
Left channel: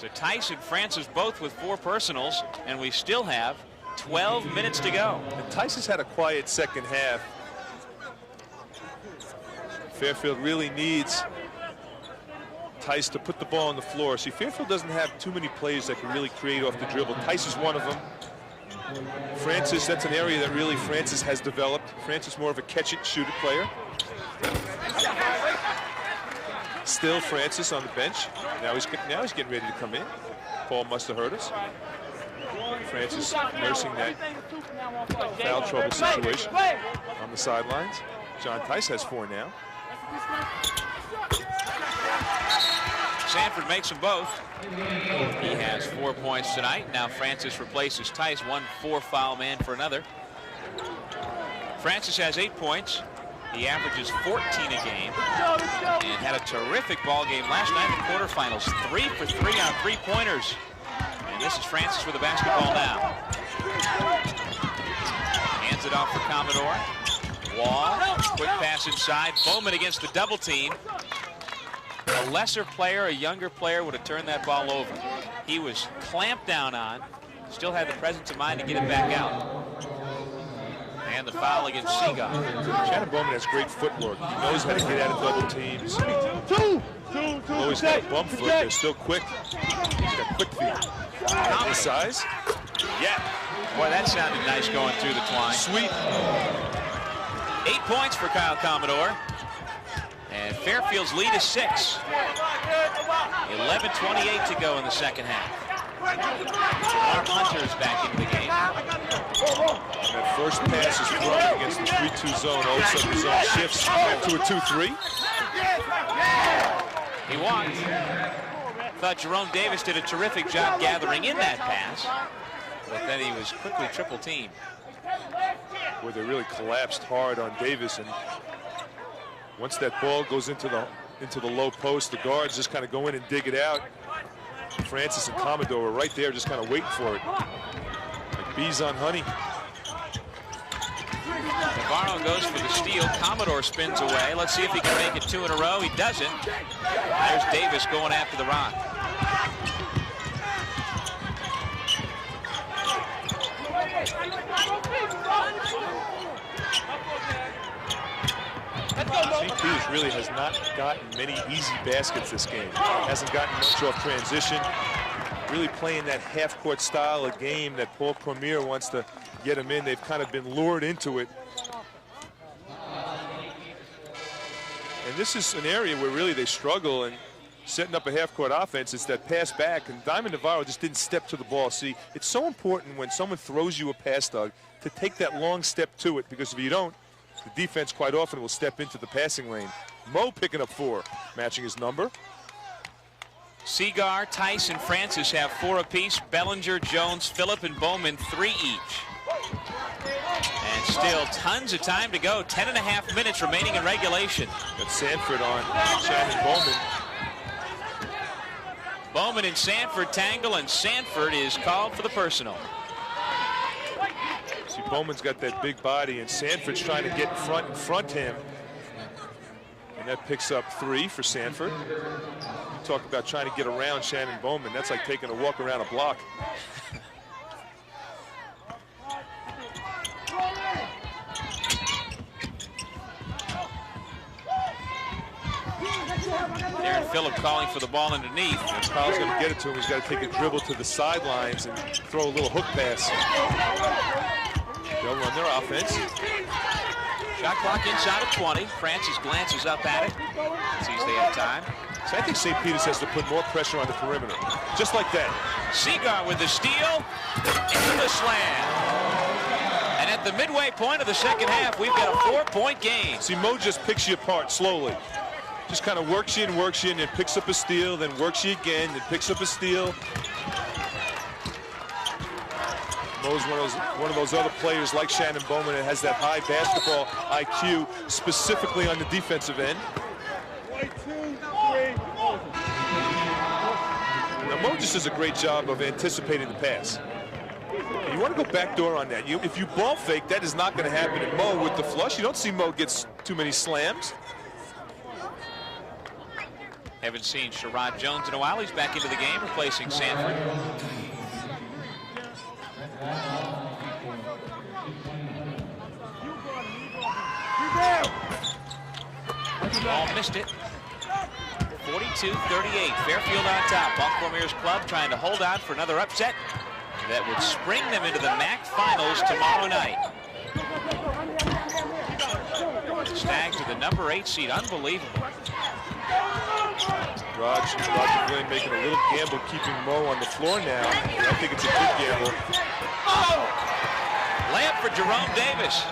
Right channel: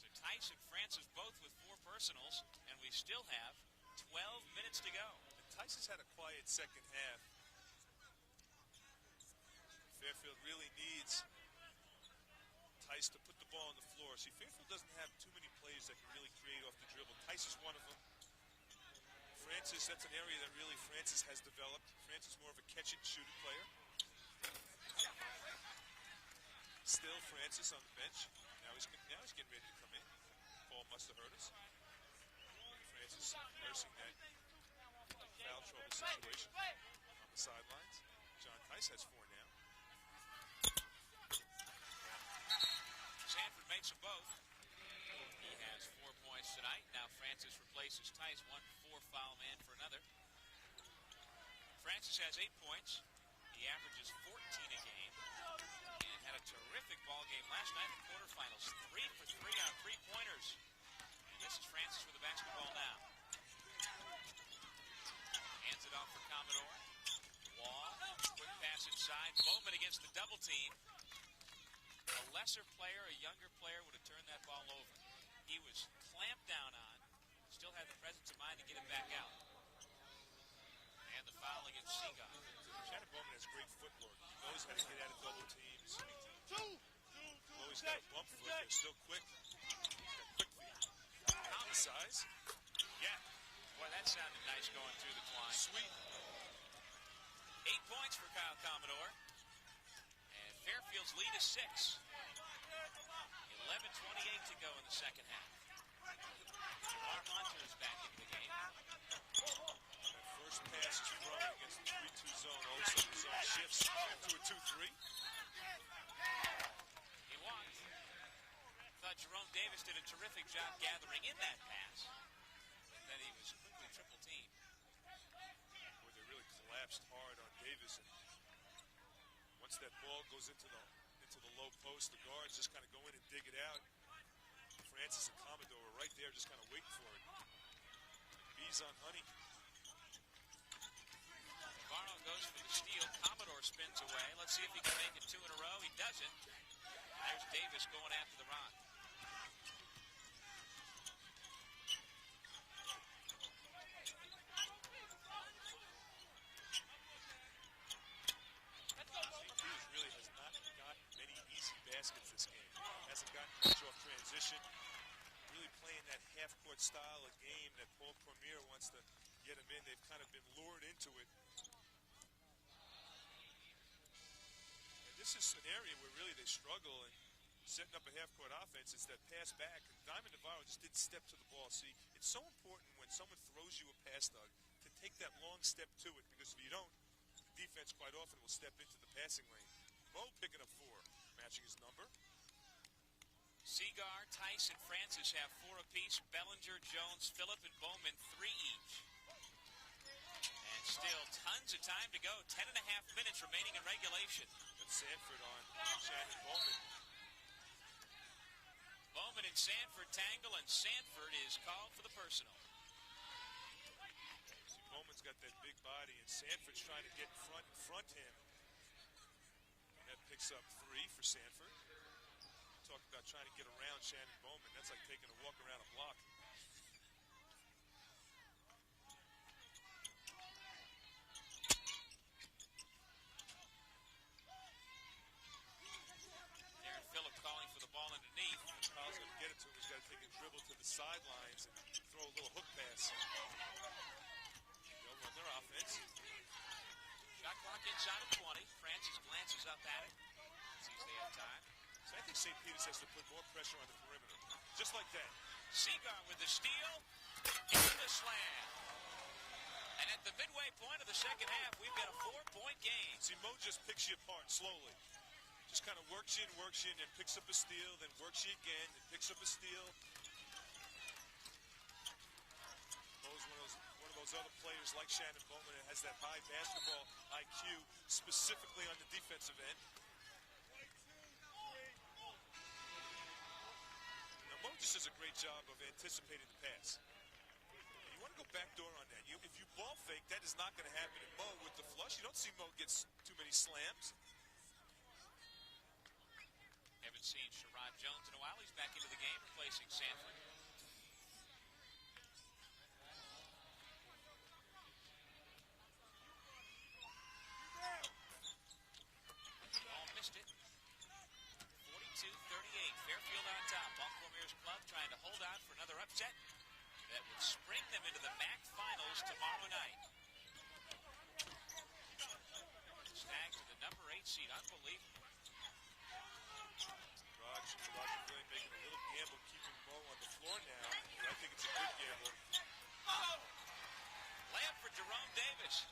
So Tice and Francis both with 4 personals, and we still have 12 minutes to go. And Tice has had a quiet second half. Fairfield really needs Tice to put the ball on the floor. See, Fairfield doesn't have too many players that can really create off the dribble. Tice is one of them. Francis, that's an area that really Francis has developed. Francis more of a catch-it-shoot-it player. Still Francis on the bench. Now he's getting ready to come in. Paul must have heard us. Francis nursing that foul trouble situation on the sidelines. John Tice has 4 now. Sanford makes them both. He has 4 points tonight. Now Francis replaces Tice, 1 4-foul man for another. Francis has 8 points. He averages 14 a game and had a terrific ball game last night in the quarterfinals. 3 for 3 on 3-pointers. And this is Francis with the basketball now. Hands it off for Commodore. Wall, quick pass inside. Bowman against the double team. A lesser player, a younger player would have turned that ball over. He was clamped down on, still had the presence of mind to get it back out. And the foul against Seagull. Shannon Bowman has great footwork. He knows how to get out of double teams. Although he's got a bump foot, they're still quick. He's got quick feet. His size? Yeah. Boy, that sounded nice going through the twine. Sweet. 8 points for Kyle Commodore. And Fairfield's lead is 6. 11:28 to go in the second half. Mark Hunter is back into the game. That first pass is thrown against the 3-2 zone. All of a sudden the zone shifts to a 2-3. He walked. Thought Jerome Davis did a terrific job gathering in that pass, but then he was quickly triple teamed. Where they really collapsed hard on Davis, and once that ball goes into the low post, the guards just kind of go in and dig it out. Francis and Commodore are right there just kind of waiting for it. Like bees on honey. Navarro goes for the steal. Commodore spins away. Let's see if he can make it 2 in a row. He doesn't. There's Davis going after the rock. St. Peter's really has not gotten many easy baskets this game. Hasn't gotten much off transition. Really playing that half-court style of game that Paul Premier wants to get them in. They've kind of been lured into it. And this is an area where really they struggle in setting up a half-court offense. It's that pass back, and Diamond Navarro just didn't step to the ball. See, it's so important when someone throws you a pass, Doug, to take that long step to it, because if you don't, the defense quite often will step into the passing lane. Mo picking up 4, matching his number. Seagar, Tice, and Francis have 4 apiece. Bellinger, Jones, Phillip, and Bowman 3 each. And still tons of time to go. 10.5 minutes remaining in regulation. Got Sanford on Shannon Bowman. Bowman and Sanford tangle, and Sanford is called for the personal. See, Bowman's got that big body, and Sanford's trying to get in front him. And that picks up 3 for Sanford. You talk about trying to get around Shannon Bowman. That's like taking a walk around a block. Darren Phillip calling for the ball underneath. If Kyle's going to get it to him, he's got to take a dribble to the sidelines and throw a little hook pass. They'll run their offense. Shot clock inside of 20. Francis glances up at it. Sees they have time. So I think St. Peter's has to put more pressure on the perimeter. Just like that. Seagar with the steal. Into the slam. And at the midway point of the second half, we've got a 4-point game. See, Mo just picks you apart slowly. Just kind of works you in, and picks up a steal, then works you again, then picks up a steal. Mo's one of those other players like Shannon Bowman that has that high basketball IQ, specifically on the defensive end. Now, Mo just does a great job of anticipating the pass. And you want to go backdoor on that. If you ball fake, that is not going to happen. And Mo with the flush, you don't see Mo get too many slams. Haven't seen Sherrod Jones in a while. He's back into the game, replacing Sanford. Ball missed it. 42-38. Fairfield on top. Baltimore Mayor's Club trying to hold out for another upset that would spring them into the MAAC Finals tomorrow night. The Stags are the number 8 seed. Unbelievable. Roger Glenn making a little gamble, keeping Mo on the floor now. I think it's a good gamble. Layup for Jerome Davis.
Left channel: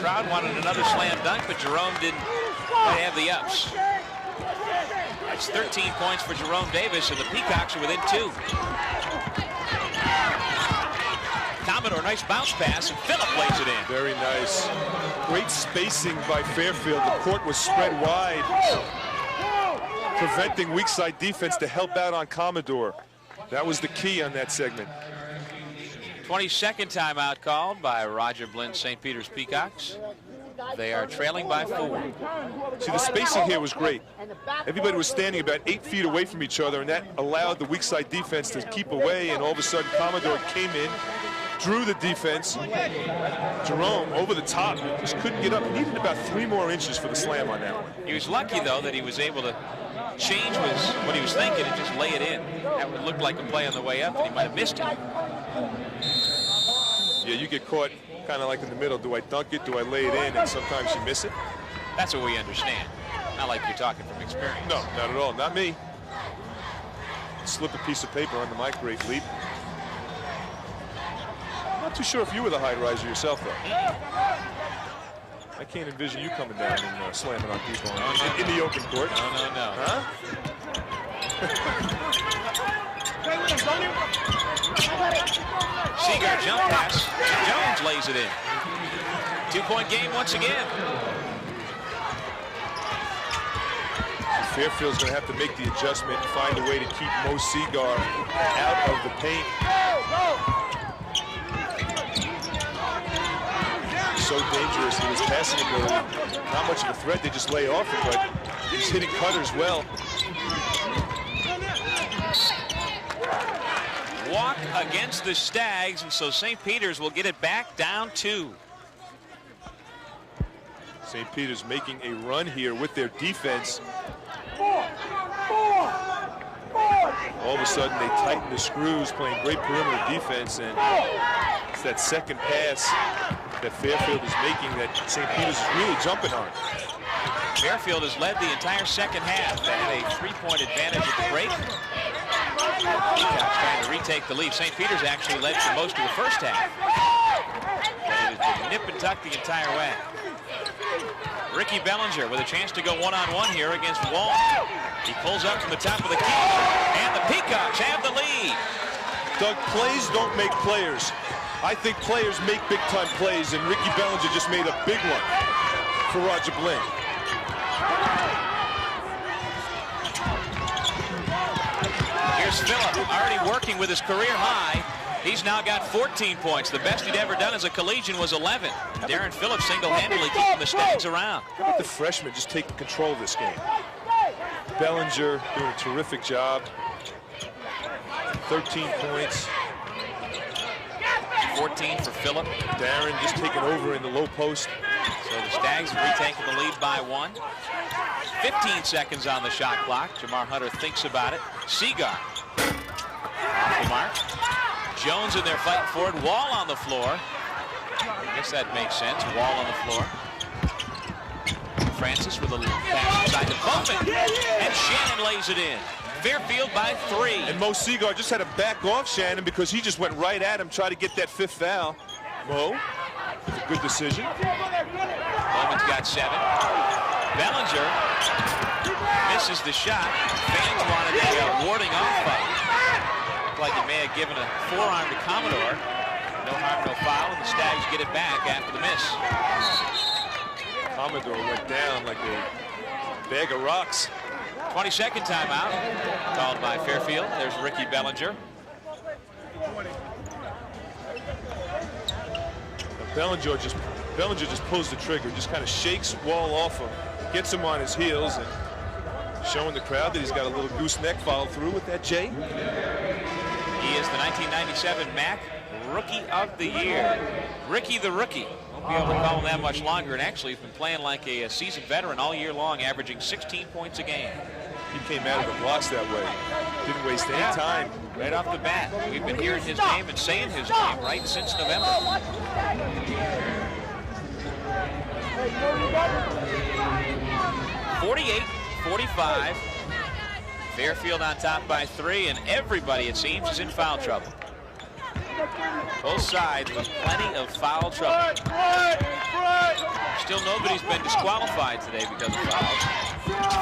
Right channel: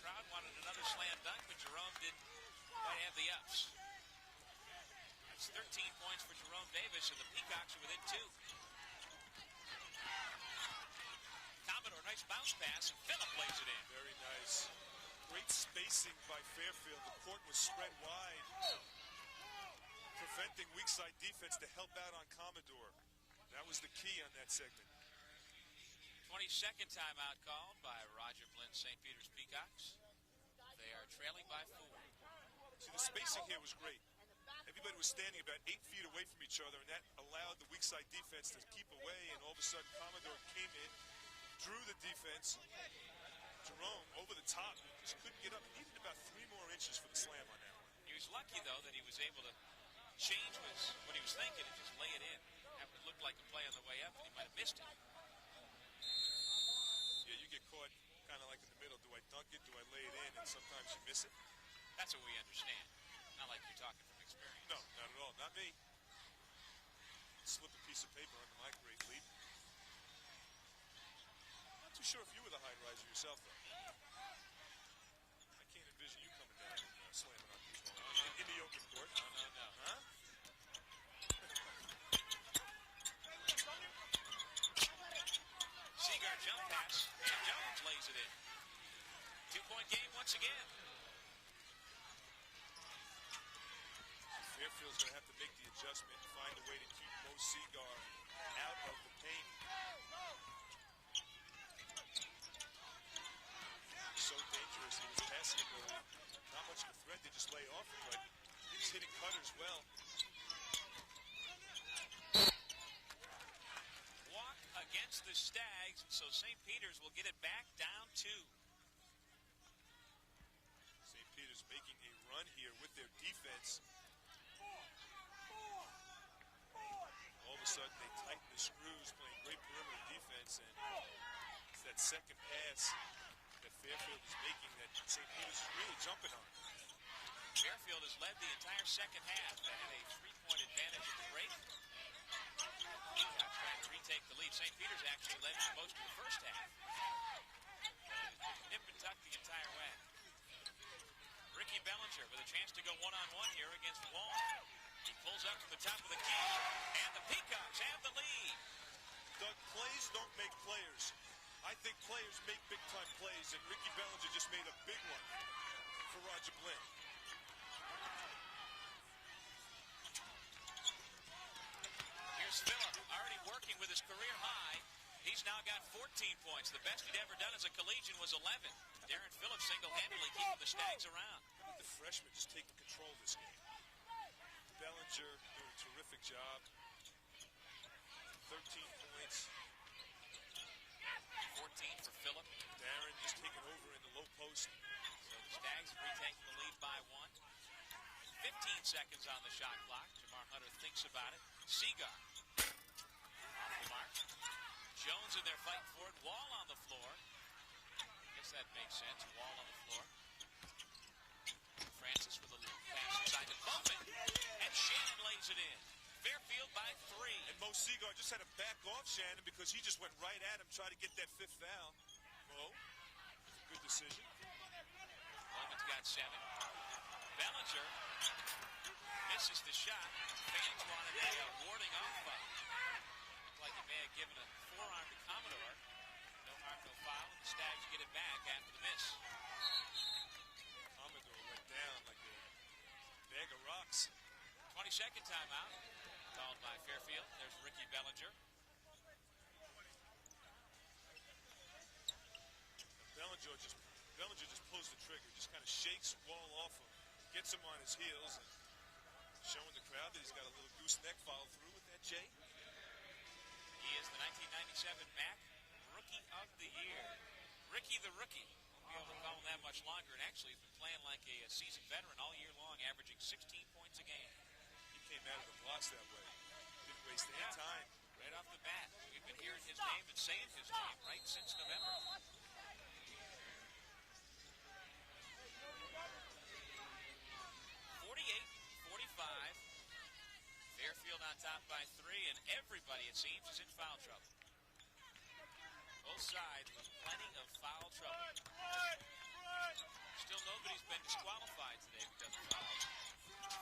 Crowd wanted another slam dunk, but Jerome didn't quite have the ups. That's 13 points for Jerome Davis, and the Peacocks are within 2. Commodore, nice bounce pass, and Phillip lays it in. Very nice. Great spacing by Fairfield. The court was spread wide, preventing weak side defense to help out on Commodore. That was the key on that segment. 22nd timeout called by Roger Blinn, St. Peter's Peacocks. They are trailing by 4. See, the spacing here was great. Everybody was standing about 8 feet away from each other, and that allowed the weak side defense to keep away, and all of a sudden Commodore came in, drew the defense. Jerome over the top, just couldn't get up. He needed about 3 more inches for the slam on that one. He was lucky, though, that he was able to change what he was thinking and just lay it in. That would look like a play on the way up, and he might have missed it. Yeah, you get caught kind of like in the middle. Do I dunk it? Do I lay it in? And sometimes you miss it. That's what we understand. Not like you're talking from experience. No, not at all. Not me. Slip a piece of paper on the mic, great leap. Not too sure if you were the high riser yourself, though. I can't envision you coming down and slamming on people in the open court. No. Huh? Seagar jump pass. Jones lays it in. 2-point game once again. Fairfield's going to have to make the adjustment and find a way to keep Mo Seagar out of the paint. So dangerous with his passing ability. Not much of a threat. They just lay off him, but he's hitting cutters well. Walk against the Stags, and so St. Peter's will get it back down 2. St. Peter's making a run here with their defense. All of a sudden, they tighten the screws, playing great perimeter defense, and it's that second pass that Fairfield is making that St. Peter's is really jumping on. Fairfield has led the entire second half. They had a 3-point advantage at the break. Peacocks trying to retake the lead. St. Peter's actually led for most of the first half. It has been nip and tuck the entire way. Ricky Bellinger with a chance to go one-on-one here against Wall. He pulls up from the top of the key, and the Peacocks have the lead. Doug, plays don't make players. I think players make big-time plays, and Ricky Bellinger just made a big one for Roger Blinn. Here's Phillip, already working with his career high. He's now got 14 points. The best he'd ever done as a collegian was 11. Darren Phillips single-handedly keeping the Stags around. How about the freshman just taking control of this game? Bellinger doing a terrific job. 13 points. 14 for Phillip. Darren just taking over in the low post. So the Stags have retaken the lead by 1. 15 seconds on the shot clock. Jamar Hunter thinks about it. Seagar off the mark. Jones in there fighting for it. Wall on the floor. I guess that makes sense. Wall on the floor. Francis with a little pass inside to Bowman. And Shannon lays it in. Fairfield by 3. And Mo Seagar just had to back off Shannon because he just went right at him, trying to get that 5th foul. Mo, with a good decision. Bowman's got 7. Bellinger misses the shot. Fans wanted a warding off fight. Like he may have given a forearm to Commodore. No harm, no foul, and the Stags get it back after the miss. Commodore went down like a bag of rocks. 22nd timeout called by Fairfield. There's Ricky Bellinger. Bellinger just pulls the trigger, just kind of shakes Wall off him, gets him on his heels, and Showing the crowd that he's got a little gooseneck follow through with that J. He is the 1997 MAAC Rookie of the Year. Ricky the Rookie. Won't be able to call him that much longer, and actually he's been playing like a seasoned veteran all year long, averaging 16 points a game. He came out of the blocks that way. Didn't waste any time. Right off the bat. We've been hearing his name and saying his name right since November. 48-45. Fairfield on top by 3, and everybody, it seems, is in foul trouble. Both sides with plenty of foul trouble. Still nobody's been disqualified today because of fouls.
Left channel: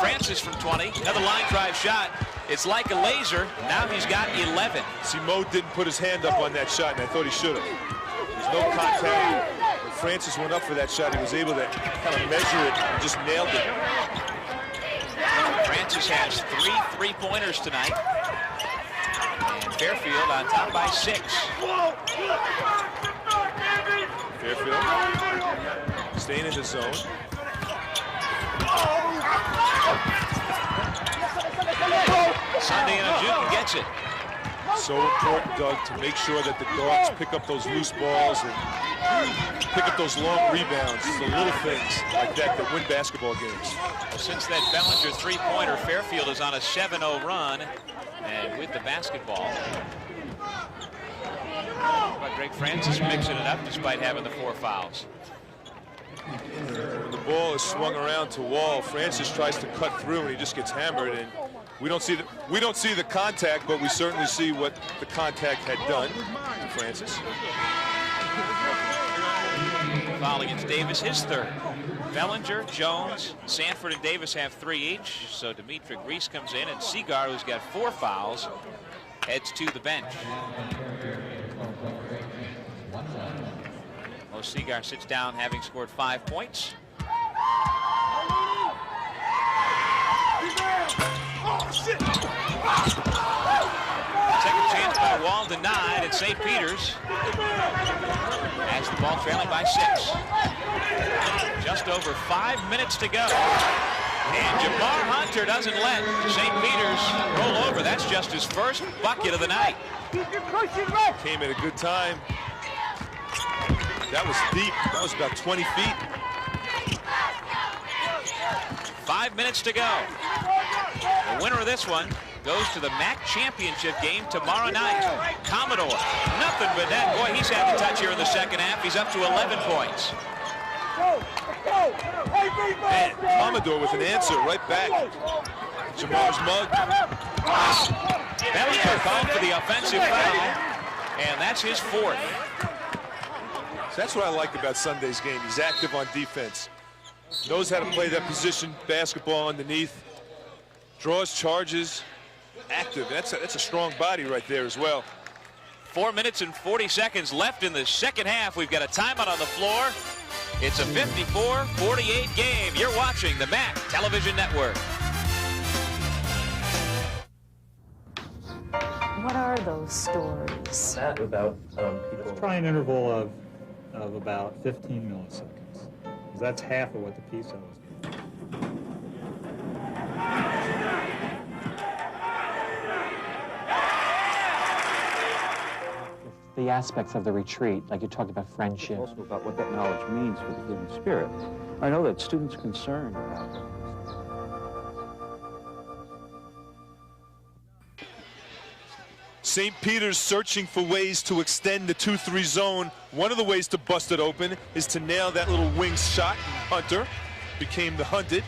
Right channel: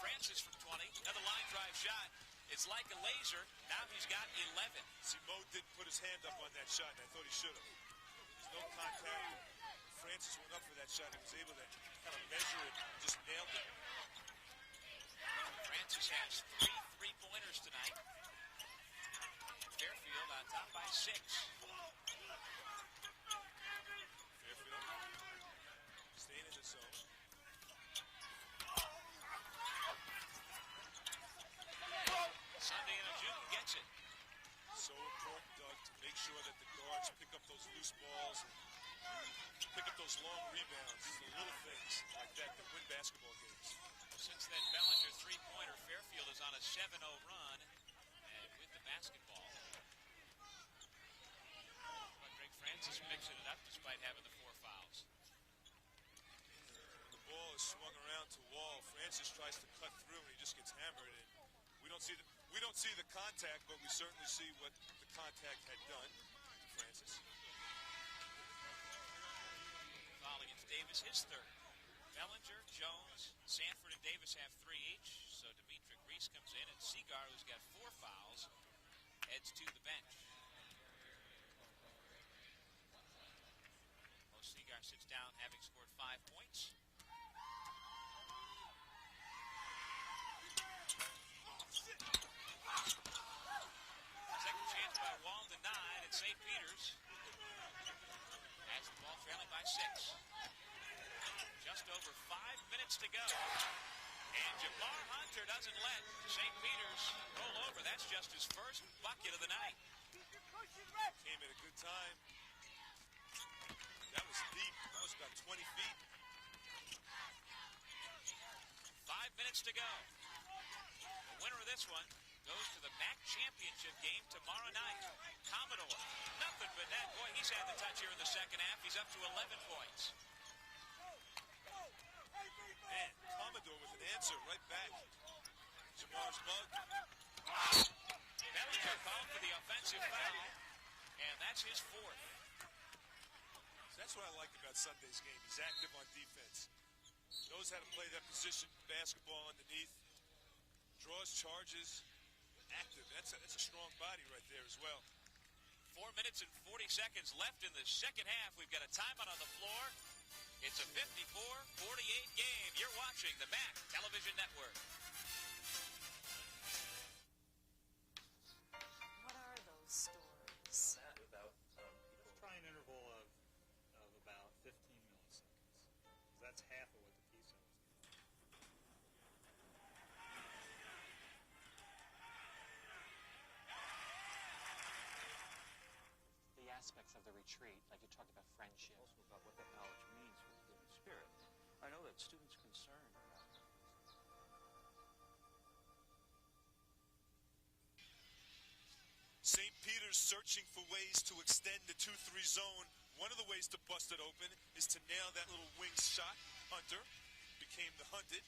Francis from 20, another line drive shot. It's like a laser. Now he's got 11. See, Mo didn't put his hand up on that shot, and I thought he should have. There's no contact. When Francis went up for that shot, he was able to kind of measure it and just nailed it. Francis has 3 3-pointers tonight. And Fairfield on top by 6. Fairfield staying in the zone. Sunday and Ojukin gets it. So important, Doug, to make sure that the guards pick up those loose balls and pick up those long rebounds. The little things like that that win basketball games. Well, since that Bellinger 3-pointer, Fairfield is on a 7-0 run. And with the basketball, but Greg Francis mixing it up despite having the 4 fouls. When the ball is swung around to Wall, Francis tries to cut through and he just gets hammered, and we don't see the contact, but we certainly see what the contact had done to Francis. Foul against Davis, his 3rd. Bellinger, Jones, Sanford, and Davis have 3 each. So Dimitri Reese comes in, and Seagar, who's got 4 fouls, heads to the bench. Mo Seagar sits down, having scored 5 points. Second chance by Wall denied at St. Peter's. Has the ball trailing by 6. Just over 5 minutes to go. And Jamar Hunter doesn't let St. Peter's roll over. That's just his first bucket of the night. Came at a good time. That was deep. That was about 20 feet. 5 minutes to go. The winner of this one goes to the MAAC championship game tomorrow night. Commodore, nothing but that. Boy, he's had the touch here in the second half. He's up to 11 points. Man, Commodore with an answer right back. Jamar's mug. Bellinger called for the offensive foul, and that's his 4th. So that's what I like about Sunday's game. He's active on defense. Knows how to play that position basketball underneath. Draws charges. Active. That's a strong body right there as well. 4 minutes and 40 seconds left in the second half. We've got a timeout on the floor. It's a 54-48 game. You're watching the MAAC Television Network. What are those stories? That about people. Try an interval of about 15 milliseconds. That's half of what the PISA was given. The aspects of the retreat, like you talked about friendship. Also about what that knowledge means for the human spirit. I know that students are concerned about that. St. Peter's searching for ways to extend the 2-3 zone. One of the ways to bust it open is to nail that little wing shot. Hunter became the hunted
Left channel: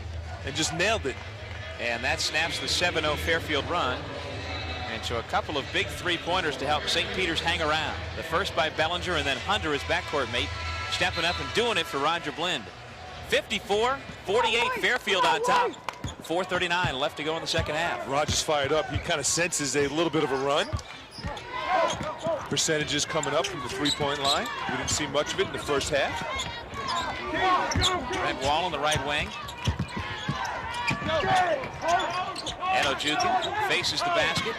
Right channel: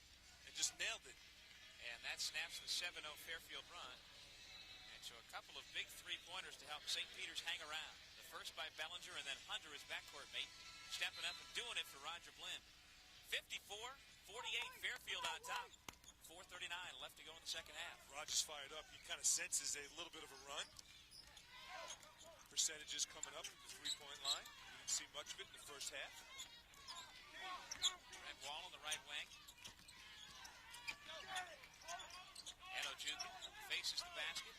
and just nailed it. And that snaps the 7-0 Fairfield run. And so a couple of big 3-pointers to help St. Peter's hang around. The first by Bellinger, and then Hunter, his backcourt mate, stepping up and doing it for Roger Blind. 54-48, Fairfield on top. 4:39 left to go in the second half. Roger's fired up. He kind of senses a little bit of a run. Percentages coming up from the 3-point line. We didn't see much of it in the first half. Brent Wall on the right wing. And Ojukin faces the basket.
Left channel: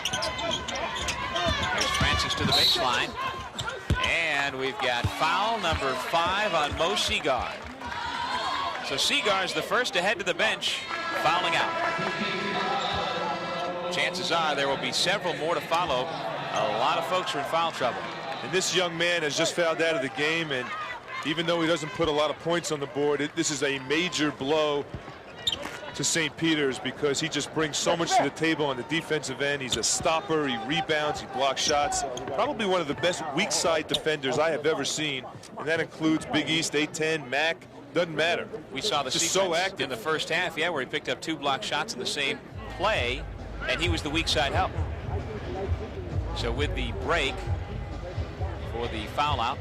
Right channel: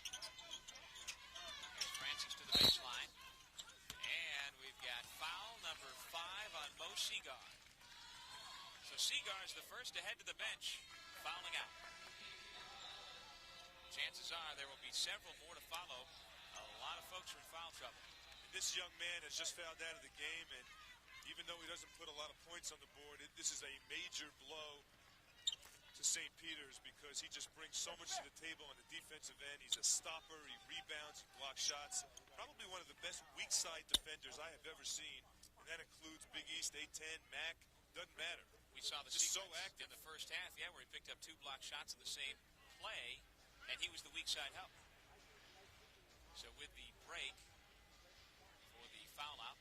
There's Francis to the baseline. And we've got foul number 5 on Mo Seagar. So Seagar's the first to head to the bench, fouling out. Chances are there will be several more to follow. A lot of folks are in foul trouble. And this young man has just fouled out of the game, and even though he doesn't put a lot of points on the board, this is a major blow to St. Peter's because he just brings so much to the table on the defensive end. He's a stopper, he rebounds, he blocks shots. Probably one of the best weak side defenders I have ever seen, and that includes Big East, A-10, MAAC, doesn't matter. We saw the just sequence so active in the first half, where he picked up 2 block shots in the same play, and he was the weak side help. So with the break for the foul out,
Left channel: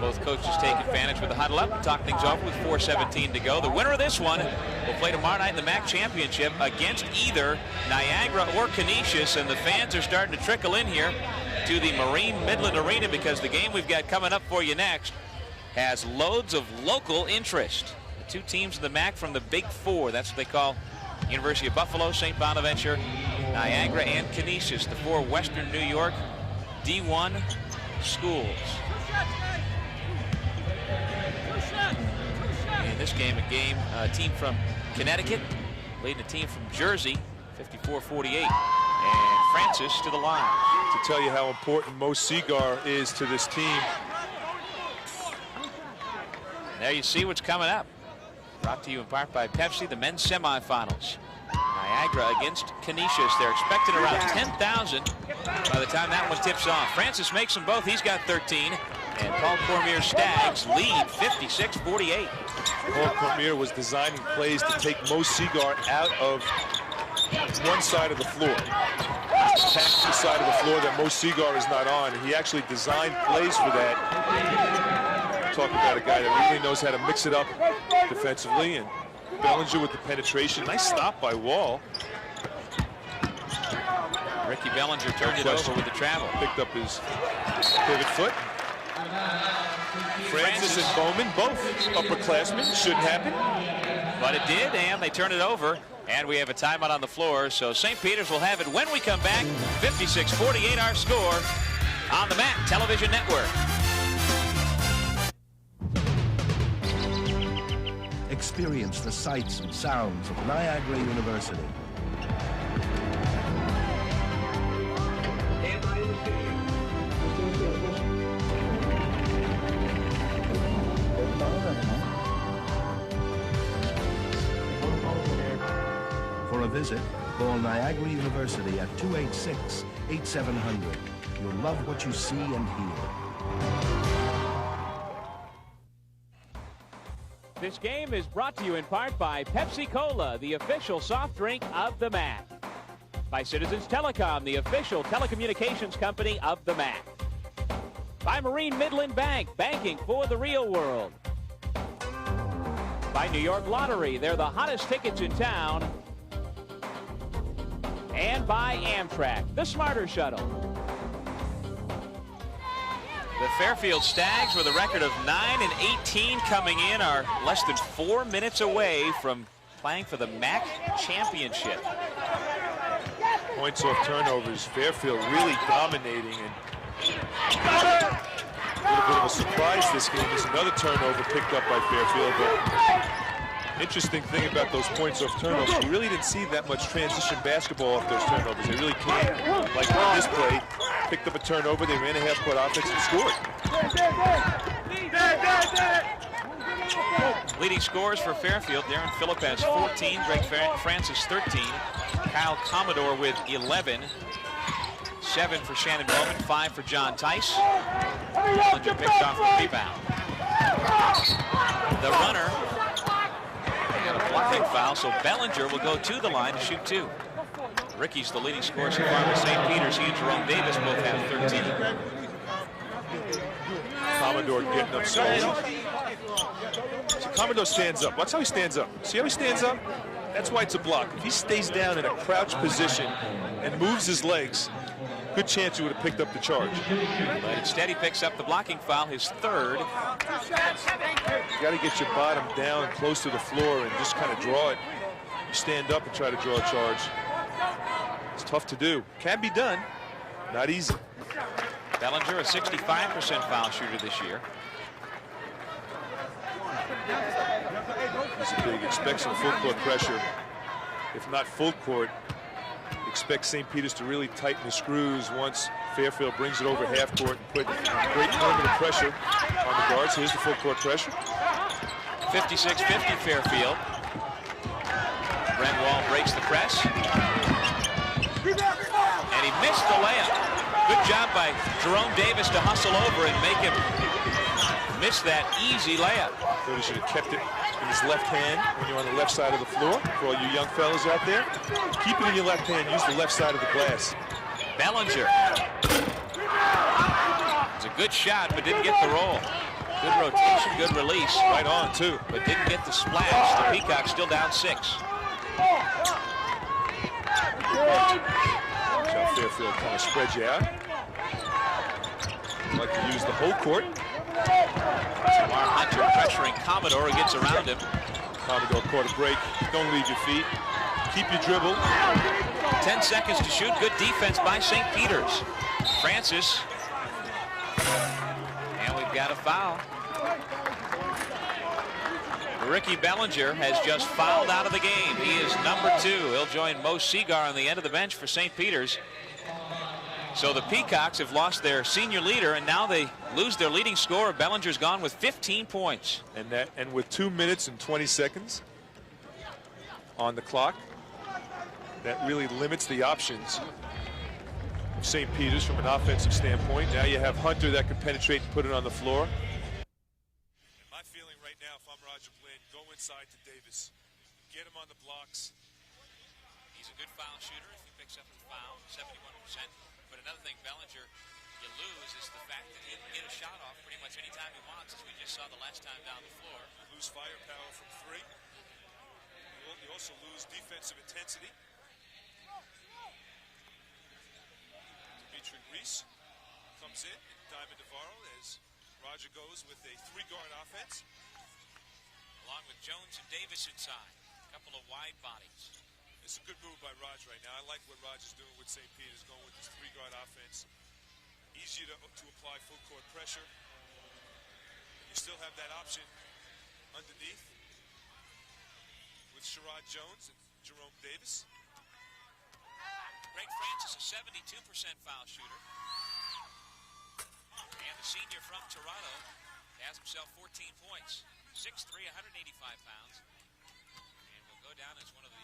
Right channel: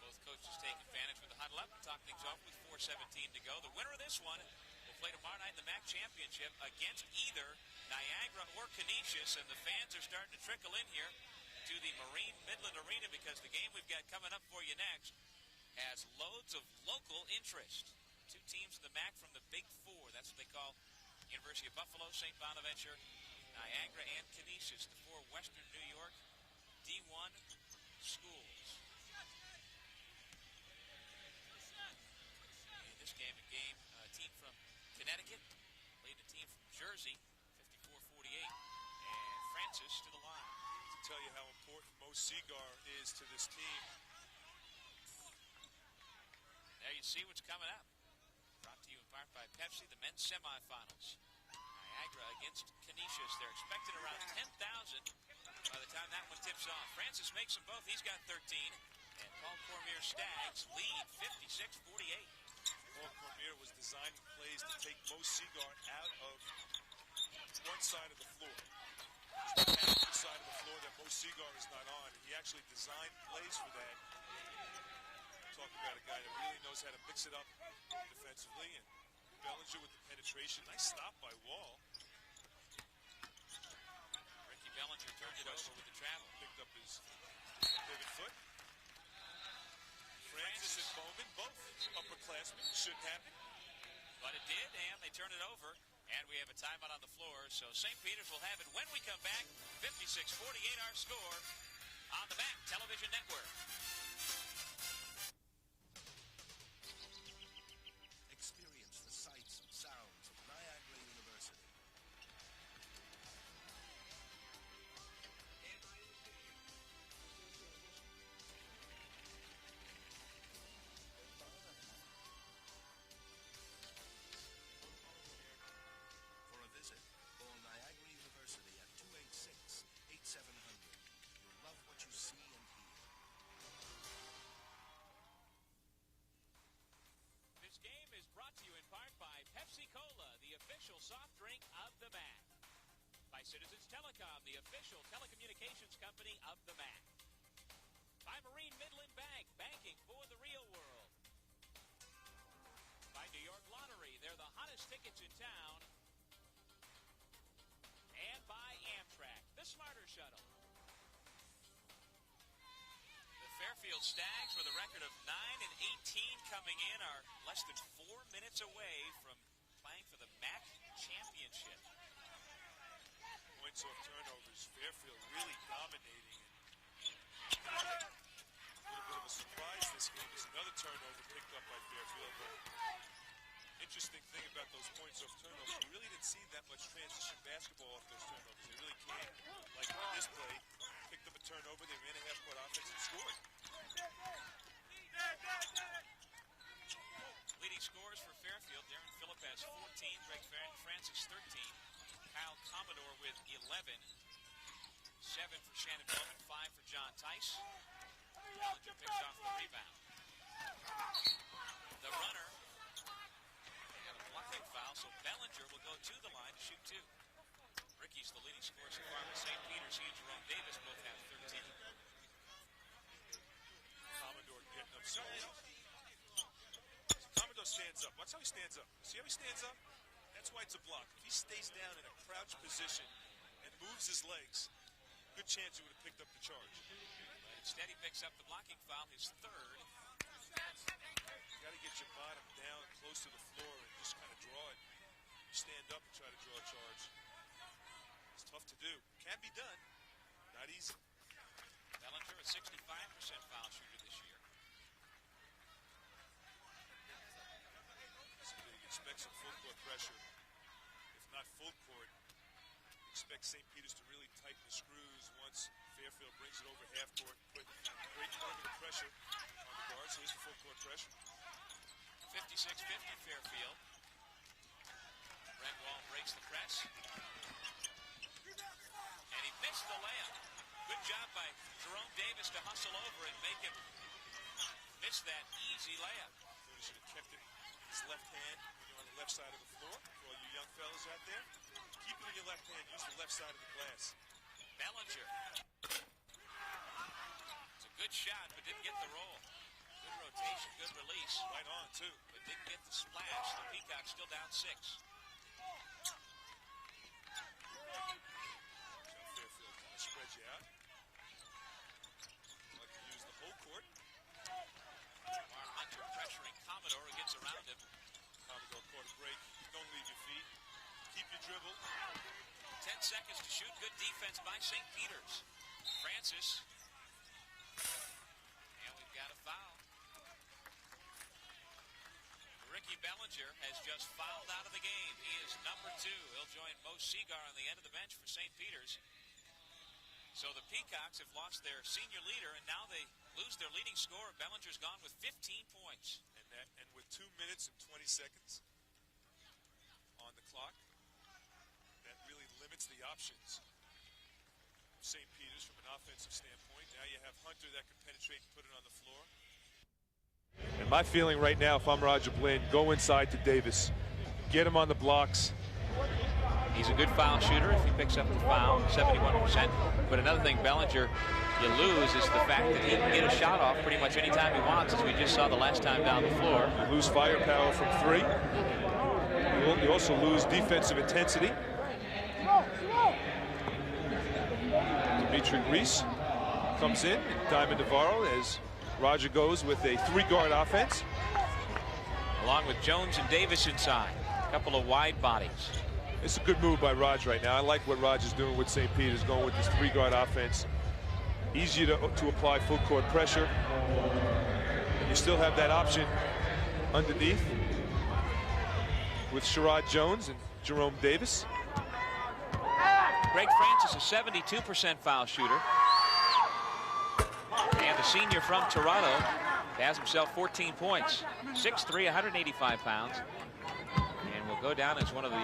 both coaches take advantage with the huddle up and talk things over with 4:17 to go. The winner of this one will play tomorrow night in the MAAC championship against either Niagara or Canisius, and the fans are starting to trickle in here to the Marine Midland Arena because the game we've got coming up for you next has loads of local interest. The 2 teams in the MAAC from the Big 4, that's what they call University of Buffalo, St. Bonaventure, Niagara, and Canisius, the 4 Western New York D1 schools. In this game, a team from Connecticut leading a team from Jersey, 54-48, and Francis to the line. To tell you how important Mo Seagar is to this team. There you see what's coming up. Brought to you in part by Pepsi, the men's semifinals. Niagara against Canisius. They're expecting around 10,000 by the time that one tips off. Francis makes them both. He's got 13. And Paul Cormier's Stags lead 56-48. Paul Cormier was designing plays to take Mo Seagar out of one side of the floor. Attack the side of the floor that Mo Seagar is not on. And he actually designed plays for that. Talk about a guy that really knows how to mix it up defensively. And Bellinger with the penetration. Nice stop by Wall. Ricky Bellinger turned it over with the travel. Picked up his pivot foot. Francis and Bowman, both upperclassmen. Shouldn't happen. But it did, and they turn it over. And we have a timeout on the floor, so St. Peter's will have it when we come back. 56-48 our score on the MAAC Television Network. Experience the sights and sounds of Niagara University. For a visit, call Niagara University at 286-8700. You'll love what you see and hear. This game is brought to you in part by Pepsi Cola, the official soft drink of the MAAC. By Citizens Telecom, the official telecommunications company of the MAAC. By Marine Midland Bank, banking for the real world. By New York Lottery, they're the hottest tickets in town. And by Amtrak, the Smarter Shuttle. The Fairfield Stags with a record of 9-18 coming in are less than 4 minutes away from playing for the MAAC championship. Points off turnovers. Fairfield really dominating, and a little bit of a surprise this game is another turnover picked up by Fairfield. But interesting thing about those points off turnovers, we really didn't see that much transition basketball off those turnovers. They really can't. Like on this play, picked up a turnover, they ran a half-court offense and scored. Leading scorers for Fairfield, Darren Phillip has 14, Greg Francis 13, Kyle Commodore with 11, 7 for Shannon Bowman, 5 for John Tice. Bellinger picked off the rebound. The runner got a blocking foul, so Bellinger will go to the line to shoot 2. Ricky's the leading scorer so far with St. Peter's. He and Jerome Davis both have 13. Commodore getting up slowly. So Commodore stands up. Watch how he stands up. See how he stands up? That's why it's a block. If he stays down in a crouch position and moves his legs, good chance he would have picked up the charge. But instead he picks up the blocking foul, his 3rd. You got to get your bottom down close to the floor and just kind of draw it. You stand up and try to draw a charge. It's tough to do. Can be done. Not easy. Bellinger, a 65% foul shooter this year. He's a expect some full court pressure. If not full court, expect St. Peter's to really tighten the screws once Fairfield brings it over half court and put great perimeter pressure on the guards. Here's the full court pressure. 56-50 Fairfield. Renwall breaks the press. And he missed the layup. Good job by Jerome Davis to hustle over and make him miss that easy layup. Thought he should have kept it in his left hand when you're on the left side of the floor. For all you young fellas out there, keep it in your left hand. Use the left side of the glass. Bellinger. It's a good shot, but didn't get the roll. Good rotation, good release. Right on, too. But didn't get the splash. The Peacocks still down 6. Watch how Fairfield kind of spreads you out. Like to use the whole court. Jamar Hunter pressuring Commodore, who gets around him. Commodore caught a break. Don't leave your feet. Keep your dribble. 10 seconds to shoot. Good defense by St. Peter's. Francis. And we've got a foul. Ricky Bellinger has just fouled out of the game. He is number 2. He'll join Mo Seagar on the end of the bench for St. Peter's. So the Peacocks have lost their senior leader, and now they lose their leading scorer. Bellinger's gone with 15 points. And with 2 minutes and 20 seconds on the clock, that really limits the options of St. Peter's from an offensive standpoint. Now you have Hunter that can penetrate and put it on the floor. And my feeling right now, if I'm Roger Blinn, go inside to Davis. Get him on the blocks. He's a good foul shooter if he picks up the foul, 71%. But another thing, Bellinger, you lose is the fact that he can get a shot off pretty much any time he wants, as we just saw the last time down the floor. You lose firepower from 3. You also lose defensive intensity. Dimitri Reese comes in, and Diamond Navarro as Roger goes with a 3-guard offense. Along with Jones and Davis inside. A couple of wide bodies. It's a good move by Roger right now. I like what Roger's doing with St. Peter's, going with this 3-guard offense. Easier to apply full court pressure. And you still have that option underneath with Sherrod Jones and Jerome Davis. Greg Francis, a 72% foul shooter. And the senior from Toronto has himself 14 points. 6'3", 185 pounds. And will go down as one of the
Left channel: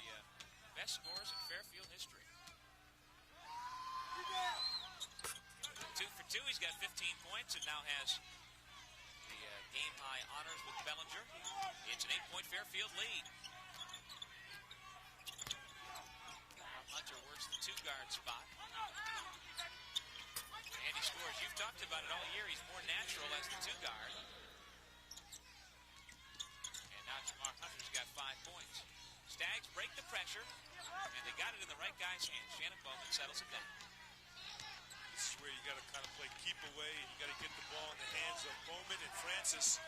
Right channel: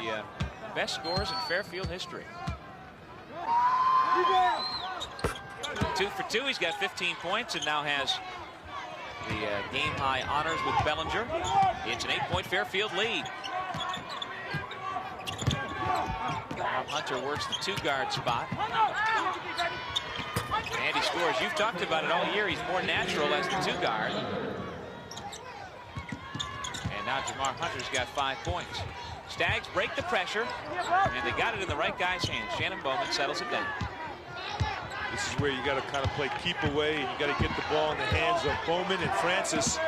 best scorers in Fairfield history. 2 for 2. He's got 15 points and now has the game-high honors with Bellinger. It's an 8-point Fairfield lead. Hunter works the 2-guard spot. And he scores. You've talked about it all year. He's more natural as the 2-guard. And now Jamar Hunter's got 5 points. Stags break the pressure, and they got it in the right guy's hands. Shannon Bowman settles it down. This is where you got to kind of play keep away, and you got to get the ball in the hands of Bowman and Francis.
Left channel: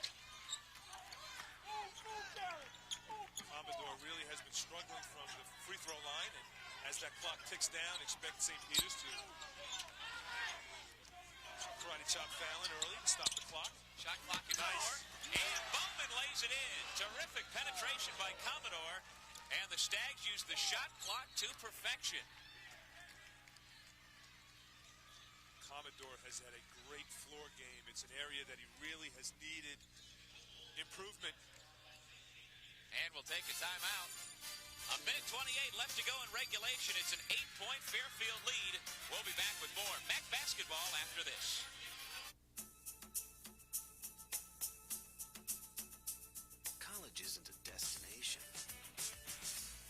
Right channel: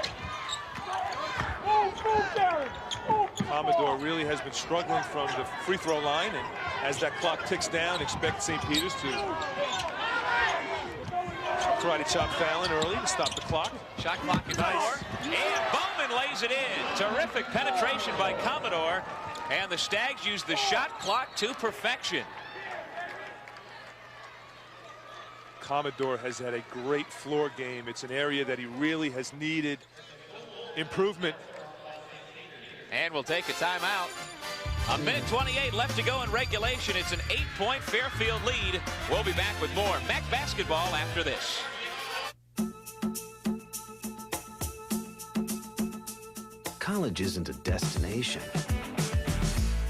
Commodore really has been struggling from the free throw line, and as that clock ticks down, expect St. Peter's to karate chop Fallon early to stop the clock. Shot clock is nice. And Bowman lays it in. Terrific penetration by Commodore. And the Stags use the shot clock to perfection. Commodore has had a great floor game. It's an area that he really has needed improvement. And we'll take a timeout. 1:28 left to go in regulation. It's an 8-point Fairfield lead. We'll be back with more MAAC basketball after this. College isn't a destination.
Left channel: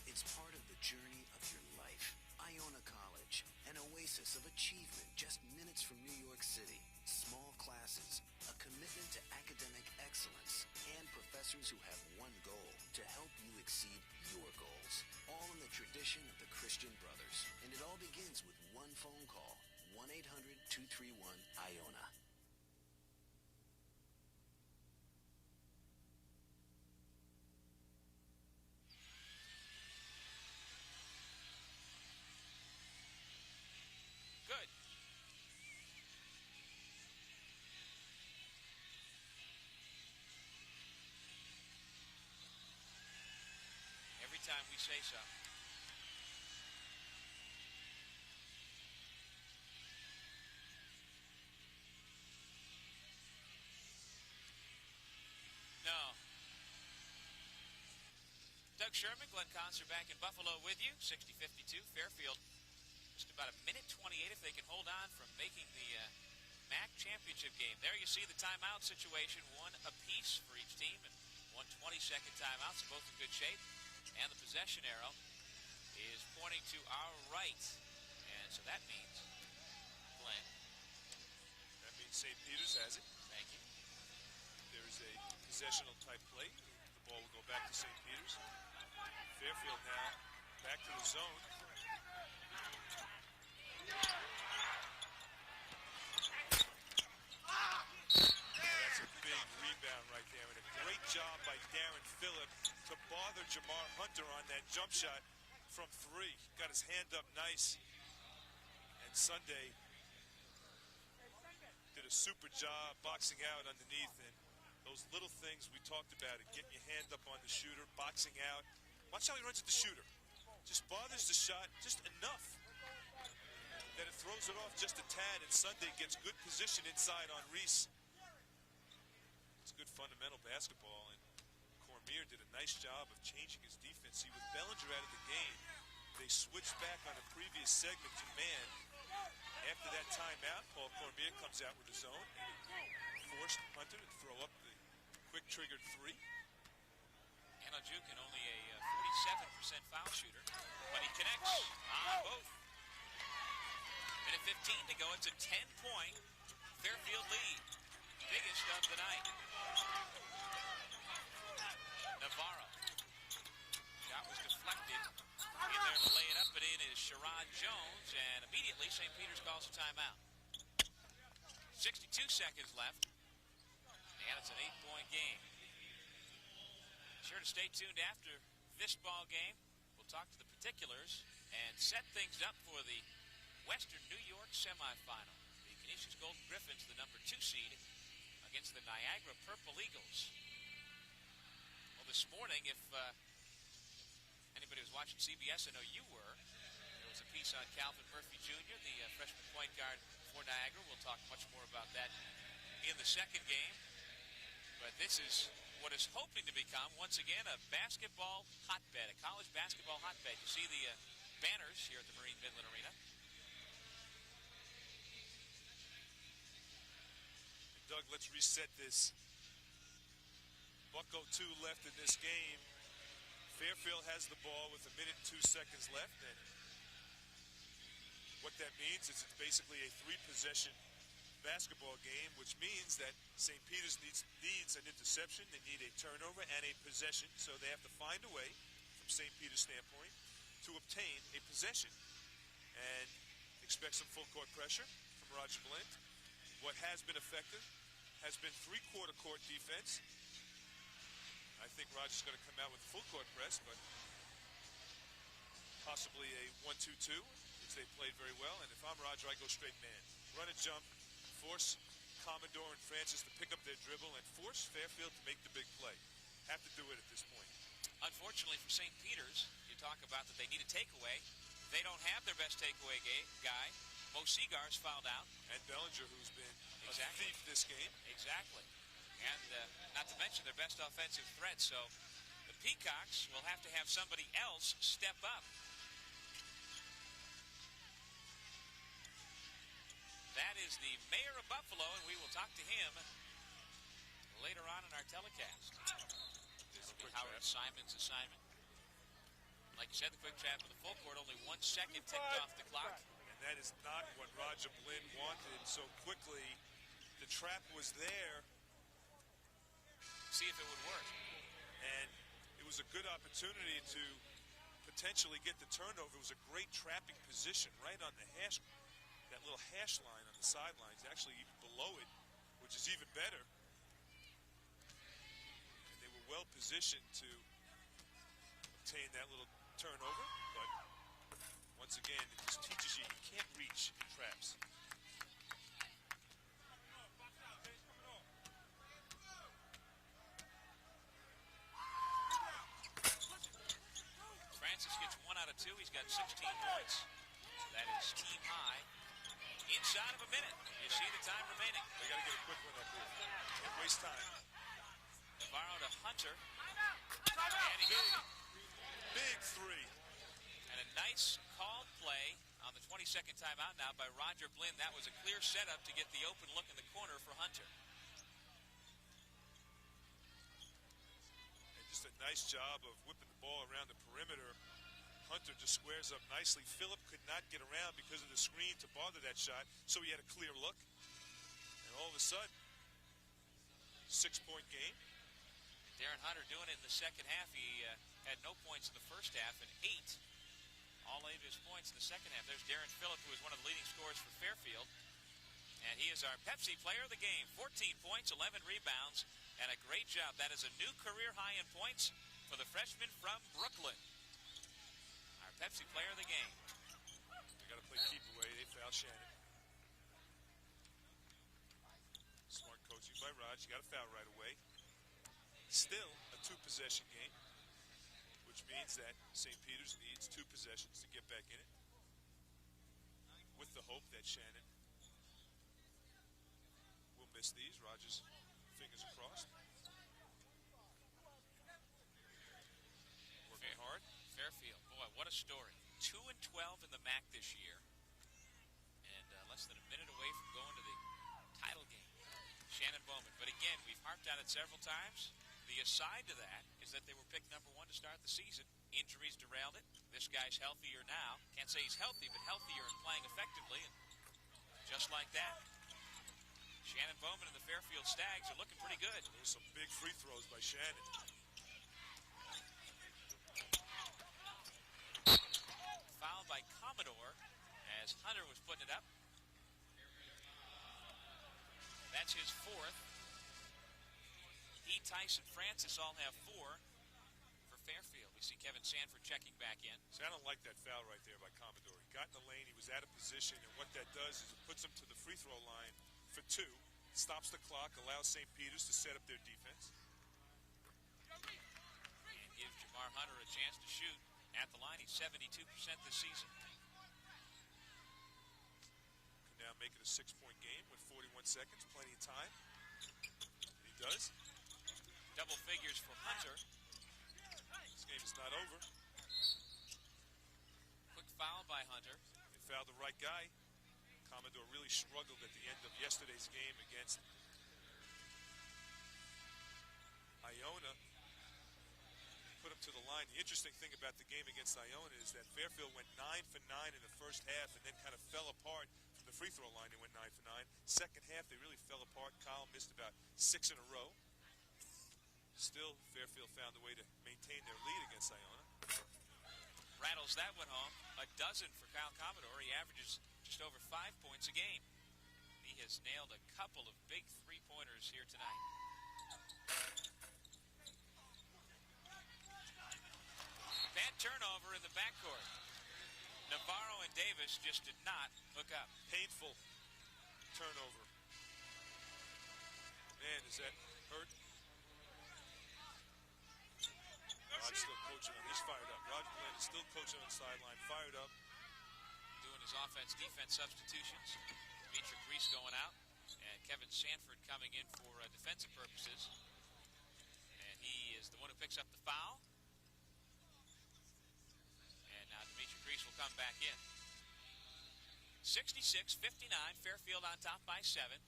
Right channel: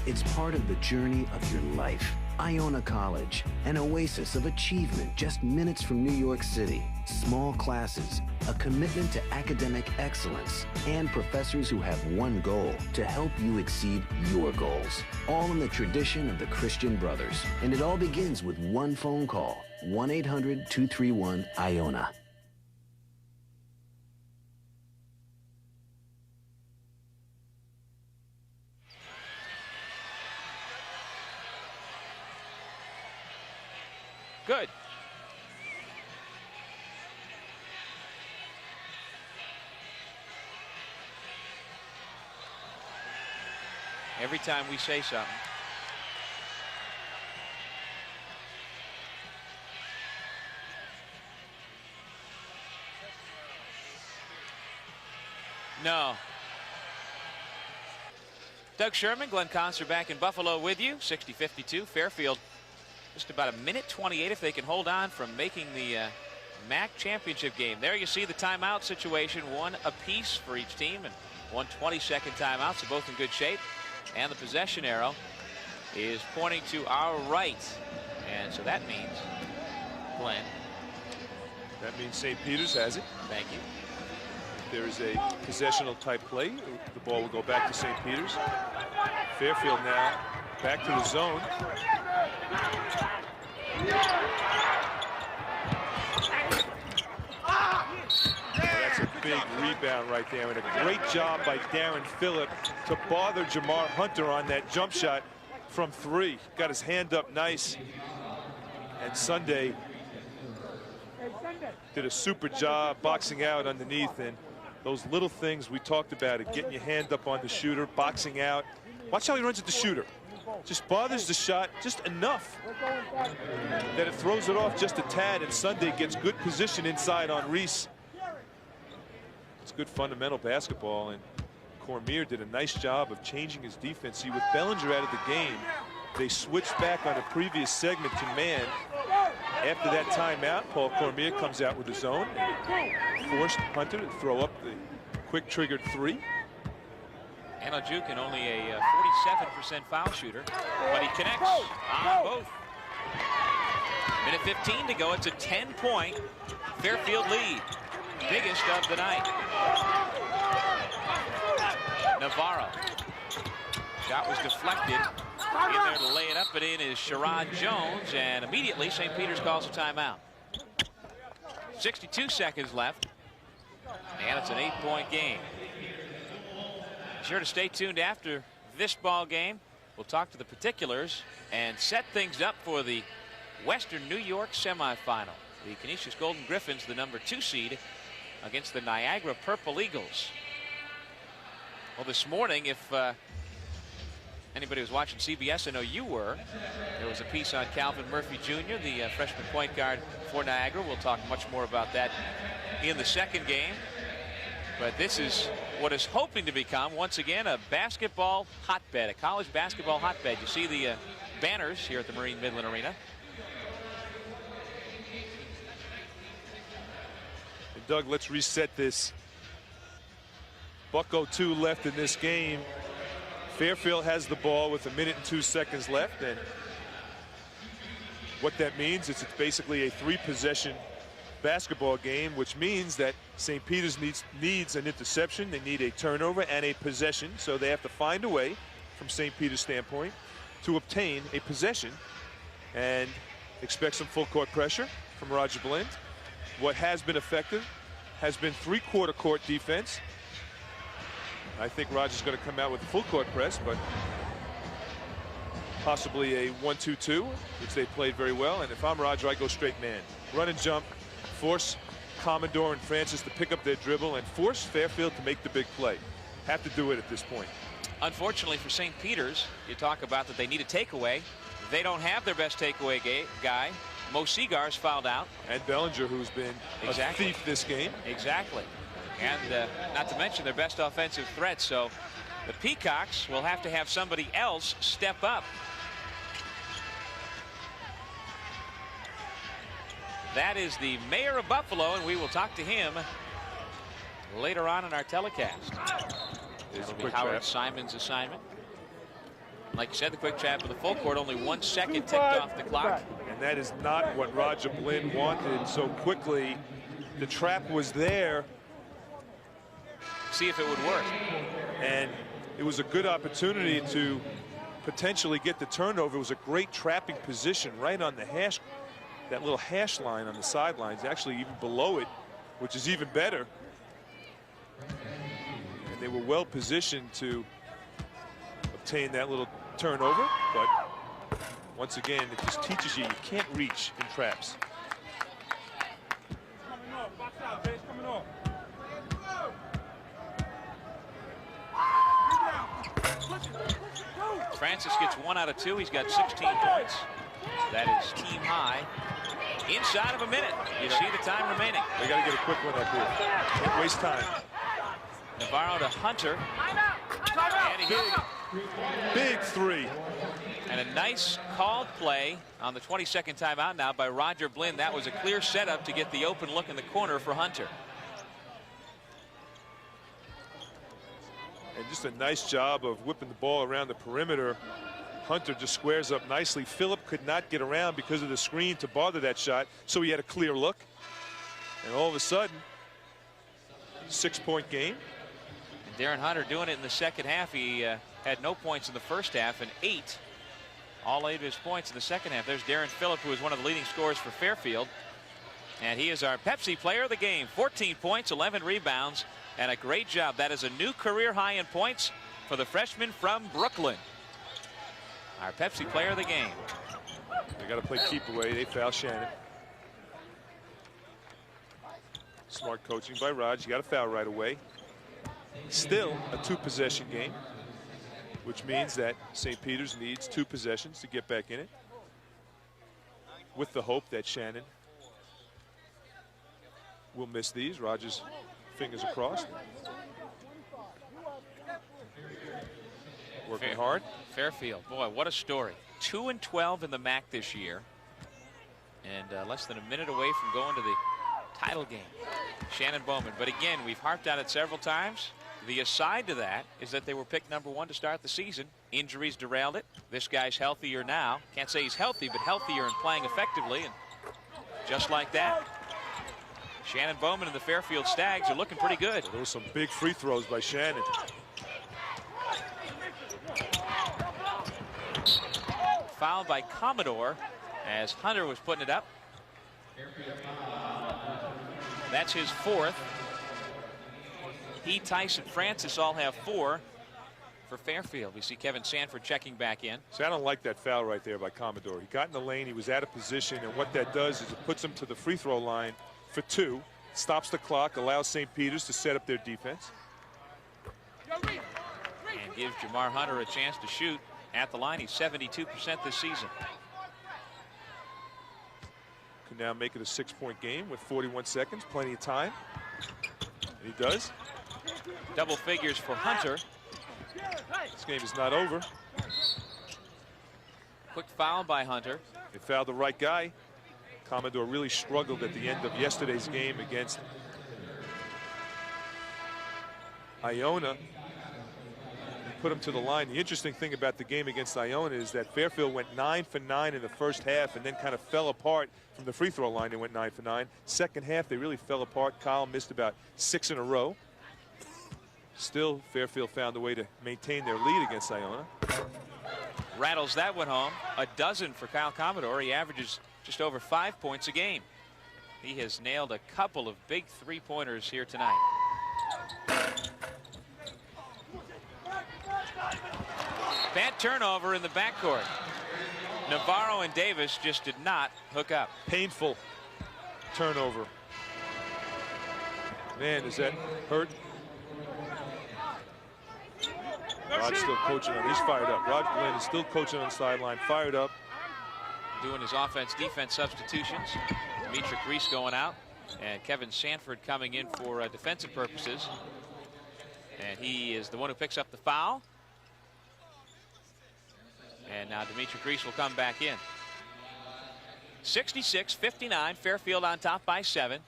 It's part of the journey of your life. Iona College, an oasis of achievement just minutes from New York City. Small classes, a commitment to academic excellence, and professors who have one goal, to help you exceed your goals. All in the tradition of the Christian Brothers. And it all begins with one phone call, 1-800-231-IONA. Good. every time we say something. No. Doug Sherman, Glenn Conser back in Buffalo with you. 60-52. Fairfield just about a minute 28 if they can hold on from making the MAAC championship game. There you see the timeout situation, one apiece for each team, and 1 20-second timeout, so both in good shape. And the possession arrow is pointing to our right. And so that means, Glenn. That means St. Peter's has it. Thank you. If there is a possessional type play, the ball will go back to St. Peter's. Fairfield now back to the zone. That's a big rebound right there, and a great job by Darren Phillip to bother Jamar Hunter on that jump shot from 3. Got his hand up nice, and Sunday did a super job boxing out underneath, and those little things we talked about, it getting your hand up on the shooter, boxing out. Watch how he runs at the shooter. Just bothers the shot just enough that it throws it off just a tad, and Sunday gets good position inside on Reese. It's good fundamental basketball, and Cormier did a nice job of changing his defense. See, with Bellinger out of the game, they switched back on a previous segment to man. After that timeout, Paul Cormier comes out with his own and forced Hunter to throw up the quick triggered 3. Anna Jukin, only a 47% foul shooter, but he connects on both. Minute 15 to go. It's a 10-point Fairfield lead. Biggest of the night. Navarro. Shot was deflected. In there to lay it up and in is Sherrod Jones, and immediately St. Peter's calls a timeout. 62 seconds left, and it's an 8-point game. Be sure to stay tuned after this ball game. We'll talk to the particulars and set things up for the Western New York semifinal. The Canisius Golden Griffins, the number 2 seed, against the Niagara Purple Eagles. Well, this morning, if anybody was watching CBS, I know you were, there was a piece on Calvin Murphy Jr., the freshman point guard for Niagara. We'll talk much more about that in the second game. But this is what is hoping to become, once again, a basketball hotbed, a college basketball hotbed. You see the banners here at the Marine Midland Arena. And Doug, let's reset this. $1:02 left in this game. Fairfield has the ball with 1 minute and 2 seconds left, and what that means is it's basically a 3-possession basketball game, which means that St. Peter's needs an interception, they need a turnover and a possession, so they have to find a way, from St. Peter's standpoint, to obtain a possession, and expect some full court pressure from Roger Blind. What has been effective has been 3/4 court defense. I think Roger's going to come out with a full court press, but possibly a 1-2-2, which they played very well. And if I'm Roger, I go straight man. Run and jump, force Commodore and Francis to pick up their dribble, and force Fairfield to make the big play. Have to do it at this point. Unfortunately for St. Peter's, you talk about that they need a takeaway. They don't have their best takeaway guy. Mo Seagar's fouled out. And Bellinger, who's been a thief this game. Exactly. And not to mention their best offensive threat. So the Peacocks will have to have somebody else step up. That is the mayor of Buffalo, and we will talk to him later on in our telecast. That'll be Howard Simon's assignment. Like you said, the quick trap with the full court, only 1 second ticked off the clock. And that is not what Roger Blind wanted so quickly. The trap was there. See if it would work. And it was a good opportunity to potentially get the turnover. It was a great trapping position right on the hash, that little hash line on the sidelines, actually even below it, which is even better. And they were well positioned to obtain that little turnover, but once again, it just teaches you can't reach in traps. Francis gets 1 out of 2. He's got 16 points. That is team high. Inside of a minute. You see the time remaining. They got to get a quick one up here. Can't waste time. Navarro to Hunter. And he hits it. Big three. And a nice called play on the 22nd timeout now by Roger Blinn. That was a clear setup to get the open look in the corner for Hunter. And just a nice job of whipping the ball around the perimeter. Hunter just squares up nicely. Phillip could not get around because of the screen to bother that shot, so he had a clear look. And all of a sudden, 6-point game. And Darren Hunter doing it in the second half. He had no points in the first half and all 8 of his points in the second half. There's Darren Phillip, who is one of the leading scorers for Fairfield. And he is our Pepsi player of the game. 14 points, 11 rebounds, and a great job. That is a new career high in points for the freshman from Brooklyn. Our Pepsi player of the game. They got to play keep away. They foul Shannon. Smart coaching by Raj. You got to foul right away. Still a 2-possession game, which means that St. Peter's needs 2 possessions to get back in it, with the hope that Shannon will miss these. Rogers fingers crossed. Working hard. Fairfield, boy, what a story. 2-12 in the MAAC this year, and less than a minute away from going to the title game. Shannon Bowman. But again, we've harped on it several times. The aside to that is that they were picked #1 to start the season. Injuries derailed it. This guy's healthier now. Can't say he's healthy, but healthier and playing effectively. And just like that, Shannon Bowman and the Fairfield Stags are looking pretty good. There were some big free throws by Shannon. Fouled by Commodore as Hunter was putting it up. That's his 4th. He, Tyson, Francis all have 4 for Fairfield. We see Kevin Sanford checking back in. See, I don't like that foul right there by Commodore. He got in the lane, he was out of position, and what that does is it puts him to the free throw line for 2, stops the clock, allows St. Peter's to set up their defense. And gives Jamar Hunter a chance to shoot at the line. He's 72% this season. Can now make it a 6-point game with 41 seconds, plenty of time. And he does. Double figures for Hunter. This game is not over. Quick foul by Hunter. They fouled the right guy. Commodore really struggled at the end of yesterday's game against Iona. Put him to the line. The interesting thing about the game against Iona is that Fairfield went 9 for 9 in the first half and then kind of fell apart from the free throw line. They went 9 for 9. Second half, they really fell apart. Kyle missed about 6 in a row. Still, Fairfield found a way to maintain their lead against Iona. Rattles that one home. A dozen for Kyle Commodore. He averages just over 5 points a game. He has nailed a couple of big 3-pointers here tonight. Bad turnover in the backcourt. Navarro and Davis just did not hook up. Painful turnover. Man, does that hurt? Rod's still coaching on. He's fired up. Rod Glenn is still coaching on the sideline, fired up. Doing his offense-defense substitutions. Demetric Reese going out. And Kevin Sanford coming in for defensive purposes. And he is the one who picks up the foul. And now Demetric Reese will come back in. 66-59, Fairfield on top by 7.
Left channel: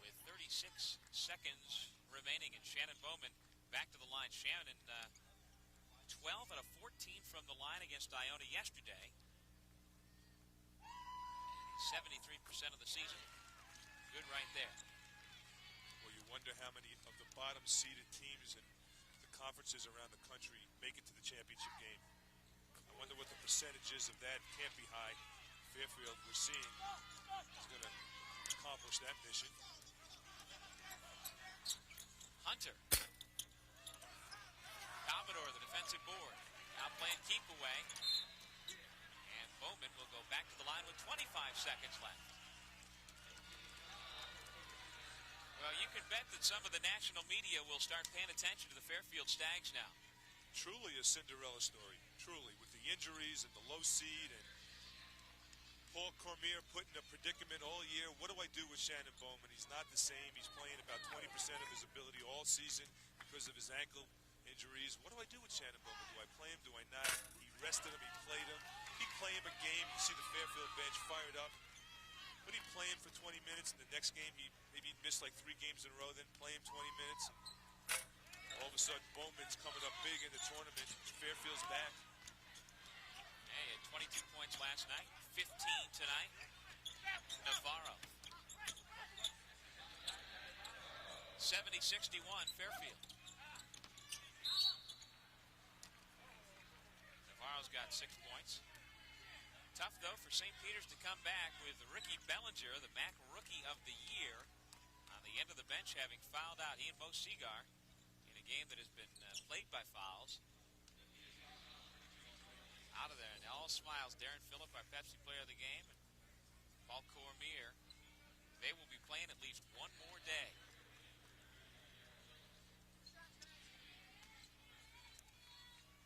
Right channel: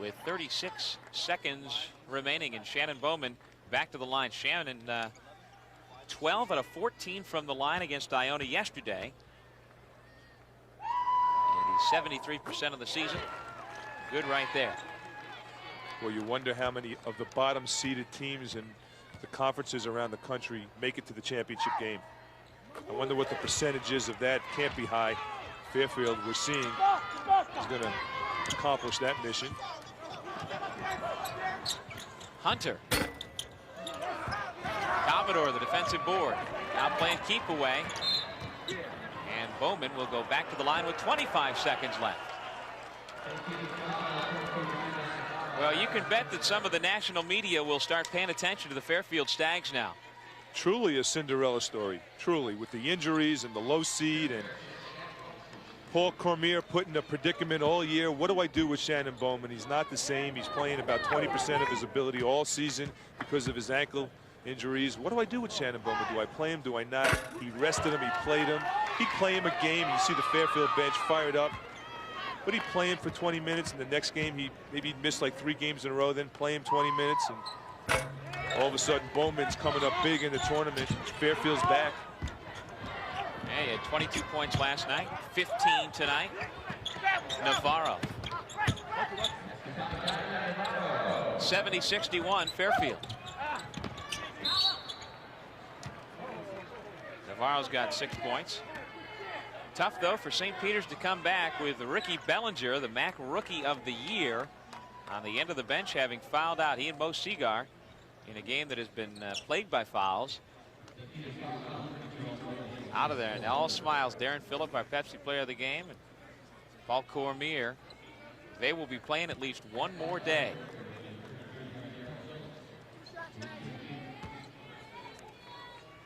With 36 seconds remaining, and Shannon Bowman back to the line. Shannon 12 out of 14 from the line against Iona yesterday. And he's 73% of the season. Good right there. Well, you wonder how many of the bottom seeded teams in the conferences around the country make it to the championship game. I wonder what the percentage is of that. Can't be high. Fairfield, we're seeing, is going to accomplish that mission. Hunter. Commodore, the defensive board. Now playing keep away. And Bowman will go back to the line with 25 seconds left. Well, you can bet that some of the national media will start paying attention to the Fairfield Stags now. truly a Cinderella story, truly, with the injuries and the low seed, and Paul Cormier put in a predicament all year. What do I do with Shannon Bowman? He's not the same. He's playing about 20% of his ability all season because of his ankle injuries. What do I do with Shannon Bowman? Do I play him? Do I not? He rested him. He played him. He'd play him a game. You see the Fairfield bench fired up. But he'd play him for 20 minutes, and the next game maybe he'd miss like 3 games in a row, then play him 20 minutes, and all of a sudden Bowman's coming up big in the tournament. Fairfield's back. Yeah, he had 22 points last night, 15 tonight. Navarro. 70-61 Fairfield. Navarro's got 6 points. Tough, though, for St. Peter's to come back with Ricky Bellinger, the MAAC Rookie of the Year, on the end of the bench, having fouled out. He and Mo Seagar in a game that has been plagued by fouls. Out of there, and all smiles. Darren Phillip, our Pepsi Player of the Game, and Paul Cormier. They will be playing at least one more day.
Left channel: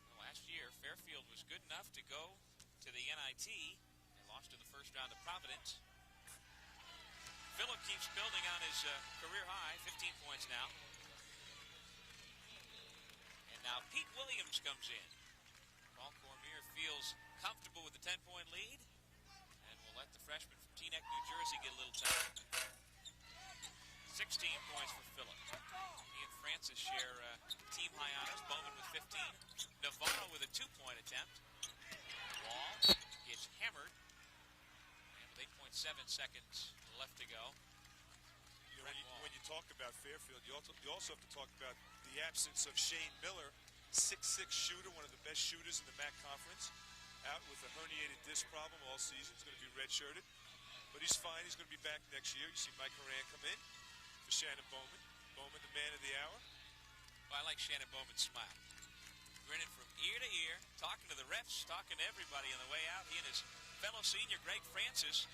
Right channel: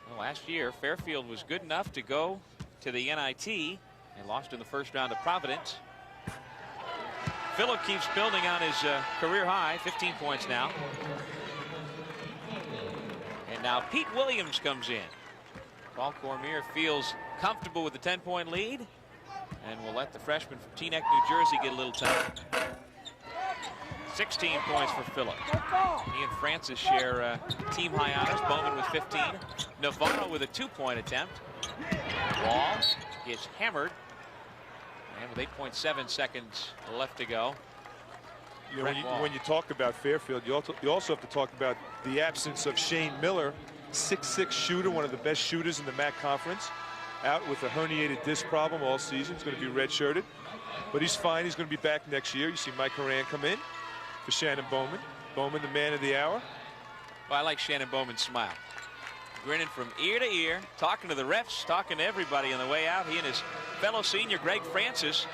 Well, last year, Fairfield was good enough to go to the NIT and lost in the first round to Providence. Phillip keeps building on his career high, 15 points now. And now Pete Williams comes in. Paul Cormier feels comfortable with the 10-point lead and will let the freshman from Teaneck, New Jersey get a little time. 16 points for Phillip. He and Francis share team high honors. Bowman with 15. Navarro with a 2-point attempt. Wall gets hammered. And with 8.7 seconds left to go. You know, when you talk about Fairfield, you also have to talk about the absence of Shane Miller, 6'6" shooter, one of the best shooters in the MAAC conference, out with a herniated disc problem all season. He's going to be redshirted, but he's fine. He's going to be back next year. You see Mike Horan come in for Shannon Bowman. Bowman, the man of the hour. Well, I like Shannon Bowman's smile. Grinning from ear to ear, talking to the refs, talking to everybody on the way out. He and his fellow senior, Greg Francis,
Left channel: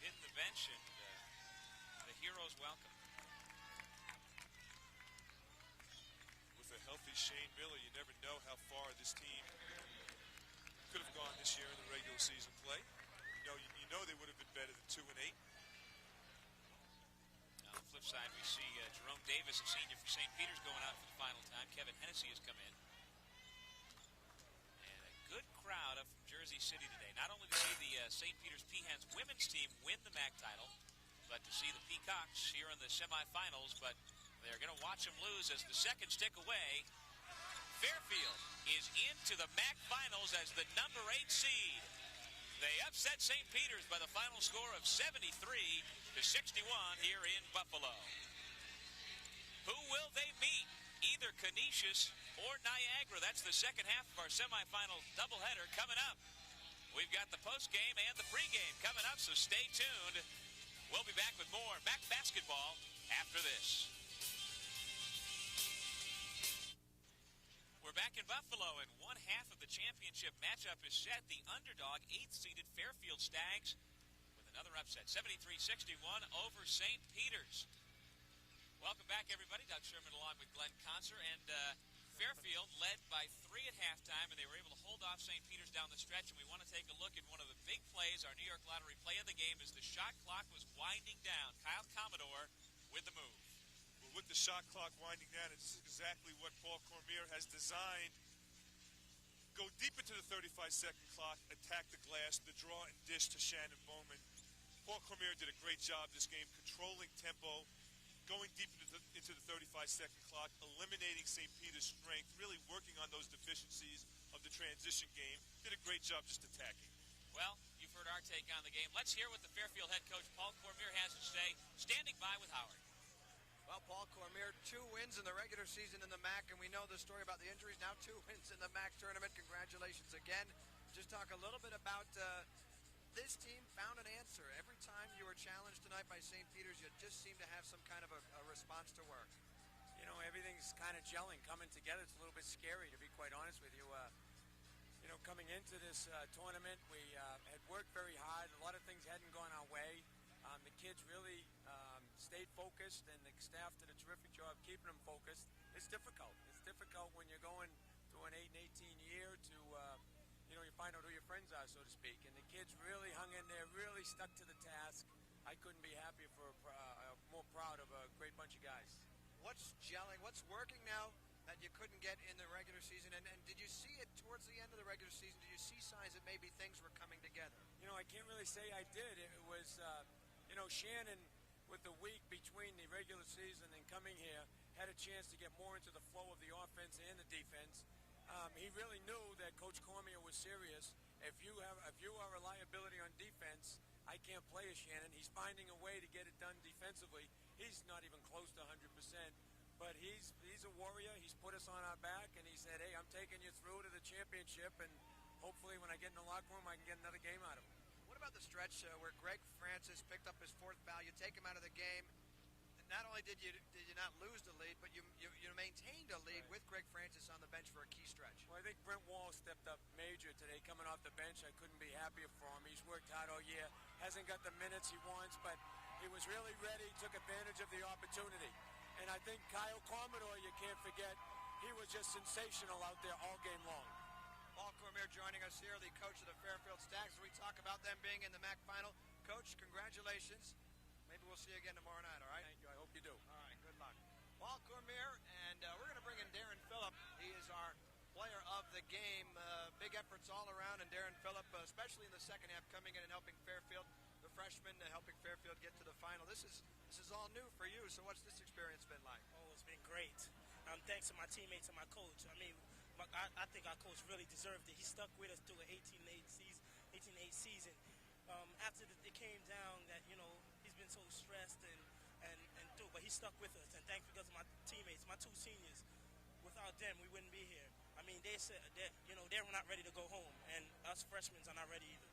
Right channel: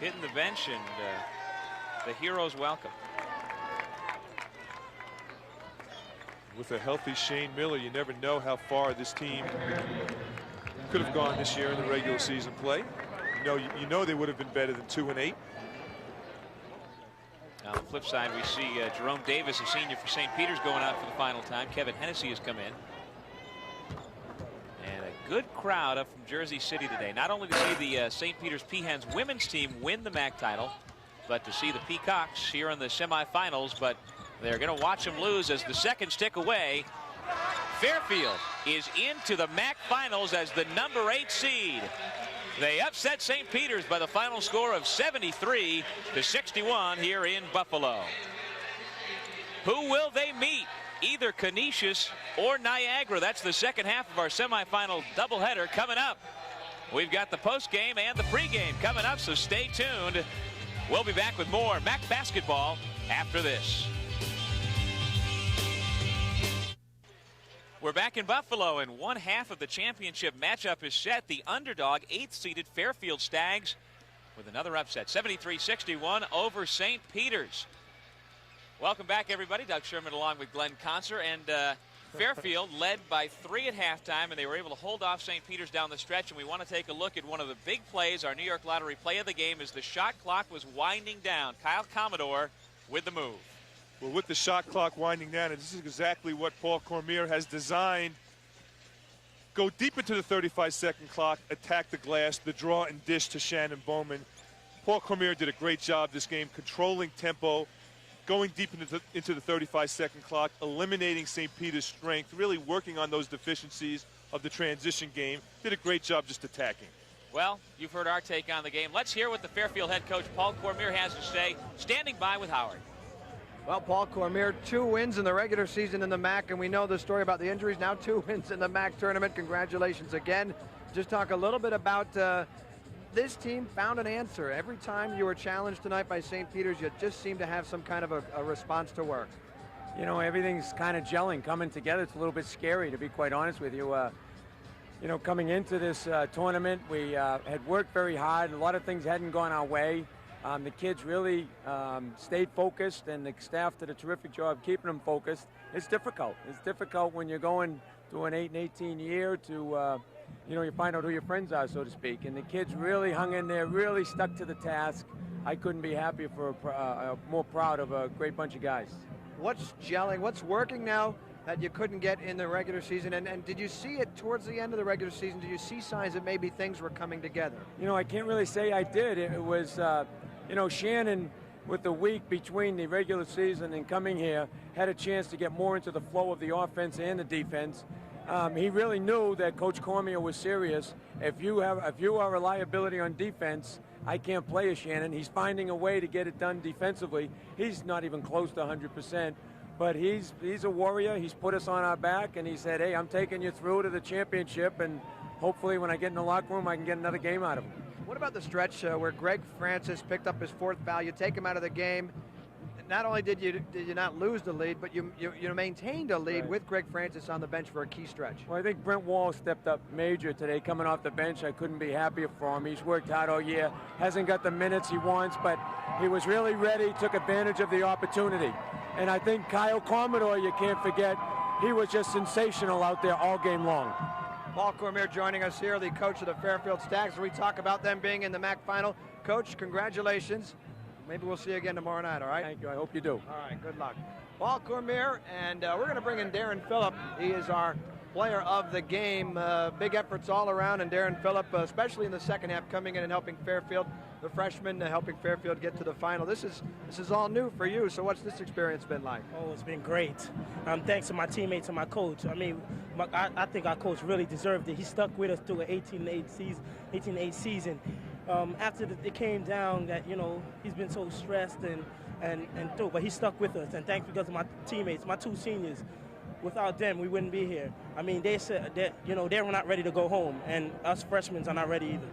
hitting the bench, and the heroes welcome. With a healthy Shane Miller, you never know how far this team could have gone this year in the regular season play. You know they would have been better than 2-8. On the flip side, we see Jerome Davis, a senior for St. Peter's, going out for the final time. Kevin Hennessy has come in. And a good crowd up from Jersey City today. Not only to see the St. Peter's Peahens women's team win the MAAC title, but to see the Peacocks here in the semifinals. But they're going to watch them lose as the seconds tick away. Fairfield is into the MAAC finals as the number 8 seed. They upset St. Peter's by the final score of 73-61 here in Buffalo. Who will they meet? Either Canisius or Niagara. That's the second half of our semifinal doubleheader coming up. We've got the postgame and the pregame coming up, so stay tuned. We'll be back with more MAAC basketball after this. We're back in Buffalo, and one half of the championship matchup is set. The underdog, 8th-seeded Fairfield Stags with another upset, 73-61 over St. Peter's. Welcome back, everybody. Doug Sherman along with Glenn Conser, and Fairfield led by 3 at halftime, and they were able to hold off St. Peter's down the stretch. And we want to take a look at one of the big plays, our New York Lottery play of the game, as the shot clock was winding down. Kyle Commodore with the move. Well, with the shot clock winding down, and this is exactly what Paul Cormier has designed. Go deep into the 35-second clock, attack the glass, the draw and dish to Shannon Bowman. Paul Cormier did a great job this game, controlling tempo, going deep into the 35-second clock, eliminating St. Peter's strength, really working on those deficiencies of the transition game. Did a great job just attacking. Well, you've heard our take on the game. Let's hear what the Fairfield head coach, Paul Cormier, has to say. Standing by with Howard. Well, Paul Cormier, 2 wins in the regular season in the MAAC, and we know the story about the injuries. Now 2 wins in the MAAC tournament. Congratulations again. Just talk a little bit about this team found an answer. Every time you were challenged tonight by St. Peter's, you just seem to have some kind of a response to work. You know, everything's kind of gelling, coming together. It's a little bit scary, to be quite honest with you. You know, coming into this tournament, we had worked very hard. A lot of things hadn't gone our way. The kids really stayed focused, and the staff did a terrific job keeping them focused. it's difficult. It's difficult when you're going to an 8 and 18 year to, you find out who your friends are, so to speak. And the kids really hung in there, really stuck to the task. I couldn't be happier more proud of a great bunch of guys. What's gelling? What's working now that you couldn't get in the regular season? And did you see it towards the end of the regular season? Did you see signs that maybe things were coming together? I can't really say I did. It was, Shannon, with the week between the regular season and coming here, had a chance to get more into the flow of the offense and the defense. He really knew that Coach Cormier was serious. If you are a liability on defense, I can't play as Shannon. He's finding a way to get it done defensively. He's not even close to 100%, but he's a warrior. He's put us on our back, and he said, hey, I'm taking you through to the championship, and hopefully when I get in the locker room, I can get another game out of him. What about the stretch where Greg Francis picked up his 4th foul? You take him out of the game. Not only did you not lose the lead, but you maintained a lead with Greg Francis on the bench for a key stretch. Well, I think Brent Wall stepped up major today coming off the bench. I couldn't be happier for him. He's worked hard all year, hasn't got the minutes he wants, but he was really ready, took advantage of the opportunity. And I think Kyle Commodore, you can't forget, he was just sensational out there all game long. Paul Cormier joining us here, the coach of the Fairfield Stags. We talk about them being in the MAAC final. Coach, congratulations. Maybe we'll see you again tomorrow night, all right? Thank you. I hope you do. All right, good luck. Paul Cormier, and we're going to bring in Darren Phillip. He is our player of the game. Big efforts all around, and Darren Phillip, especially in the second half, coming in and helping Fairfield, the freshman, helping Fairfield get to the final. This is all new for you, so what's this experience been like? Oh, it's been great. Thanks to my teammates and my coach. I mean, I think our coach really deserved it. He stuck with us through an 18-8 season. After it came down that, he's been so stressed and through, but he stuck with us, and thanks because of my teammates, my 2 seniors. Without them, we wouldn't be here. I mean, they said that, they were not ready to go home, and us freshmen are not ready either.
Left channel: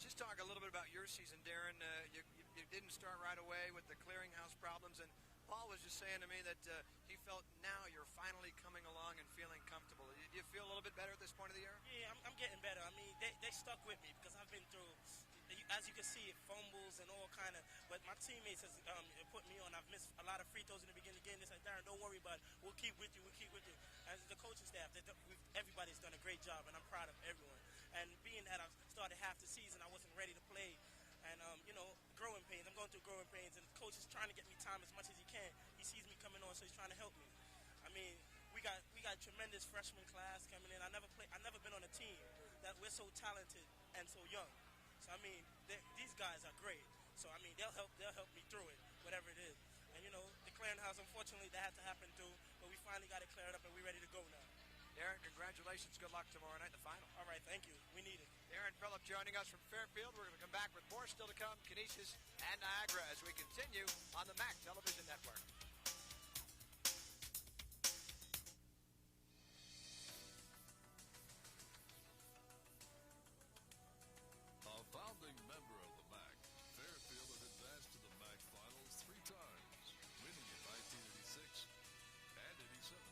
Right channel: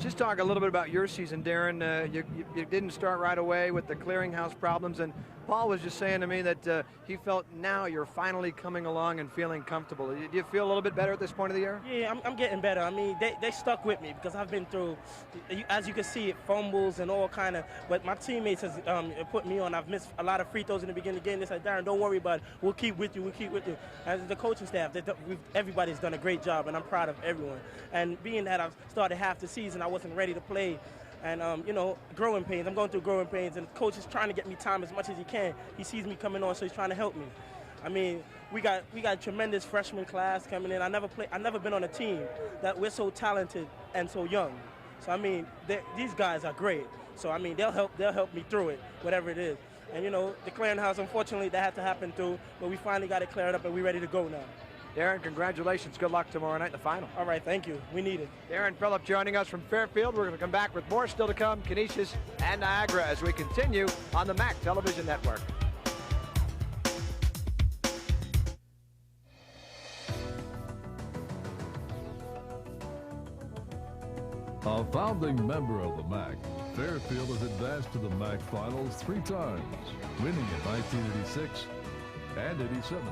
Just talk a little bit about your season, Darren. You didn't start right away with the clearinghouse problems, and Paul was just saying to me that he felt now you're finally coming along and feeling comfortable. Do you feel a little bit better at this point of the year? Yeah, I'm getting better. I mean, they stuck with me because I've been through, as you can see, it fumbles and all kind of, but my teammates has put me on. I've missed a lot of free throws in the beginning of the game. They said, Darren, don't worry about it. We'll keep with you. As the coaching staff, everybody's done a great job, and I'm proud of everyone. And being that I've started half the season, I wasn't ready to play. And, growing pains. I'm going through growing pains, and the coach is trying to get me time as much as he can. He sees me coming on, so he's trying to help me. I mean, we got a tremendous freshman class coming in. I never been on a team that we're so talented and so young. So, I mean, these guys are great. So, I mean, they'll help me through it, whatever it is. And, the clearinghouse, unfortunately, that had to happen too, but we finally got it cleared up, and we're ready to go now. Darren, congratulations. Good luck tomorrow night in the final. All right, thank you. We need it. Darren Phillip joining us from Fairfield. We're going to come back with more still to come, Canisius and Niagara, as we continue on the MAAC Television Network. A founding member of the MAAC, Fairfield has advanced to the MAAC Finals 3 times, winning in 1986 and 87.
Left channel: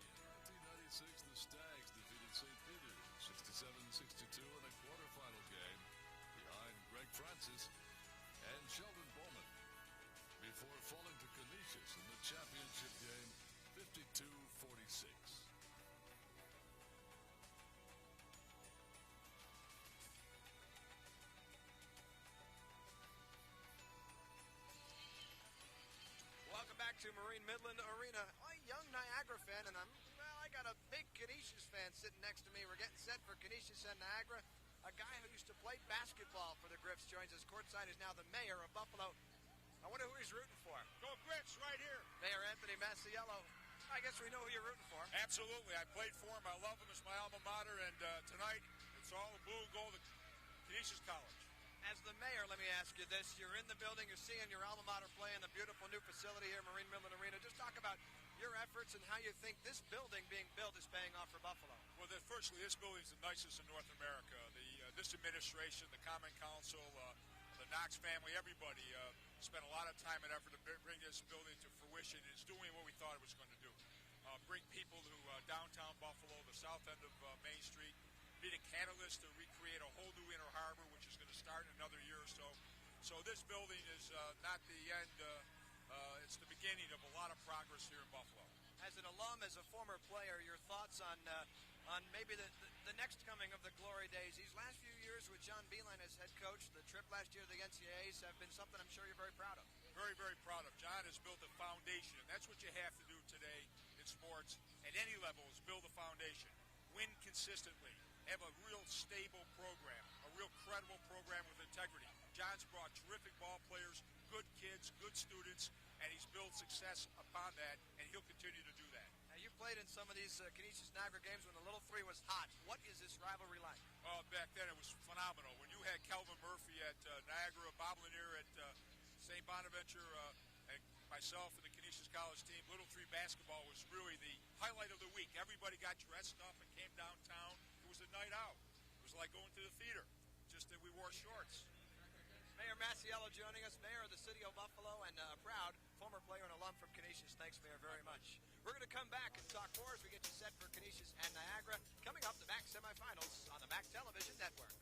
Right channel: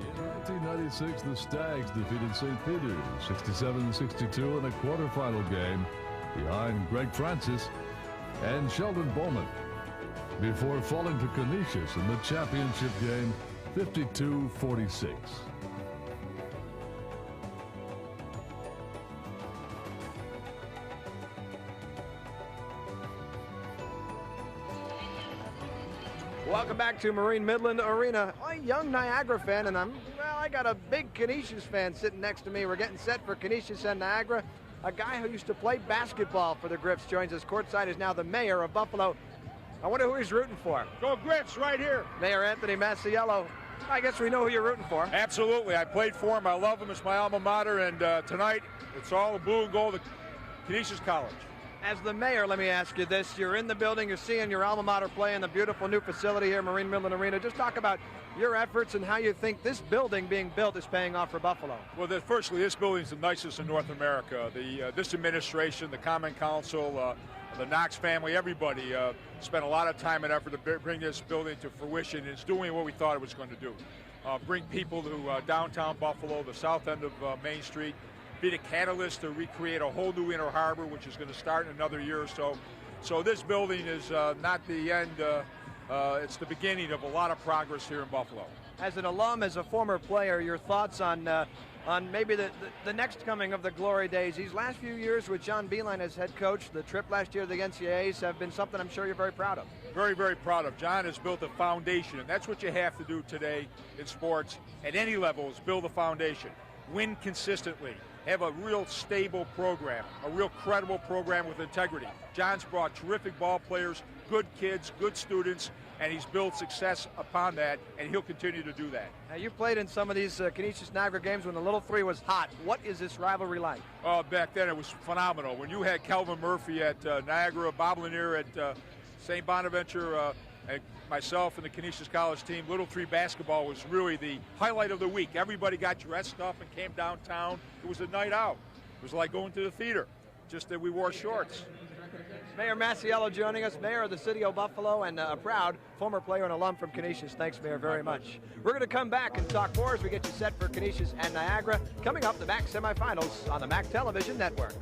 In 1996, the Stags defeated St. Peter's 67-62 in a quarterfinal game behind Greg Francis and Sheldon Bowman, before falling to Canisius in the championship game 52-46. Welcome back to Marine Midland Arena. I'm a young Niagara fan, and I got a big Canisius fan sitting next to me. We're getting set for Canisius and Niagara. A guy who used to play basketball for the Griffs joins us. Courtside is now the mayor of Buffalo. I wonder who he's rooting for. Go Griffs right here. Mayor Anthony Masiello. I guess we know who you're rooting for. Absolutely. I played for him. I love him. It's my alma mater. And tonight, it's all the blue and gold of Canisius College. As the mayor, let me ask you this. You're in the building. You're seeing your alma mater play in the beautiful new facility here, Marine Midland Arena. Just talk about your efforts and how you think this building being built is paying off for Buffalo. Well, firstly, this building is the nicest in North America. This administration, the Common Council, the Knox family, everybody spent a lot of time and effort to bring this building to fruition. It's doing what we thought it was going to do. Bring people to downtown Buffalo, the south end of Main Street, be the catalyst to recreate a whole new Inner Harbor, which is going to start in another year or so. So this building is not the end it's the beginning of a lot of progress here in Buffalo. As an alum, as a former player, your thoughts on maybe the next coming of the glory days? These last few years with John Beeline as head coach, the trip last year to the NCAAs have been something I'm sure you're very proud of. Very, very proud of. John has built a foundation, and that's what you have to do today in sports at any level, is build a foundation. Win consistently. Have a real stable program, a real credible program with integrity. John's brought terrific ball players, good kids, good students, and he's built success upon that, and he'll continue to do that. Now, you played in some of these Canisius-Niagara games when the Little Three was hot. What is this rivalry like? Back then it was phenomenal. When you had Calvin Murphy at Niagara, Bob Lanier at St. Bonaventure, and myself and the Canisius College team, Little Three basketball was really the highlight of the week. Everybody got dressed up and came downtown. It was a night out. It was like going to the theater, just that we wore shorts. Mayor Masiello joining us, Mayor of the City of Buffalo, and a proud former player and alum from Canisius. Thanks, Mayor, very much. We're going to come back and talk more as we get you set for Canisius and Niagara. Coming up, the MAAC semifinals on the MAAC Television Network.